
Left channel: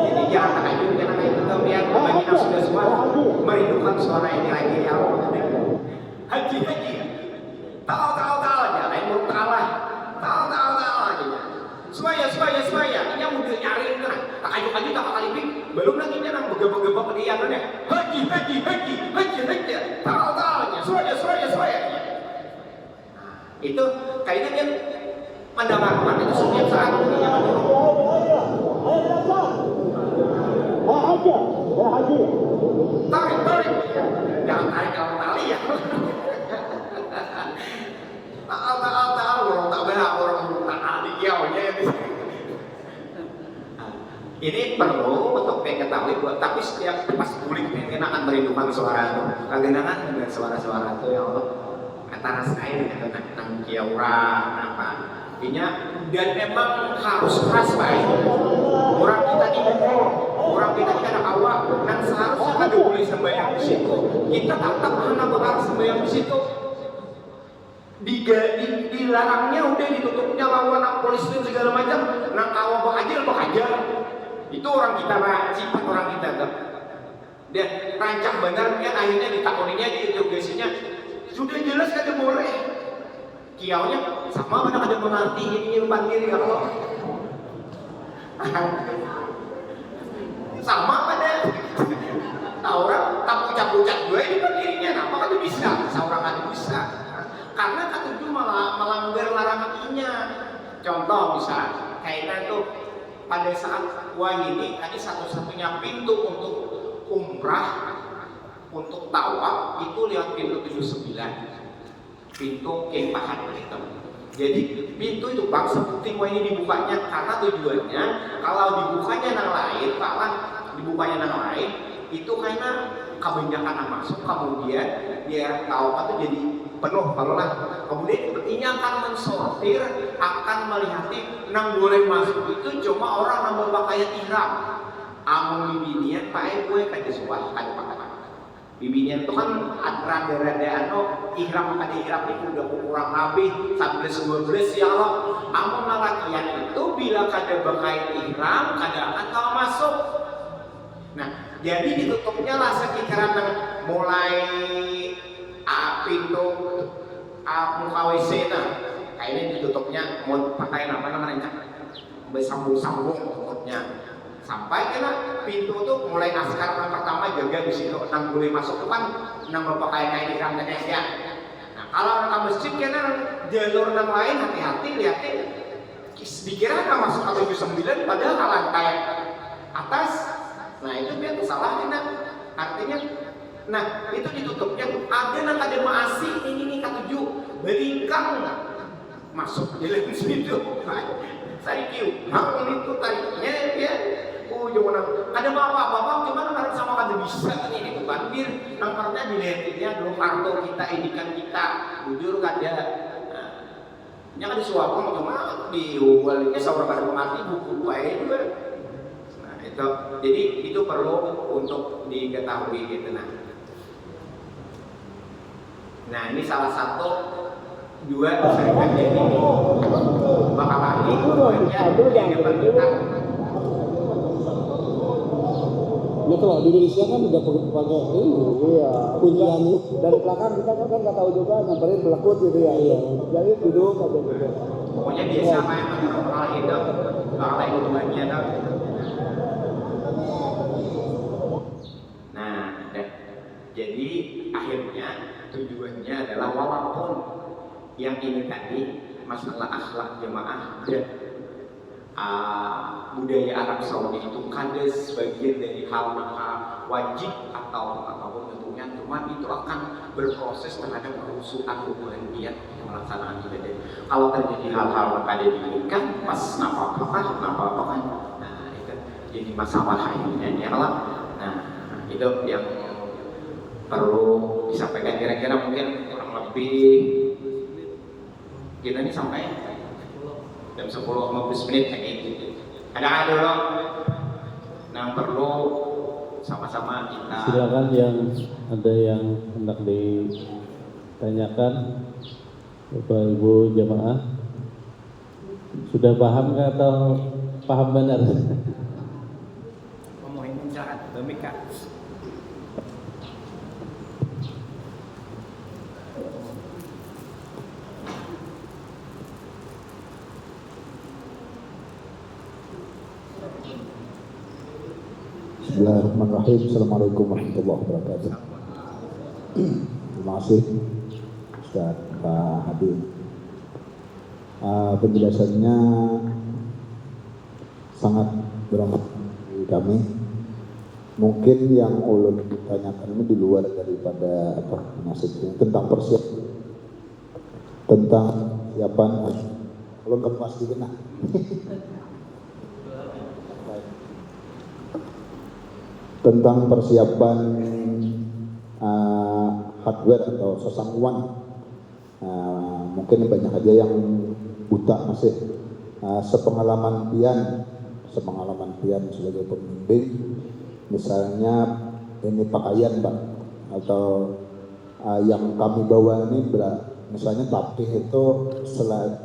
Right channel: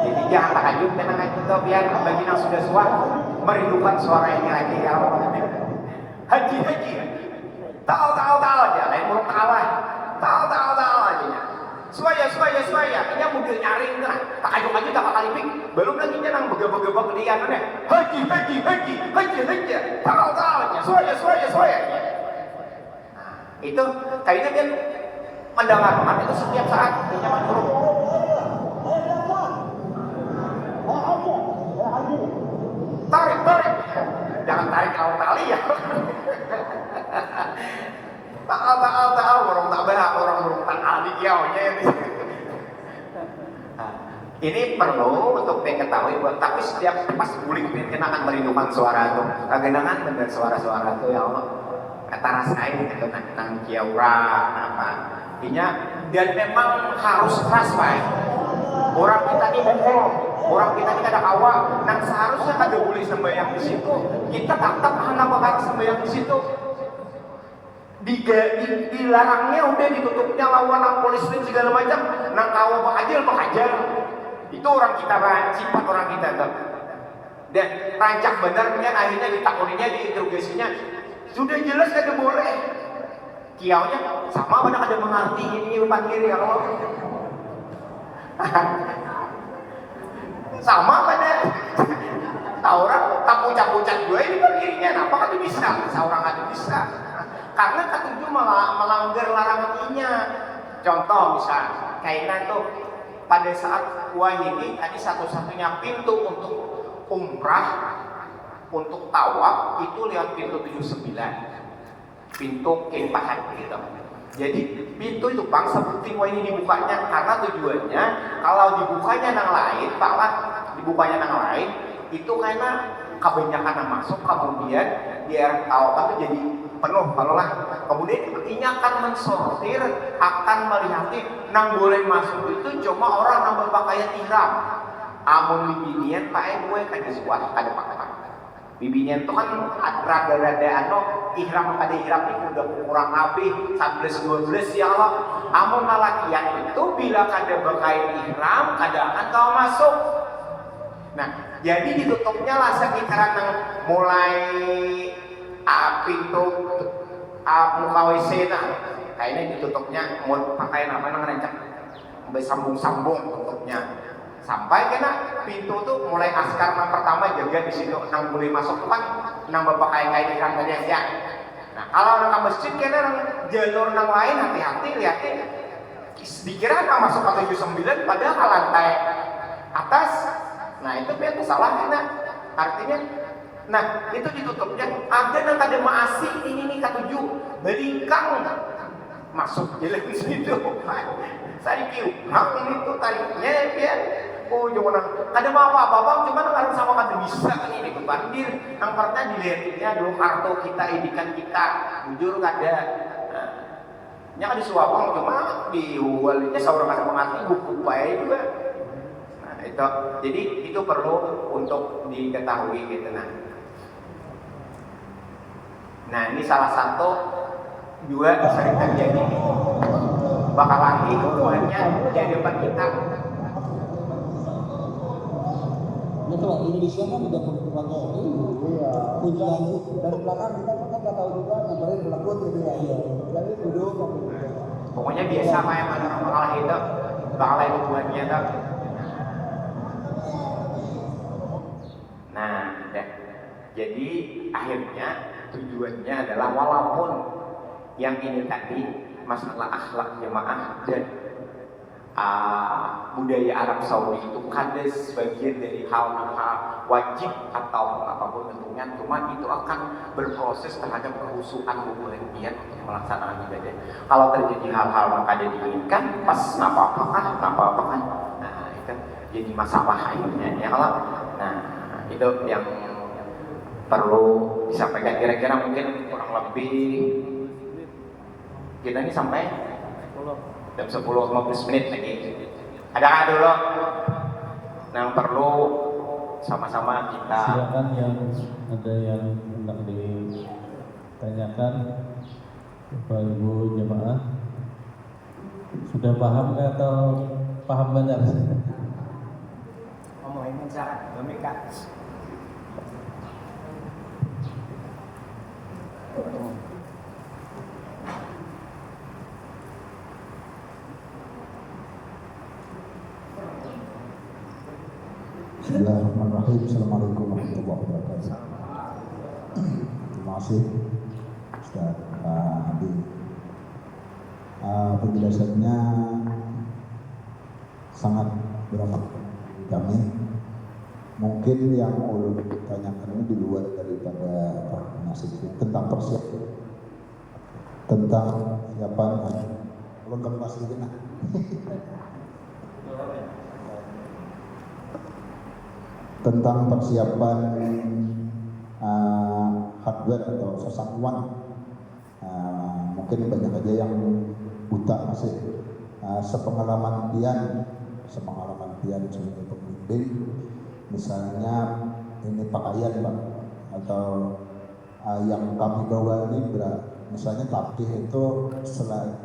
jadi jangan takajub karena itu tuh biar bagi yang sudah suah merindukan suara ini lagi ya Allah. Haji tahu aja lain burung kalah tahu aja supaya ini mobil nyaring kan takajub aja tak kalipik belum lagi nang begebek dia nih haji tahu aja supaya itu kayaknya kan mendengarkan itu setiap saat dia menyuruh tarik jangan tarik kau tali ya taal orang tak benar orang tak aldi jauh ya ini perlu untuk diketahui buat tapi setiap pas bulik kita akan merindukan suara itu kagenangan dengan suara-suara itu ya Allah kata rasain gitu nang kiaura apa intinya dan memang harus keras baik orang kita ini bohong orang kita ada awak nang seharusnya ada boleh sembahyang di situ kita tetap hendak bakal sembahyang di situ dilarangnya udah ditutupnya lawan polisi dan segala macam nang kawa bakajal itu orang kita sifat orang kita tuh dan rancak benernya akhirnya ditakoninya diinterogasinya sudah jelas kada boleh kiaunya sama mana ada mengerti ini depan kiri kalau sama pada orang tak pucat-pucat gue di depan kirinya kenapa kada bisa seorang kada bisa karena ketujuh malah melanggar larangannya contoh misal kayaknya itu pada saat wah ini tadi satu-satunya pintu untuk umrah untuk tawaf itu lihat pintu 79 pintu kempahan gitu jadi pintu itu bang seperti mau ini dibukanya karena tujuannya kalau dibukanya yang lain taklah dibukanya yang lain itu karena kebanyakan yang masuk kemudian biar tawaf itu jadi penuh kalau lah kemudian ini akan mensortir akan melihat nang boleh masuk itu cuma orang yang berpakaian ihram amun bibinian pakai gue kada suah kada pakai bibinian itu kan rada-rada ihram kada ihram ini udah kurang lebih 11-12 ya Allah amun lalakian itu bila kada berpakaian ihram kada akan kau masuk nah jadi ditutupnya lah sekitaran mulai pintu muka WC kayaknya ditutupnya mau pakai apa namanya sambung-sambung tutupnya sampai kena pintu tuh mulai askar yang pertama jaga di situ nang boleh masuk tuh kan nang bapak kayak di kang tadi aja. Nah kalau nang masjid kena jalur nang lain hati-hati lihatin dikira nang masuk ke 79 padahal ke lantai atas. Nah itu biar salah kena artinya. Nah itu ditutupnya ada yang ada maasi ini nih ke-7 beringkang masuk jalan situ. Saya kiu, ini tuh tariknya ya. Oh jangan kada mau apa-apa, cuman harus sama kada bisa ini itu banjir. Yang pernah dilihatnya dulu kartu kita, idikan kita, jujur kada. Nya kada suapang cuma diubalnya seorang ada mengerti buku bayar juga. Nah itu, jadi itu perlu untuk diketahui gitu Nah ini salah satu juga sering terjadi ini bakal lagi buatnya di depan kita. Ya kalau di Indonesia kan udah pakai ini, iya. Kuncian dari belakang kita kan nggak tahu juga nyamperin belakut gitu ya. Iya. Jadi duduk aja gitu. Pokoknya biasa main bakal itu, bakal lagi buatnya itu. Nah, jadi akhirnya tujuannya adalah walaupun yang ini tadi masalah akhlak jemaah dan budaya Arab Saudi itu kada sebagian dari hal-hal wajib atau apapun bentuknya, cuma itu akan berproses terhadap kehusuan kemudian pelaksanaan ibadah. Kalau terjadi hal-hal yang kada diinginkan pas napa kan, nah itu jadi masalah ini ya kalau. Nah itu yang perlu disampaikan kira-kira mungkin kurang lebih kita ini sampai jam 10:15 lagi. Ada dulu yang perlu sama-sama kita. Silakan yang ada yang hendak ditanyakan Bapak Ibu jemaah. Sudah paham nggak atau paham benar? Ngomongin silakan, Bamika. Bismillahirrahmanirrahim. Assalamualaikum warahmatullahi wabarakatuh. Terima kasih Ustaz Pak Hadi. Penjelasannya sangat bermanfaat bagi kami. Mungkin yang ulun ditanyakan ini di luar daripada nasibnya tentang persiapan, tentang siapan. Ulun kan pasti benar. Tentang persiapan hardware atau sasangwan, mungkin banyak aja yang buta masih. Sepengalaman pian sebagai pembimbing, misalnya ini pakaian Pak, atau yang kami bawa ini misalnya tapih itu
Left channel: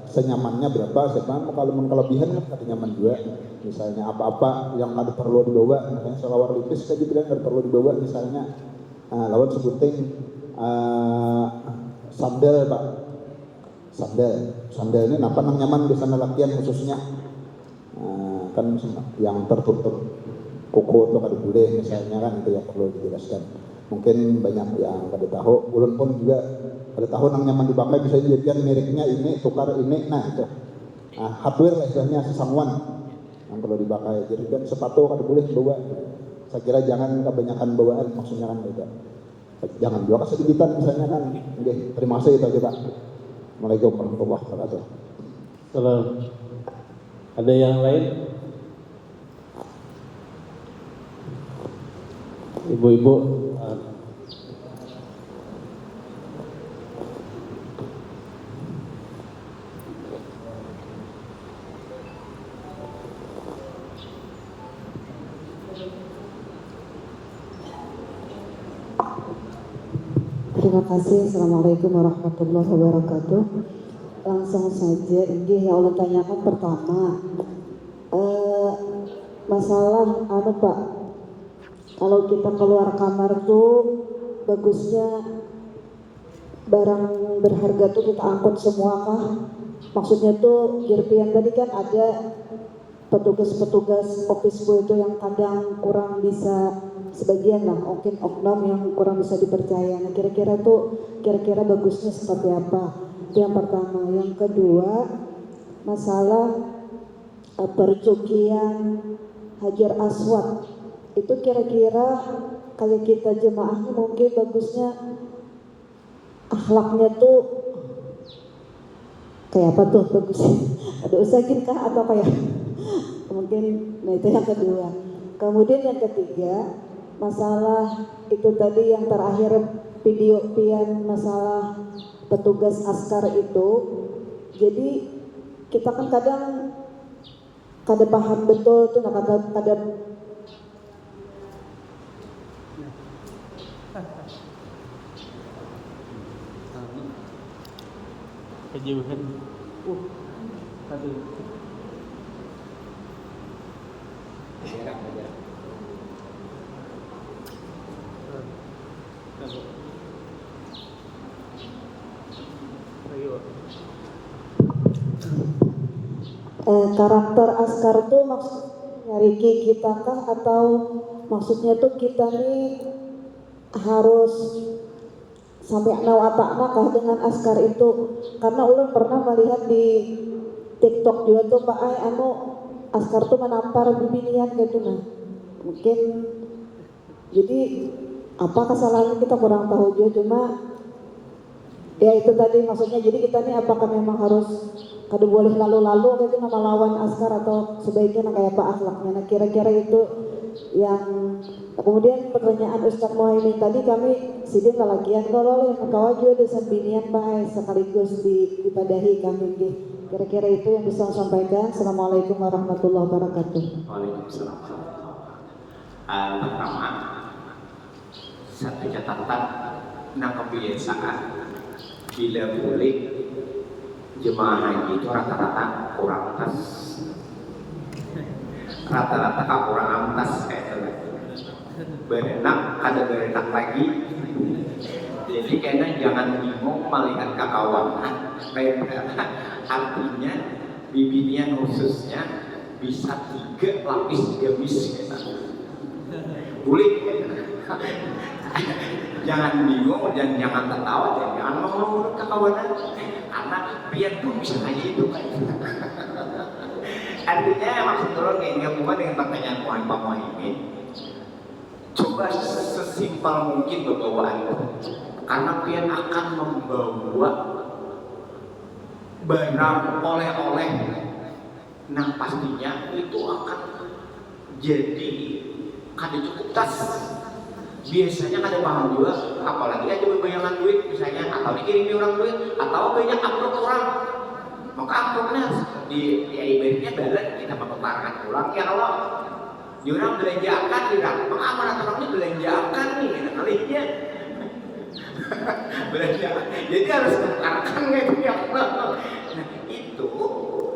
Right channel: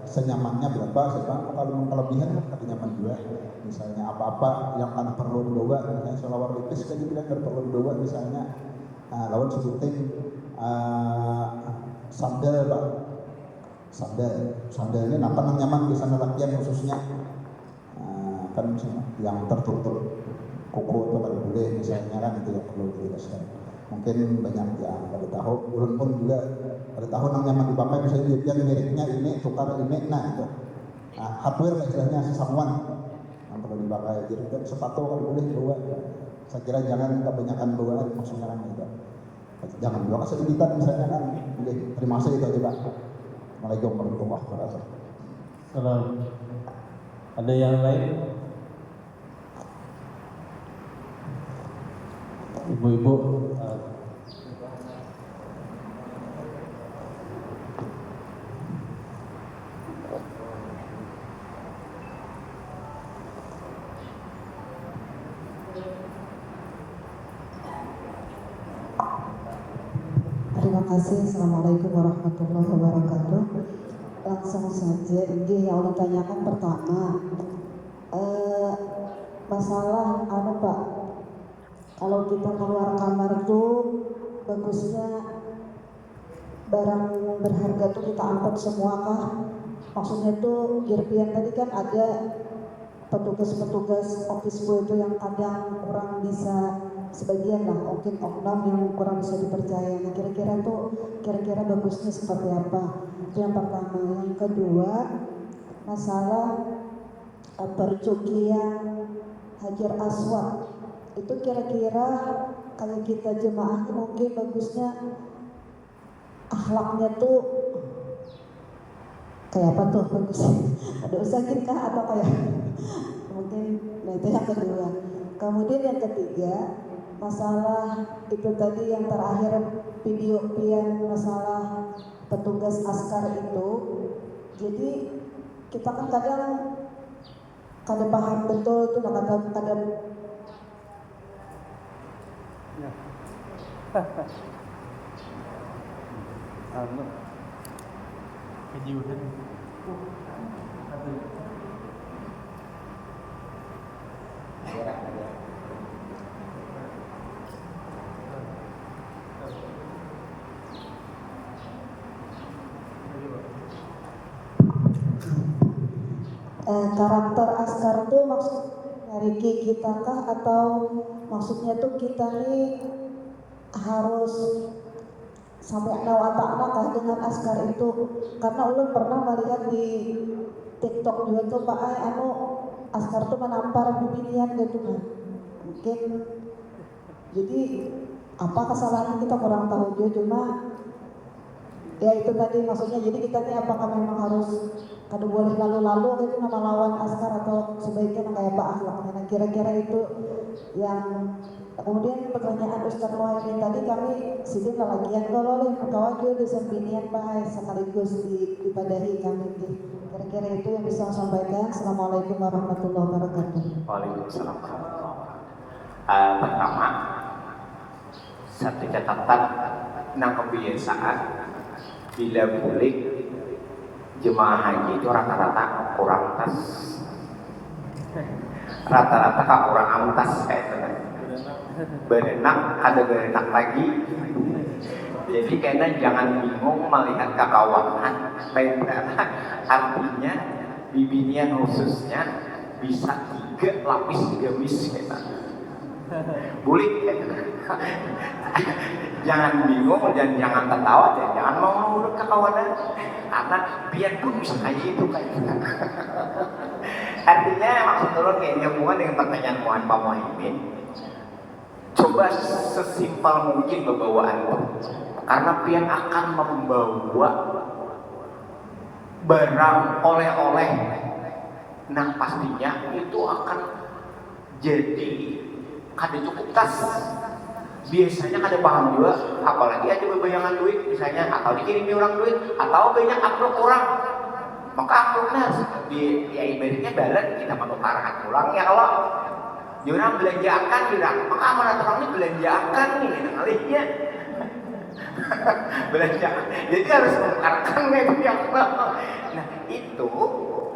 senyamannya berapa, sekarang kalau kelebihan kan ada nyaman juga. Misalnya apa-apa yang ada perlu dibawa, misalnya selawar lipis kan dibilang ada perlu dibawa, misalnya lawan sebutin sandal Pak, sandal ini apa nang nyaman di sana latihan khususnya, kan yang tertutup kuku itu kada boleh misalnya kan, itu yang perlu dijelaskan. Mungkin banyak yang kada tahu, ulun pun juga kada tahu nang nyaman dipakai, misalnya jadian mereknya ini tukar ini, nah itu hardware istilahnya sesangwan yang perlu dipakai. Jadi kan sepatu kan boleh bawa, saya kira jangan kebanyakan bawaan, maksudnya kan beda, jangan juga kesedikitan misalnya kan. Oke, terima kasih itu kita. Assalamualaikum warahmatullahi wabarakatuh. Kalau ada yang lain, ibu-ibu. Terima kasih. Assalamualaikum warahmatullahi wabarakatuh. Langsung saja, ini yang Allah tanyakan pertama, masalah Pak, kalau kita keluar kamar tuh bagusnya barang berharga tuh kita angkut semua kah? maksudnya tuh Kirpian tadi kan ada petugas-petugas office boy itu yang kadang kurang bisa, sebagian lah mungkin oknum yang kurang bisa dipercaya. Nah kira-kira bagusnya seperti apa? Itu yang pertama. Yang kedua, masalah perjukian Hajar Aswad itu kira-kira kalau kita jemaahnya mungkin bagusnya akhlaknya tuh kayak apa tuh bagusnya? Ada usahakin kah atau kayak mungkin? Nah itu yang kedua. Kemudian yang ketiga, masalah itu tadi yang terakhir video pian masalah petugas askar itu. Jadi kita kan kadang kada paham betul tuh, kadang kejauhan Jarak. karakter askar tuh maksudnya Riki kita kah atau maksudnya tuh kita nih harus sampai nawatakna kah dengan askar itu? Karena ulun pernah melihat di TikTok juga tuh Pak askar tuh menampar bibinian gitu. Nah mungkin jadi apa kesalahannya kita kurang tahu juga, cuma ya itu tadi maksudnya. Jadi kita nih apakah memang harus kada boleh lalu-lalu gitu nama lawan askar atau sebaiknya kayak apa akhlaknya? Nah kira-kira itu yang. Kemudian pertanyaan Ustadz Muhaimin tadi kami sidin kalagian kalau mutawa juga di sampinian Pak sekaligus diibadahi kami. Kira-kira itu yang bisa saya sampaikan. Assalamualaikum warahmatullahi wabarakatuh. Waalaikumsalam. Pertama, satu catatan nah kebiasaan bila boleh jemaah haji itu rata-rata kurang tas, rata-rata kurang amtas kayak itu. Berenak ada berenak lagi. Jadi kayaknya jangan bingung melihat kekawanan karena artinya bibinian khususnya bisa 3 lapis gamis kayak boleh. Jangan bingung dan jangan tertawa dan jangan mau ngurut kekawanan karena biar pun bisa aja itu kan. Artinya maksud dulu kayaknya hubungan dengan pertanyaan Pak Muhaimin, coba sesimpel mungkin bawaan itu, karena pian akan membawa barang oleh-oleh, nah pastinya itu akan jadi kada cukup tas. Biasanya kada paham juga, apalagi ada bebayangan duit misalnya, atau dikirimi orang duit, atau banyak amplop orang, maka amplopnya di ibaratnya dalan kita menukarkan pulang ya. Kalau orang belanjakan tidak, maka amanat orang ini belanjakan nih malihnya. Belanjakan, jadi harus menukarkan yang nah itu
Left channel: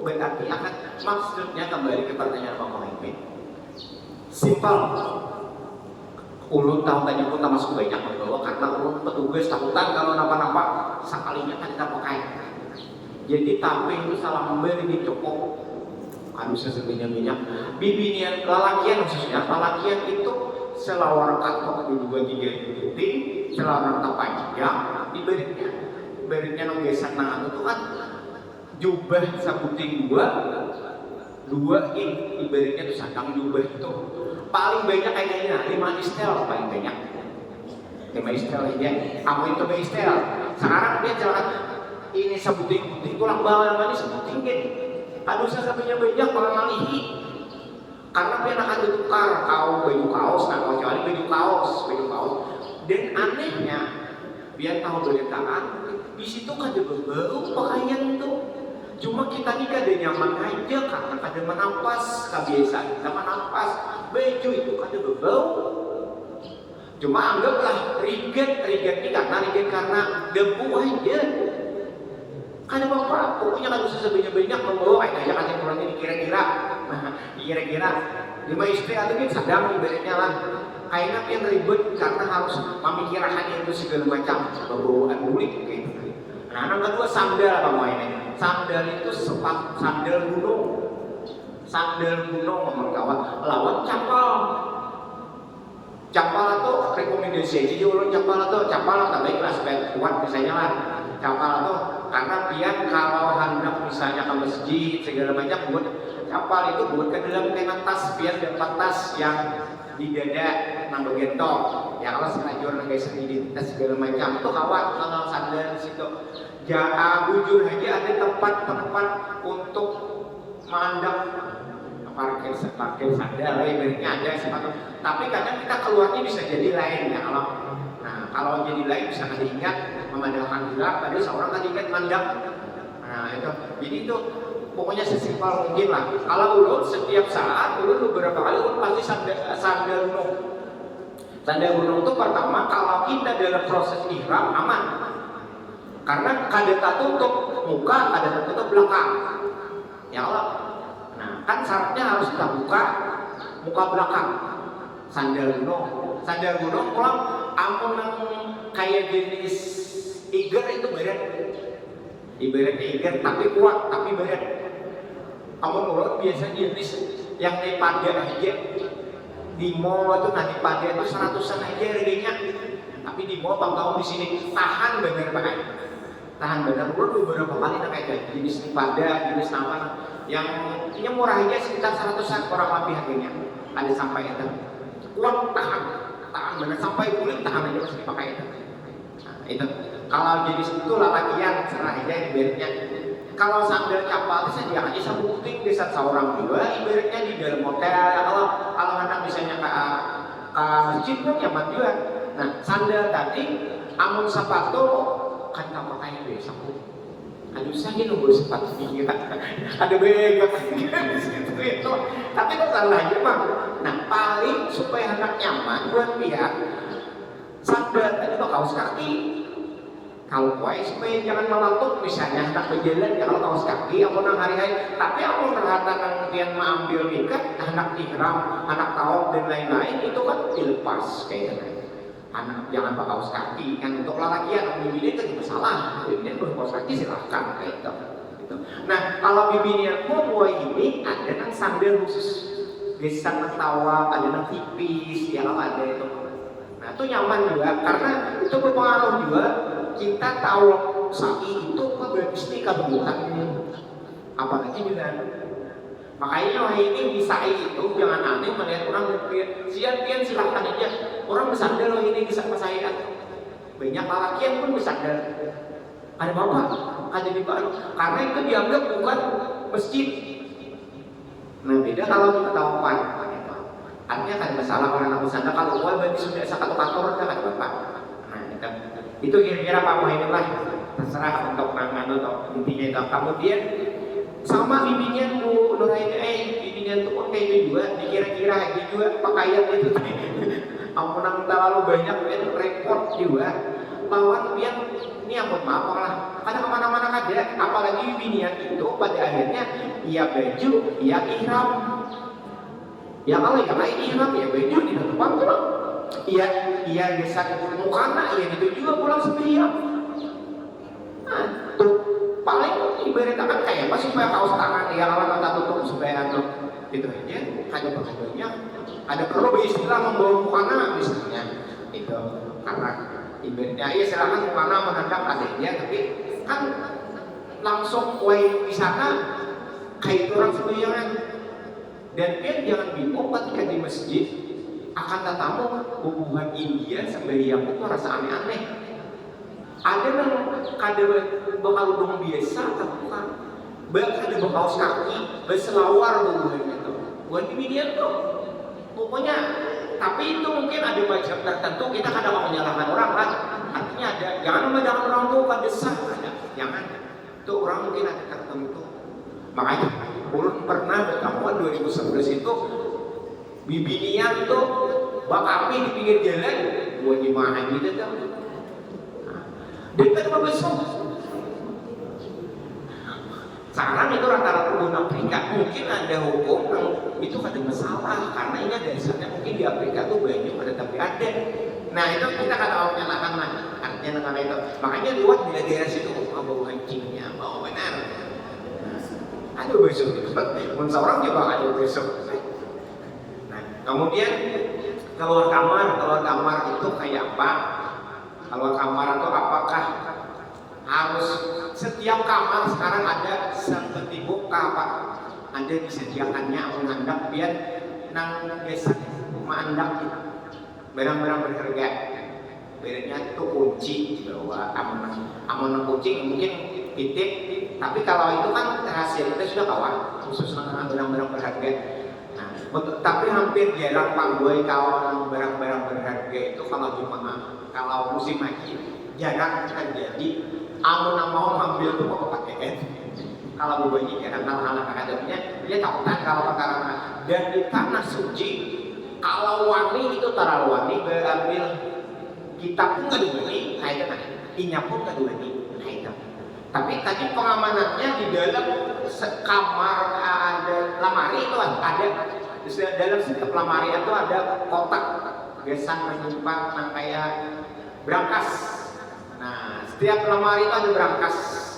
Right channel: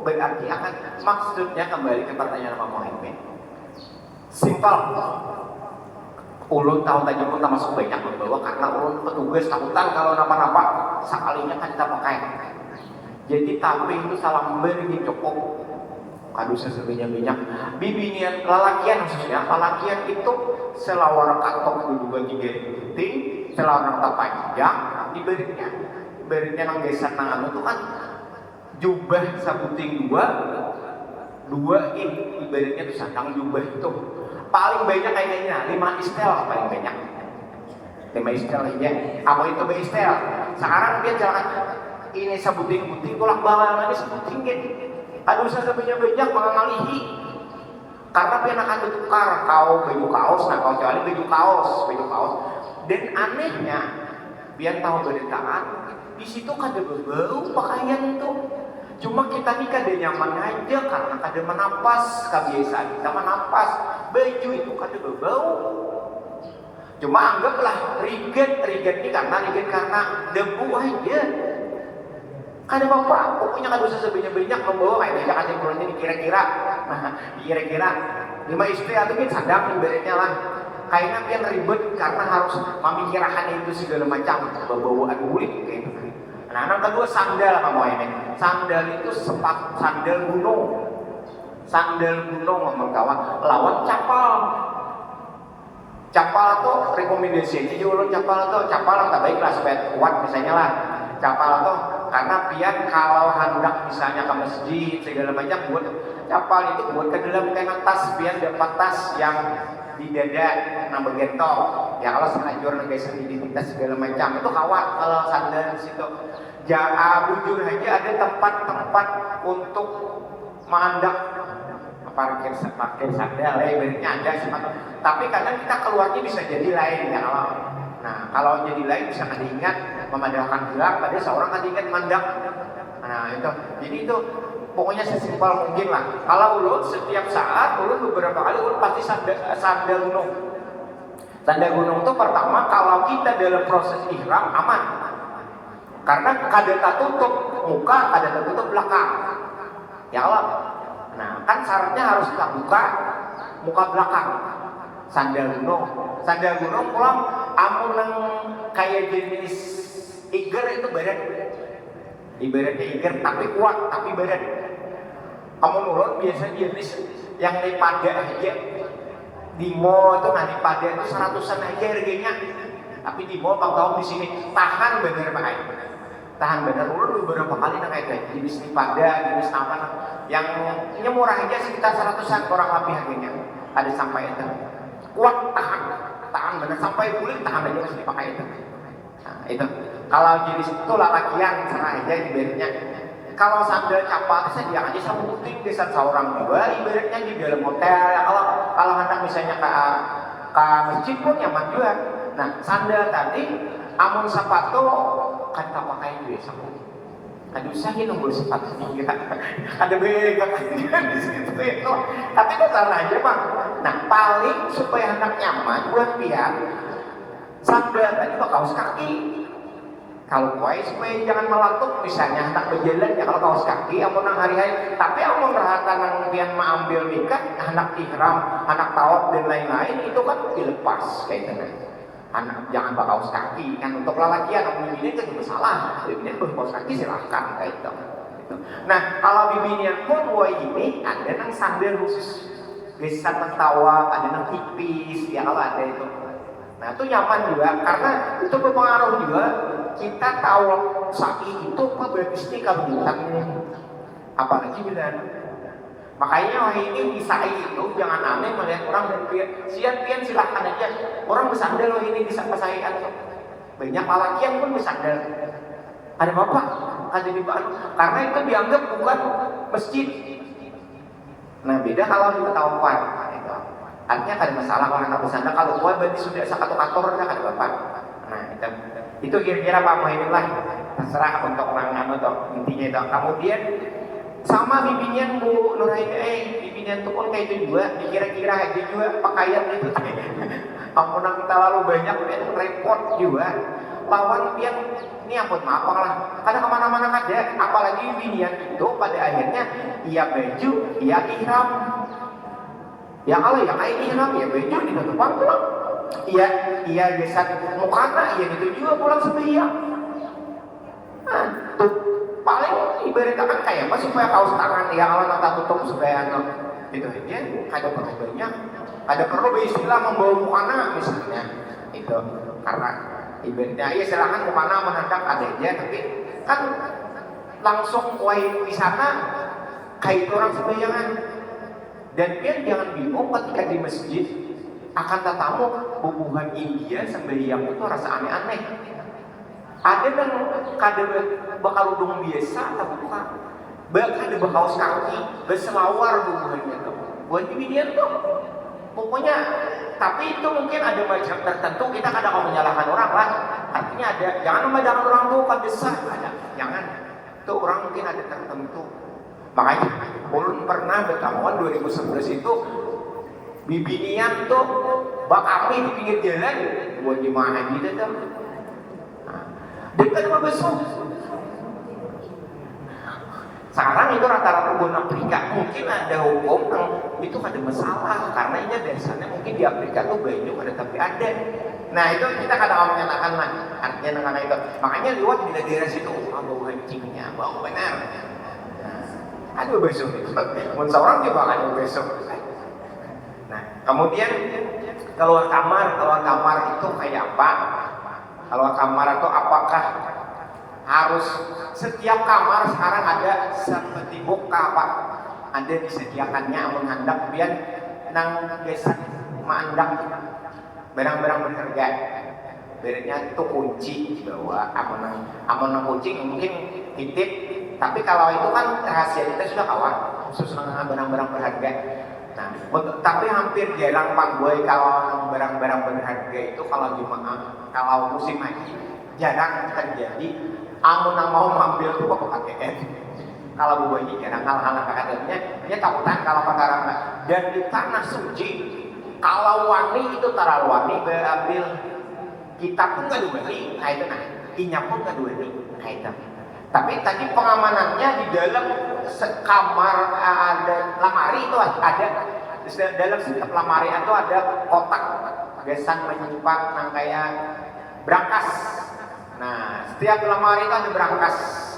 berarti akan maksudnya kembali ke pertanyaan Pak Muhaimin. Simpel. Ulun tahun tadi pun termasuk banyak membawa karena ulun petugas takutan kalau napa-napa sekalinya kan kita pakai. Jadi tamping itu salah beri cokok kadusnya sebanyak-banyak bibinian lalakian khususnya. Lalakian itu selawar katok 2-3 titik selawar panjang diberinya manggesan tangan itu kan jubah sabuting dua in ibaratnya itu sandang jubah itu paling banyak kayaknya 5 istel paling banyak 5 istel aja. Apa itu istel? Sekarang dia jangan ini sebuting-buting tulang bangan ini sebuting gitu. Aduh saya banyak mengamalihi karena dia akan ditukar baju kaos atau kecuali baju kaos dan anehnya biar tahu berdekaan di situ kada berbau pakaian itu. Cuma kita ini kada nyaman aja karena kada menampas, kebiasaan kita menampas baju itu kada berbau. Cuma anggaplah riget ini karena debu aja. Kada apa-apa, pokoknya kada usah sebanyak-banyak membawa kayak aja mulanya dikira-kira. Nah, dikira-kira 5 istri atau kan sadam ibaratnya lah. Kayaknya pian ribet karena harus memikirkan itu segala macam bawaan kulit gitu. Nah, yang kedua sandal kamu ini. Sandal itu sandal gunung. Sandal gunung ngomong kawan lawan capal. Capal tuh rekomendasi jadi ulun capal yang tak baik lah supaya kuat misalnya lah. Capal tuh karena pian kalau hendak misalnya ke masjid segala macam buat capal itu buat ke dalam kena tas pian dapat tas yang di dada nang begentong ya kalau senajur guys identitas segala macam itu kawat kalau sandal di situ bujur aja ada tempat-tempat untuk mandang parkir sandal ibaratnya ada sih tapi kadang kita keluarnya bisa jadi lain ya kalau jadi lain bisa kada ingat memandangkan gelap pada seorang kada ingat mandang itu jadi itu pokoknya sesimpel mungkin lah. Kalau ulun setiap saat, ulun beberapa kali ulun pasti sandal gunung. Sandal gunung itu pertama kalau kita dalam proses ihram aman. Karena kada tertutup muka, kada tertutup belakang. Ya Allah. Nah, kan syaratnya harus kita buka muka belakang. Sandal gunung. Sandal gunung pulang amun nang kayak jenis iger itu badan. Ibaratnya iger tapi kuat, tapi badan. Kamu nurut biasa jenis yang naik pada aja di mall itu nanti pada itu 100-an aja harganya. Tapi di mall tahun di sini tahan bener Pak. Tahan bener ulun beberapa kali nak kayak jenis di pada, jenis apa yang ini murah aja sekitar 100-an kurang lebih harganya. Ada sampai itu. Kuat tahan bener sampai kulit tahan aja masih dipakai itu. Nah, itu. Kalau jenis itu lalakian serah aja ibaratnya. Kalau sandal capal itu dia aja sama puting bisa seorang juga ibaratnya di dalam hotel ya kalau hendak misalnya ke masjid pun nyaman juga. Nah sandal tadi amun sepatu kan tak pakai juga sapu. Aduh saya nunggu sepatu kita ada bega di situ itu. Tapi kok salah aja bang. Nah paling supaya hendak nyaman buat pihak sandal tadi kok kaos kaki. Kalau kue supaya jangan melatuk misalnya hendak berjalan ya kalau kaos kaki amun nang hari-hari tapi amun terhata nang pian mengambil nikah hendak ihram hendak tawaf dan lain-lain itu kan dilepas kayak gitu anak jangan pakai kaos kaki kan untuk lelakian bibinya kan masalah bibinya kaos kaki silahkan kayak gitu. Nah kalau bibinya pun kue ini ada nang sandal khusus bisa tawaf ada nang tipis ya kalau ada itu nah itu nyaman juga karena itu berpengaruh juga kita tahu sa'i itu apa bagusnya kalau bukan apalagi bila makanya ini di sa'i itu jangan aneh melihat orang berpikir siap-siap silahkan aja orang bersandal ini bisa pesaikan banyak lalakian pun bersandal ada apa? Ada di baru karena itu dianggap bukan masjid nah beda kalau kita tahu itu artinya ada masalah kalau kita bersandal kalau berarti sudah satu kantor ada bapak nah itu kira-kira Pak Muhammad lah terserah untuk mangan atau intinya itu kemudian sama bibinya Bu Nuraini bibinya itu pun kayak juga dikira-kira aja juga pakaian itu ampun kita lalu banyak repot juga lawan pian ini ampun maaf lah kadang kemana-mana ada apalagi bibinya itu pada akhirnya iya baju iya ihram ya kalau ya kayak ihram ya baju dibantu pulang iya geser mukana iya itu juga pulang sembahyang nah tuh paling ibaratnya kan kayak apa supaya kaos tangan ya kalau nggak tutup supaya itu aja ada perlu istilah membawa mukana misalnya itu karena ibaratnya iya silakan mukana menghadap adanya tapi kan langsung wae di sana kayak orang sembayangan dan dia jangan bingung ketika di masjid akan tetamu hubungan India sembahyang itu rasa aneh-aneh. Ada yang kadang bakal udung biasa atau bukan? Bahkan ada bakaus kaki, berselawar hubungannya itu. Buat India tuh, pokoknya. Tapi itu mungkin ada macam tertentu kita kadang mau menyalahkan orang lah. Artinya ada, jangan memandang orang tuh kan besar, ada, jangan. Itu orang mungkin ada tertentu. Makanya, ulun pernah bertamuan 2011 itu. Bibinian tuh bak api di pinggir jalan buat gimana gitu tuh dekat sama besok sekarang itu rata-rata bukan Afrika mungkin ada hukum itu ada masalah karena ini dari sana mungkin di Afrika tuh banyak ada tapi ada nah itu kita kadang menyalahkan ya karena itu. Makanya lewat bila daerah situ, bau kencingnya, bau benar. Ada besok, mun seorang juga ada besok. Nah, kemudian keluar kamar itu kayak apa? Keluar kamar itu apakah harus setiap kamar sekarang ada seperti buka apa? Ada disediakannya mengandak biar nang gesak mengandak barang-barang berharga. Berarti itu kunci dibawa, aman kucing mungkin titip. Tapi kalau itu kan rahasia kita sudah kawan, khusus dengan barang-barang berharga. Nah, tapi hampir jarang Pak Boy kalau barang-barang berharga itu kalau jemaah, kalau musim haji jarang terjadi. Amun yang mau mengambil itu kok pakai kalau Bu Boy jarang hal-hal akademiknya dia takutan kalau perkara dan di tanah suci kalau wani itu terlalu wani berambil kita pun nggak duweni, kaitan inya pun nggak duweni, kaitan. Tapi tadi pengamanannya di dalam kamar ada lemari itu ada dalam setiap lemari itu ada kotak gesan menyimpan yang kayak brankas. Nah, setiap lemari itu ada brankas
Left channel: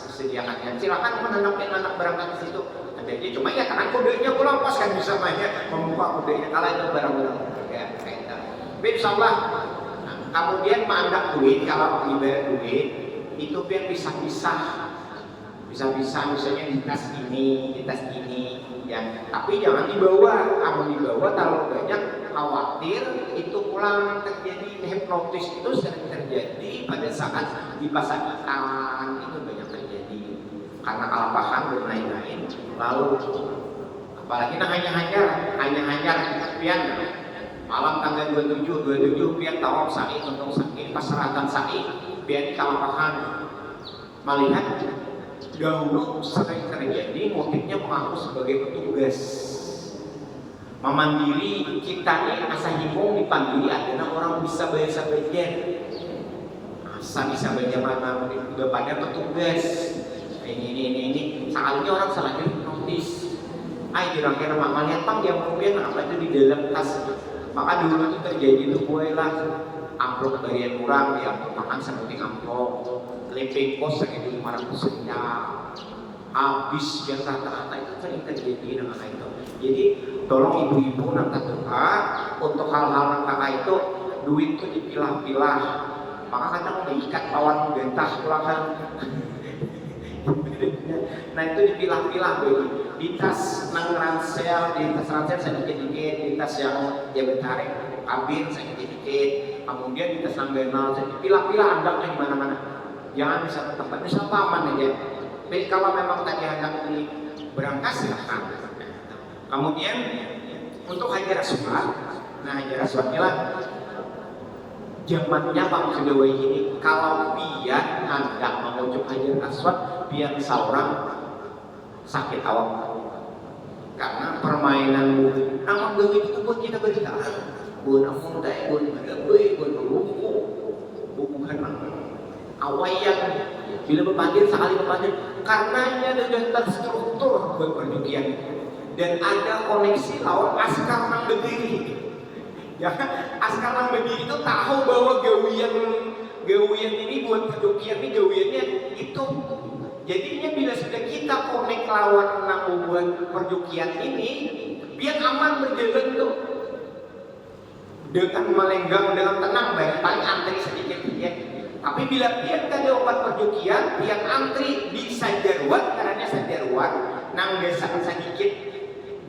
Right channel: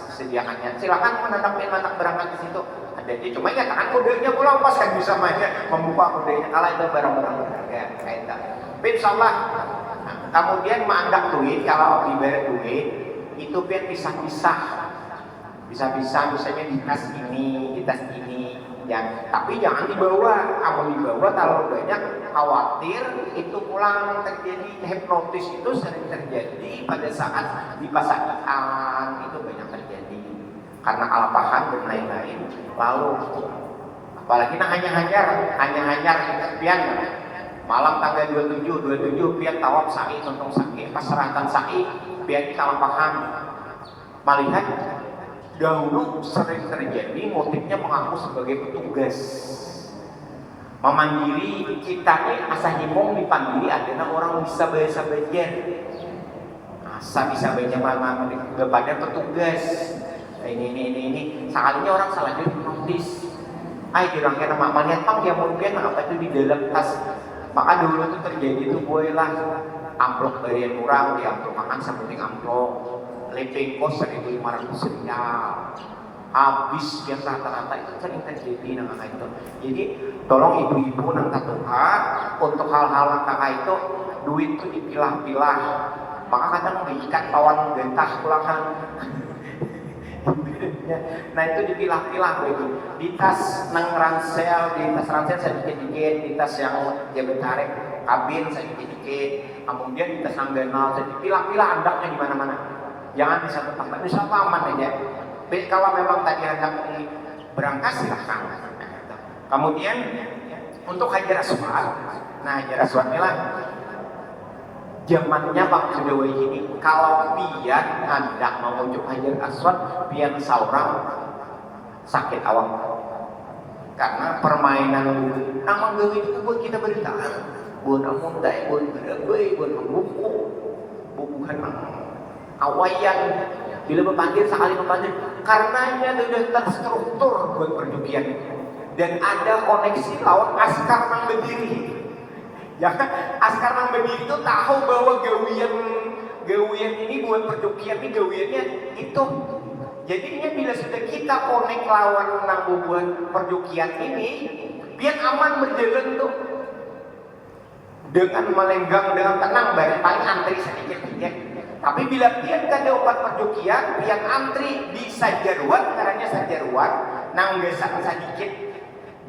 disediakannya. Silakan menandak berangkat di situ. Ada dia cuma ya tangan kodenya pulang pas kan bisa mainnya membuka kodenya kalau itu barang-barang kaitan. Insyaallah. Kemudian mengandak duit, kalau diberi duit itu biar bisa-bisa misalnya di tas ini ya, tapi jangan dibawa. Amun dibawa terlalu banyak khawatir itu pulang terjadi hipnotis. Itu sering terjadi pada saat dipasangan, itu banyak terjadi karena kalapahan dan lain-lain. Lalu apalagi hanya pian malam tanggal 27 pian tawaf sa'i tentang sa'i pasrahatan sa'i pian kalapahan. Melihat dahulu sering terjadi motifnya mengaku sebagai petugas memandiri. Kita nih asa himong dipandiri adanya orang bisa bahasa bagian asa bisa bagian mana kepada petugas ini sekalinya orang salah notis kira-kira melihat pang dia mungkin apa itu di dalam tas. Maka dulu tuh terjadi tuh bolehlah amplop dari yang kurang di amplop makan sampai amplop lepeng kos 1.500 rial habis yang rata-rata itu sering terjadi nang kakak itu. Jadi tolong ibu-ibu nang tatuka untuk hal-hal nang kakak itu duit tuh dipilah-pilah. Maka kadang mengikat lawan gentah pulangan. Nah itu dipilah-pilah baby. Di tas nang ransel, sedikit-sedikit, di tas yang dia tarik kabin sedikit-sedikit, kemudian di tas nang ganal dipilah-pilah andaknya di mana-mana. Jangan bisa tempat, bisa aman aja. Tapi kalau memang tadi hendak di berangkat silahkan. Kemudian untuk hajar aswad, nah hajar aswad lah zamannya Pak Sudewa ini kalau pian hendak mengucap hajar aswad pian saurang sakit awak karena permainan nama gawe itu buat kita berita buat amun dai buat gawe buat buku bukan awayan bila berpandir sekali berpandir karenanya sudah terstruktur buat perjukian dan ada koneksi lawan askar nang berdiri. Ya, askar nang berdiri itu tahu bahwa gawian ini buat perjukian ini gawiannya itu. Jadinya bila sudah kita connect lawan nang buat perjukian ini, biar aman berjalan tuh dengan melenggang dengan tenang, paling antri sedikit ya. Tapi bila pian kada opat perjukian, pian antri di sajarwan, karena sajarwan nang gesan sedikit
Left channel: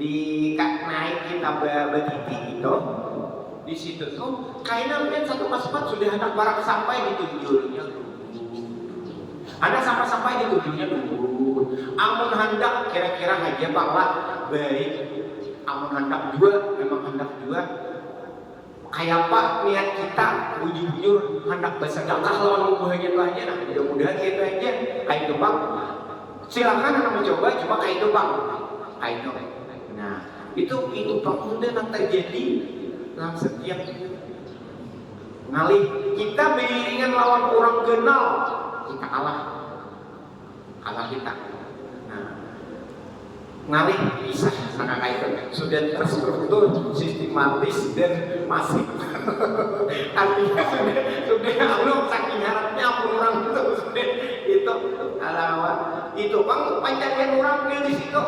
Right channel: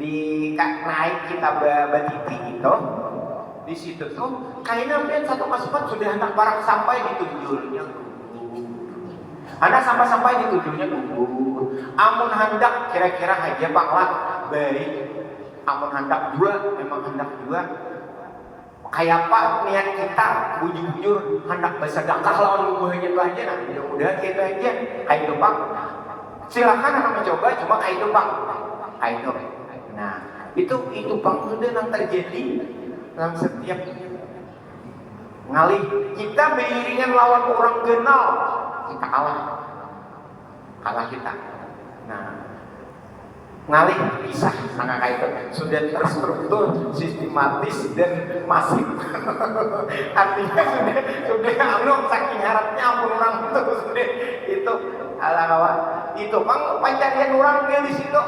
di naik kita batiti itu. Di situ tuh kayaknya pian satu paspat sudah hendak barang sampai di tujuannya. Anda sampai di tujuannya dulu. Amun hendak kira-kira aja panglah baik. Amun hendak juga memang hendak juga. Kayak apa niat kita bujur-bujur hendak bersedekah lawan lubuhnya aja. Nah, mudah-mudahan kita aja kayak itu Bang. Silakan Anda mencoba cuma kayak itu Bang. Kayak itu. Nah, itu Bang udah yang terjadi dalam setiap ngalih kita beriringan lawan orang kenal kita kalah kita. Nah ngalih pisah sangat kayak itu sudah terstruktur, sistematis dan masif. Artinya sudah anu saking harapnya pun orang itu ala kawan itu bang pencarian orangnya di situ.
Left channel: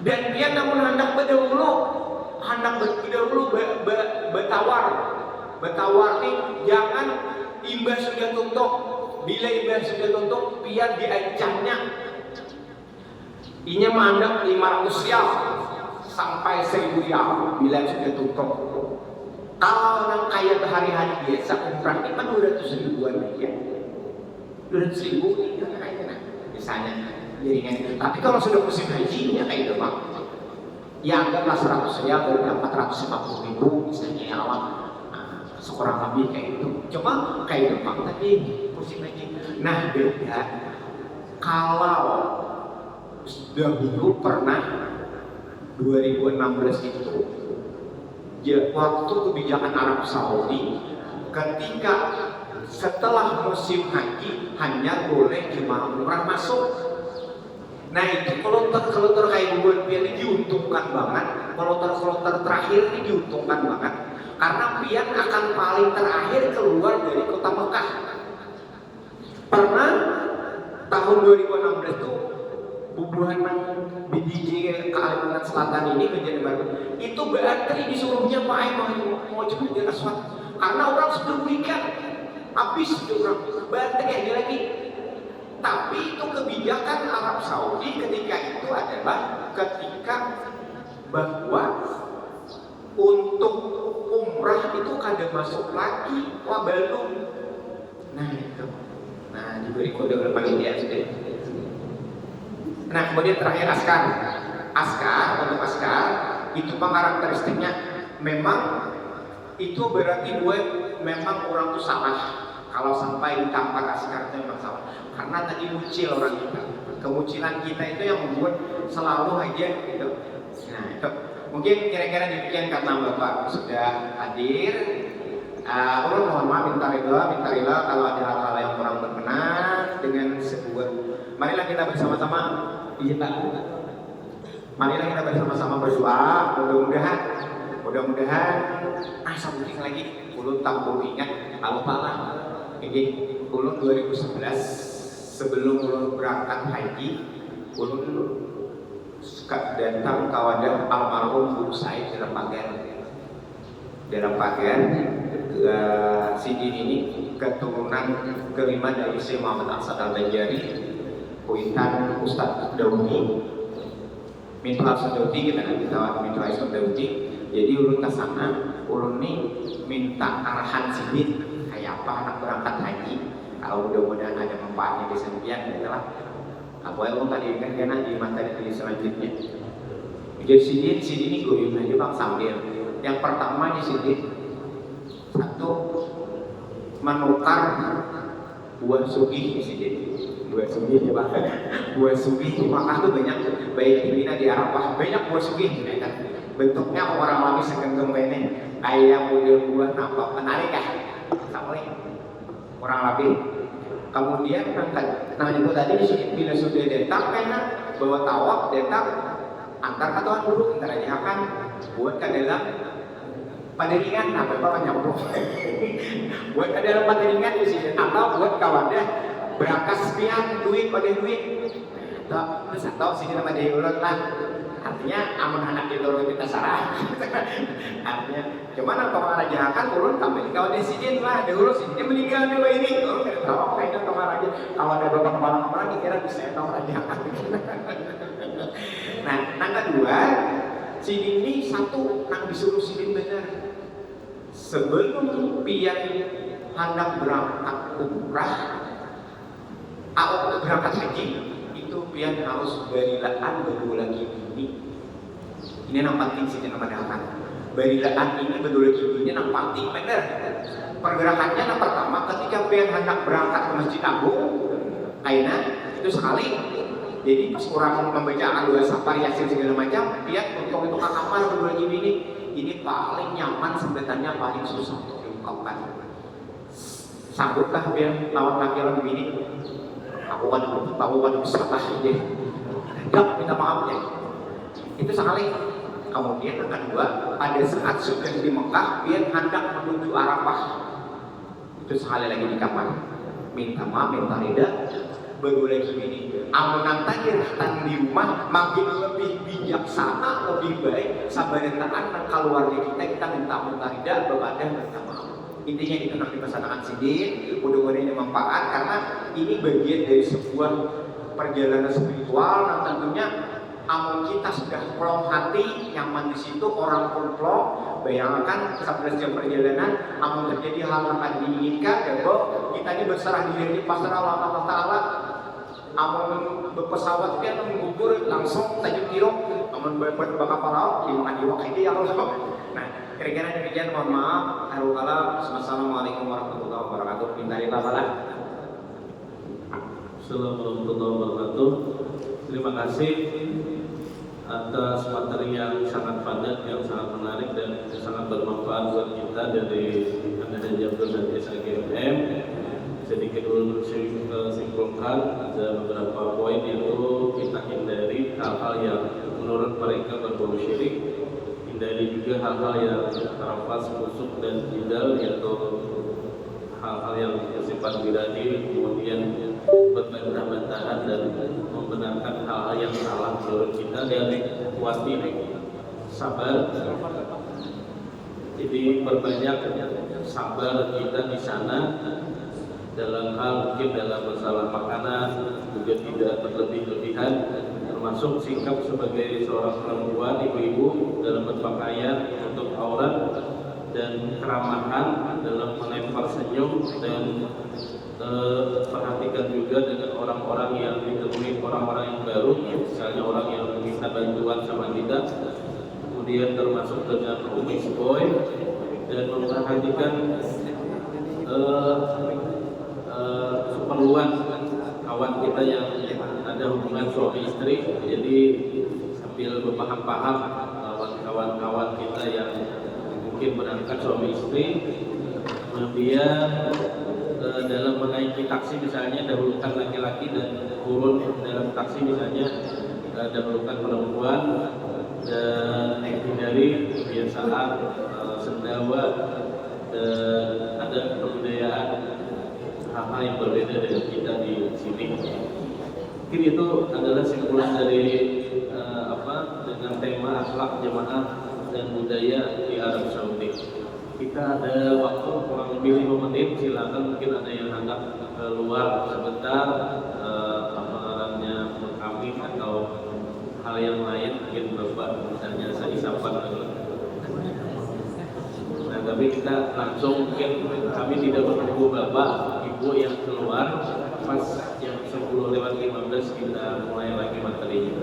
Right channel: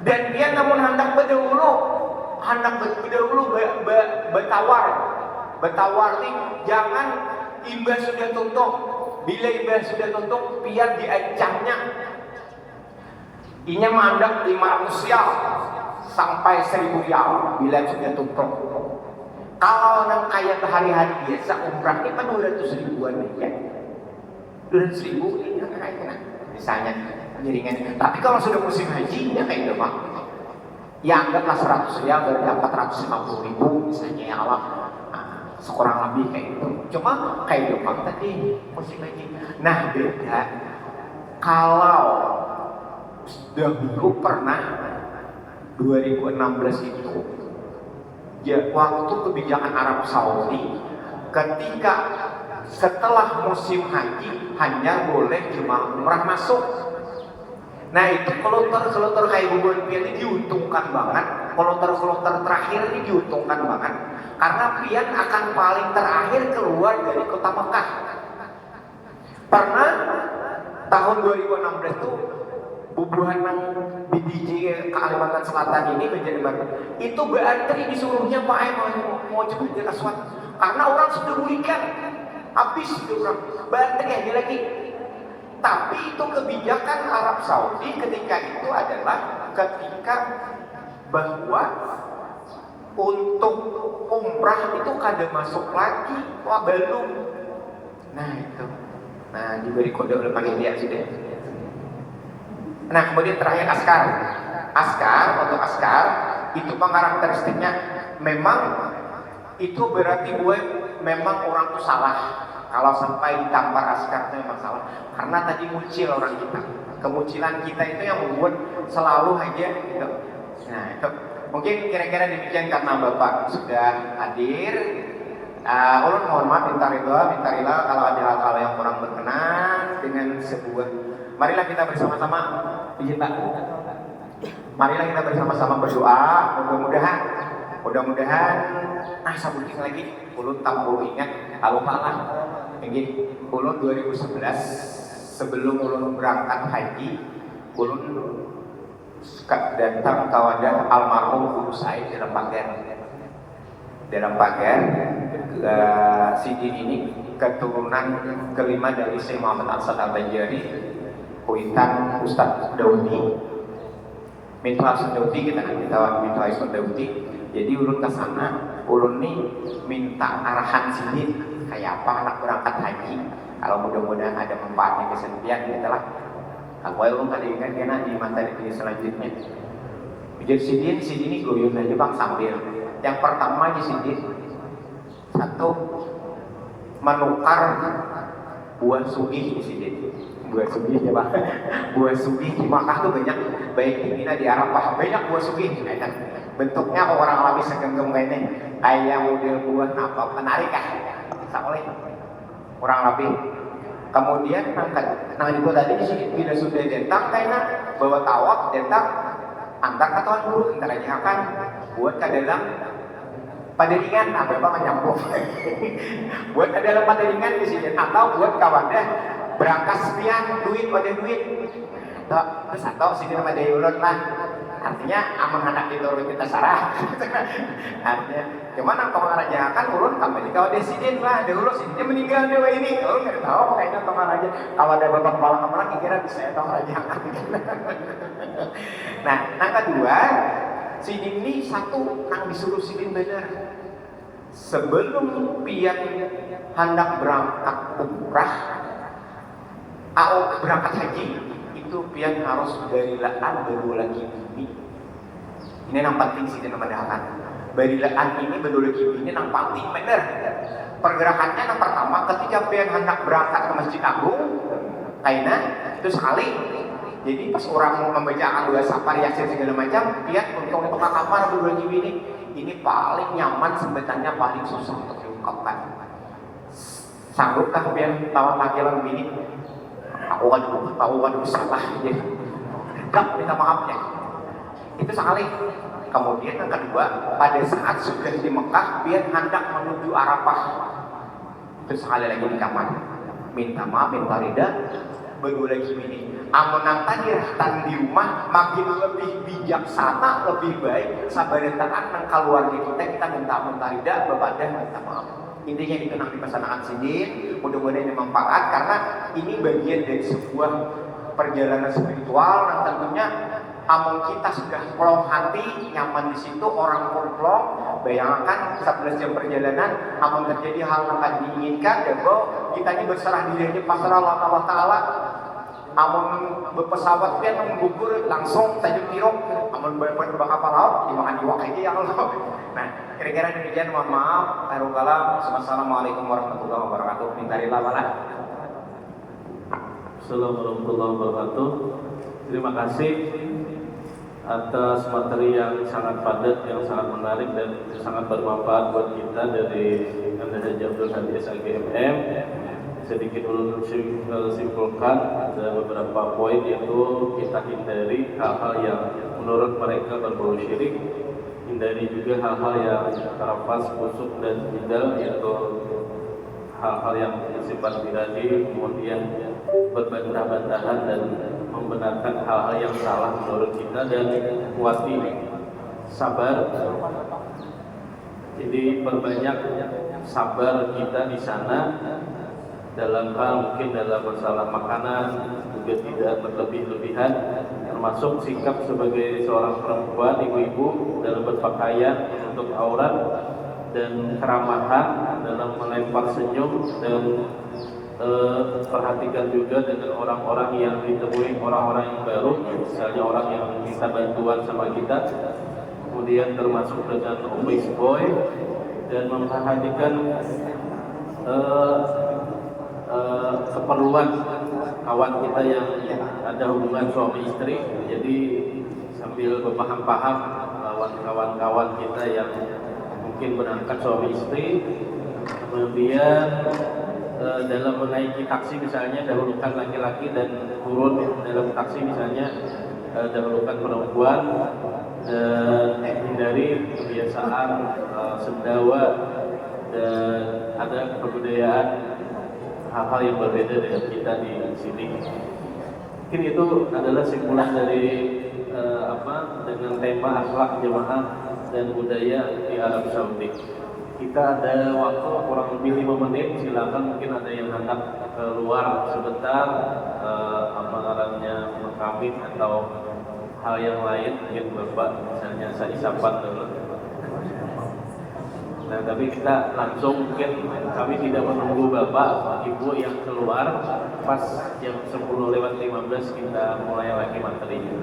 Dan dia namun hendak berdahulu betawar nih jangan imbas sudah tutup. Bila imbas sudah tutup biar diancamnya inya mandang 500 rial sampai 1000 rial bila sudah tutup. Kalau nang kayak hari-hari biasa umrah ini kan 200 ribuan ya, 200 ribu ini kayaknya misalnya jaringan. Tapi kalau sudah musim haji ya kayak itu bang, ya anggaplah 100 rial berarti 450 ribu misalnya ya awak, sekurang lebih kayak itu. Cuma kayak itu bang tadi musim haji. Nah beda kalau dahulu pernah 2016 itu ya, waktu kebijakan Arab Saudi ketika setelah musim haji hanya boleh jemaah umrah masuk. Nah itu kloter kayak bubuan pian ini diuntungkan banget. Kloter terakhir ini diuntungkan banget karena pian akan paling terakhir keluar dari kota Mekah. Pernah tahun 2016 itu bubuhan BDJ Kalimantan Selatan ini menjadi baru itu berantri disuruhnya Pak mau cepet di Aswad karena orang sudah bulikan habis orang berantri aja lagi. Tapi itu kebijakan Arab Saudi ketika itu adalah ketika bahwa untuk umrah itu kada masuk lagi belum. Nah itu diberi kode oleh panitia sudah. Nah kemudian terakhir untuk askar itu karakteristiknya memang itu berarti gue memang orang tuh salah kalau sampai ditampar askar itu memang salah karena tadi muncul orang kita, kemunculan kita itu yang membuat selalu aja gitu. Nah itu mungkin kira-kira demikian karena Bapak sudah hadir. Ulun mohon maaf minta rela kalau ada hal-hal yang kurang berkenan dengan sebuah. Marilah kita bersama-sama marilah kita bersama-sama berdoa. Mudah-mudahan sabuting lagi ulun tampul ingat kalau kalah ini ulun 2011 sebelum ulun berangkat haji ulun datang ke wadah almarhum Guru Said dalam pagar Sidin ini keturunan kelima dari Syekh Muhammad Asad Al-Banjari Kuitan Ustadz Daudi minta Daudi kita minta Daudi. Jadi ulun ke sana ulun nih minta arahan Sidin kayak apa anak berangkat haji kalau mudah-mudahan ada manfaatnya di sentian gitu lah. Aku ulun kan ingat kena di materi selanjutnya. Jadi Sidin ini goyong aja bang sambil yang pertama di sini satu menukar buah sugih di sini. Buah sugih ya Pak. Buah sugih di Makkah tuh banyak, baik di Mina di Arafah banyak buah sugih. Bentuknya orang alami segenggam kayak ini, kayak model buah apa menarik kah? Sampai orang lebih. Kemudian nah itu tadi di sini bila sudah datang kayaknya bawa tawaf datang antar katuan dulu ntar aja akan buat ke dalam paderingan, apa nyambung buat ke dalam paderingan di sini atau buat kawadah berangkas pian duit terus atau sini nama dari ulun lah artinya aman anak diturun kita sarah artinya cuman atau ngarajakan ulun kembali kawadah sini lah dahulu sini meninggal dewa ini ulun gak tahu kayaknya atau ngaraja kalau ada bapak kepala kira bisa atau ngarajakan nah yang kedua Sidin ini satu nang disuruh Sidin bener sebelum pian hendak berangkat umrah berangkat haji itu pian harus barilaan berdua lagi ini yang penting Sidin memadakan barilaan ini berdua lagi ini yang penting bener pergerakannya yang pertama ketika pian hendak berangkat ke Masjid Agung kayaknya itu sekali. Jadi pas orang membacakan doa safar yasin segala macam, lihat untuk kamar berdua ini paling nyaman sebetulnya paling susah untuk diungkapkan. Sanggupkah biar lawan laki-laki begini? Aku kan salah aja. hadap minta maafnya. Itu sekali. Kemudian yang kedua, pada saat sudah di Mekah, dia hendak menuju Arafah. Itu sekali lagi di kamar, minta maaf, minta rida. Berdua lagi ini, amanang tadi rahtan di rumah makin lebih bijaksana, lebih baik. Sabaretaan dan keluarga kita minta rida, berbada minta maaf. Intinya itu nanti pesanan sidin, mudah-mudahan bermanfaat karena ini bagian dari sebuah perjalanan spiritual yang tentunya amun kita sudah plong hati, nyaman di situ, orang pun plong. Bayangkan 11 jam perjalanan, amun terjadi hal yang akan diinginkan, kita ini berserah diri di pasar Allah Ta'ala. Amun berpesawat dia menggugur langsung tadi tirok, amun bakal kapal laut, dimakan iwak aja ya Allah. Nah, kira-kira demikian, mohon maaf. Akhirul kalam. Assalamualaikum warahmatullahi wabarakatuh. Minta rila bala. Assalamualaikum warahmatullahi wabarakatuh. Terima kasih atas materi yang sangat padat, yang sangat menarik dan sangat bermanfaat buat kita dari Anda Haji Abdul Hadi SAGMM. Sedikit ulun simpulkan ada beberapa poin, yaitu kita hindari hal-hal yang menurut mereka berbau syirik, hindari juga hal-hal yang terlepas busuk dan jidal, yaitu hal-hal yang bersifat birahi, kemudian berbantah-bantahan dan membenarkan hal-hal yang salah menurut kita, dan kuati sabar. Jadi perbanyak sabar kita di sana dalam hal mungkin dalam masalah makanan, juga tidak berlebih-lebihan, termasuk sikap sebagai seorang perempuan, ibu-ibu dalam berpakaian menutup aurat, dan keramahan dalam melempar senyum, dan perhatikan juga dengan orang-orang yang ditemui, orang-orang yang baru, misalnya orang yang minta bantuan sama kita, kemudian termasuk dengan office boy, dan memperhatikan keperluan kawan kita yang ada hubungan suami istri. Jadi sambil berpaham-paham lawan kawan-kawan kita yang mungkin berangkat suami istri, kemudian dalam menaiki taksi misalnya dahulukan laki-laki dan turun dalam taksi misalnya dahulukan perempuan, dan hindari kebiasaan sendawa, dan ada kebudayaan hal-hal yang berbeda dengan kita di sini. Mungkin itu adalah simpulan dari dengan tema akhlak jemaah dan budaya di Arab Saudi. Kita ada waktu kurang lebih 5 menit, silakan mungkin ada yang hendak keluar sebentar, kami atau hal yang lain, mungkin Bapak misalnya saya isapan dulu. Nah, tapi kita langsung, mungkin kami tidak menunggu Bapak Ibu yang keluar, pas jam 10:15 kita mulai lagi materinya.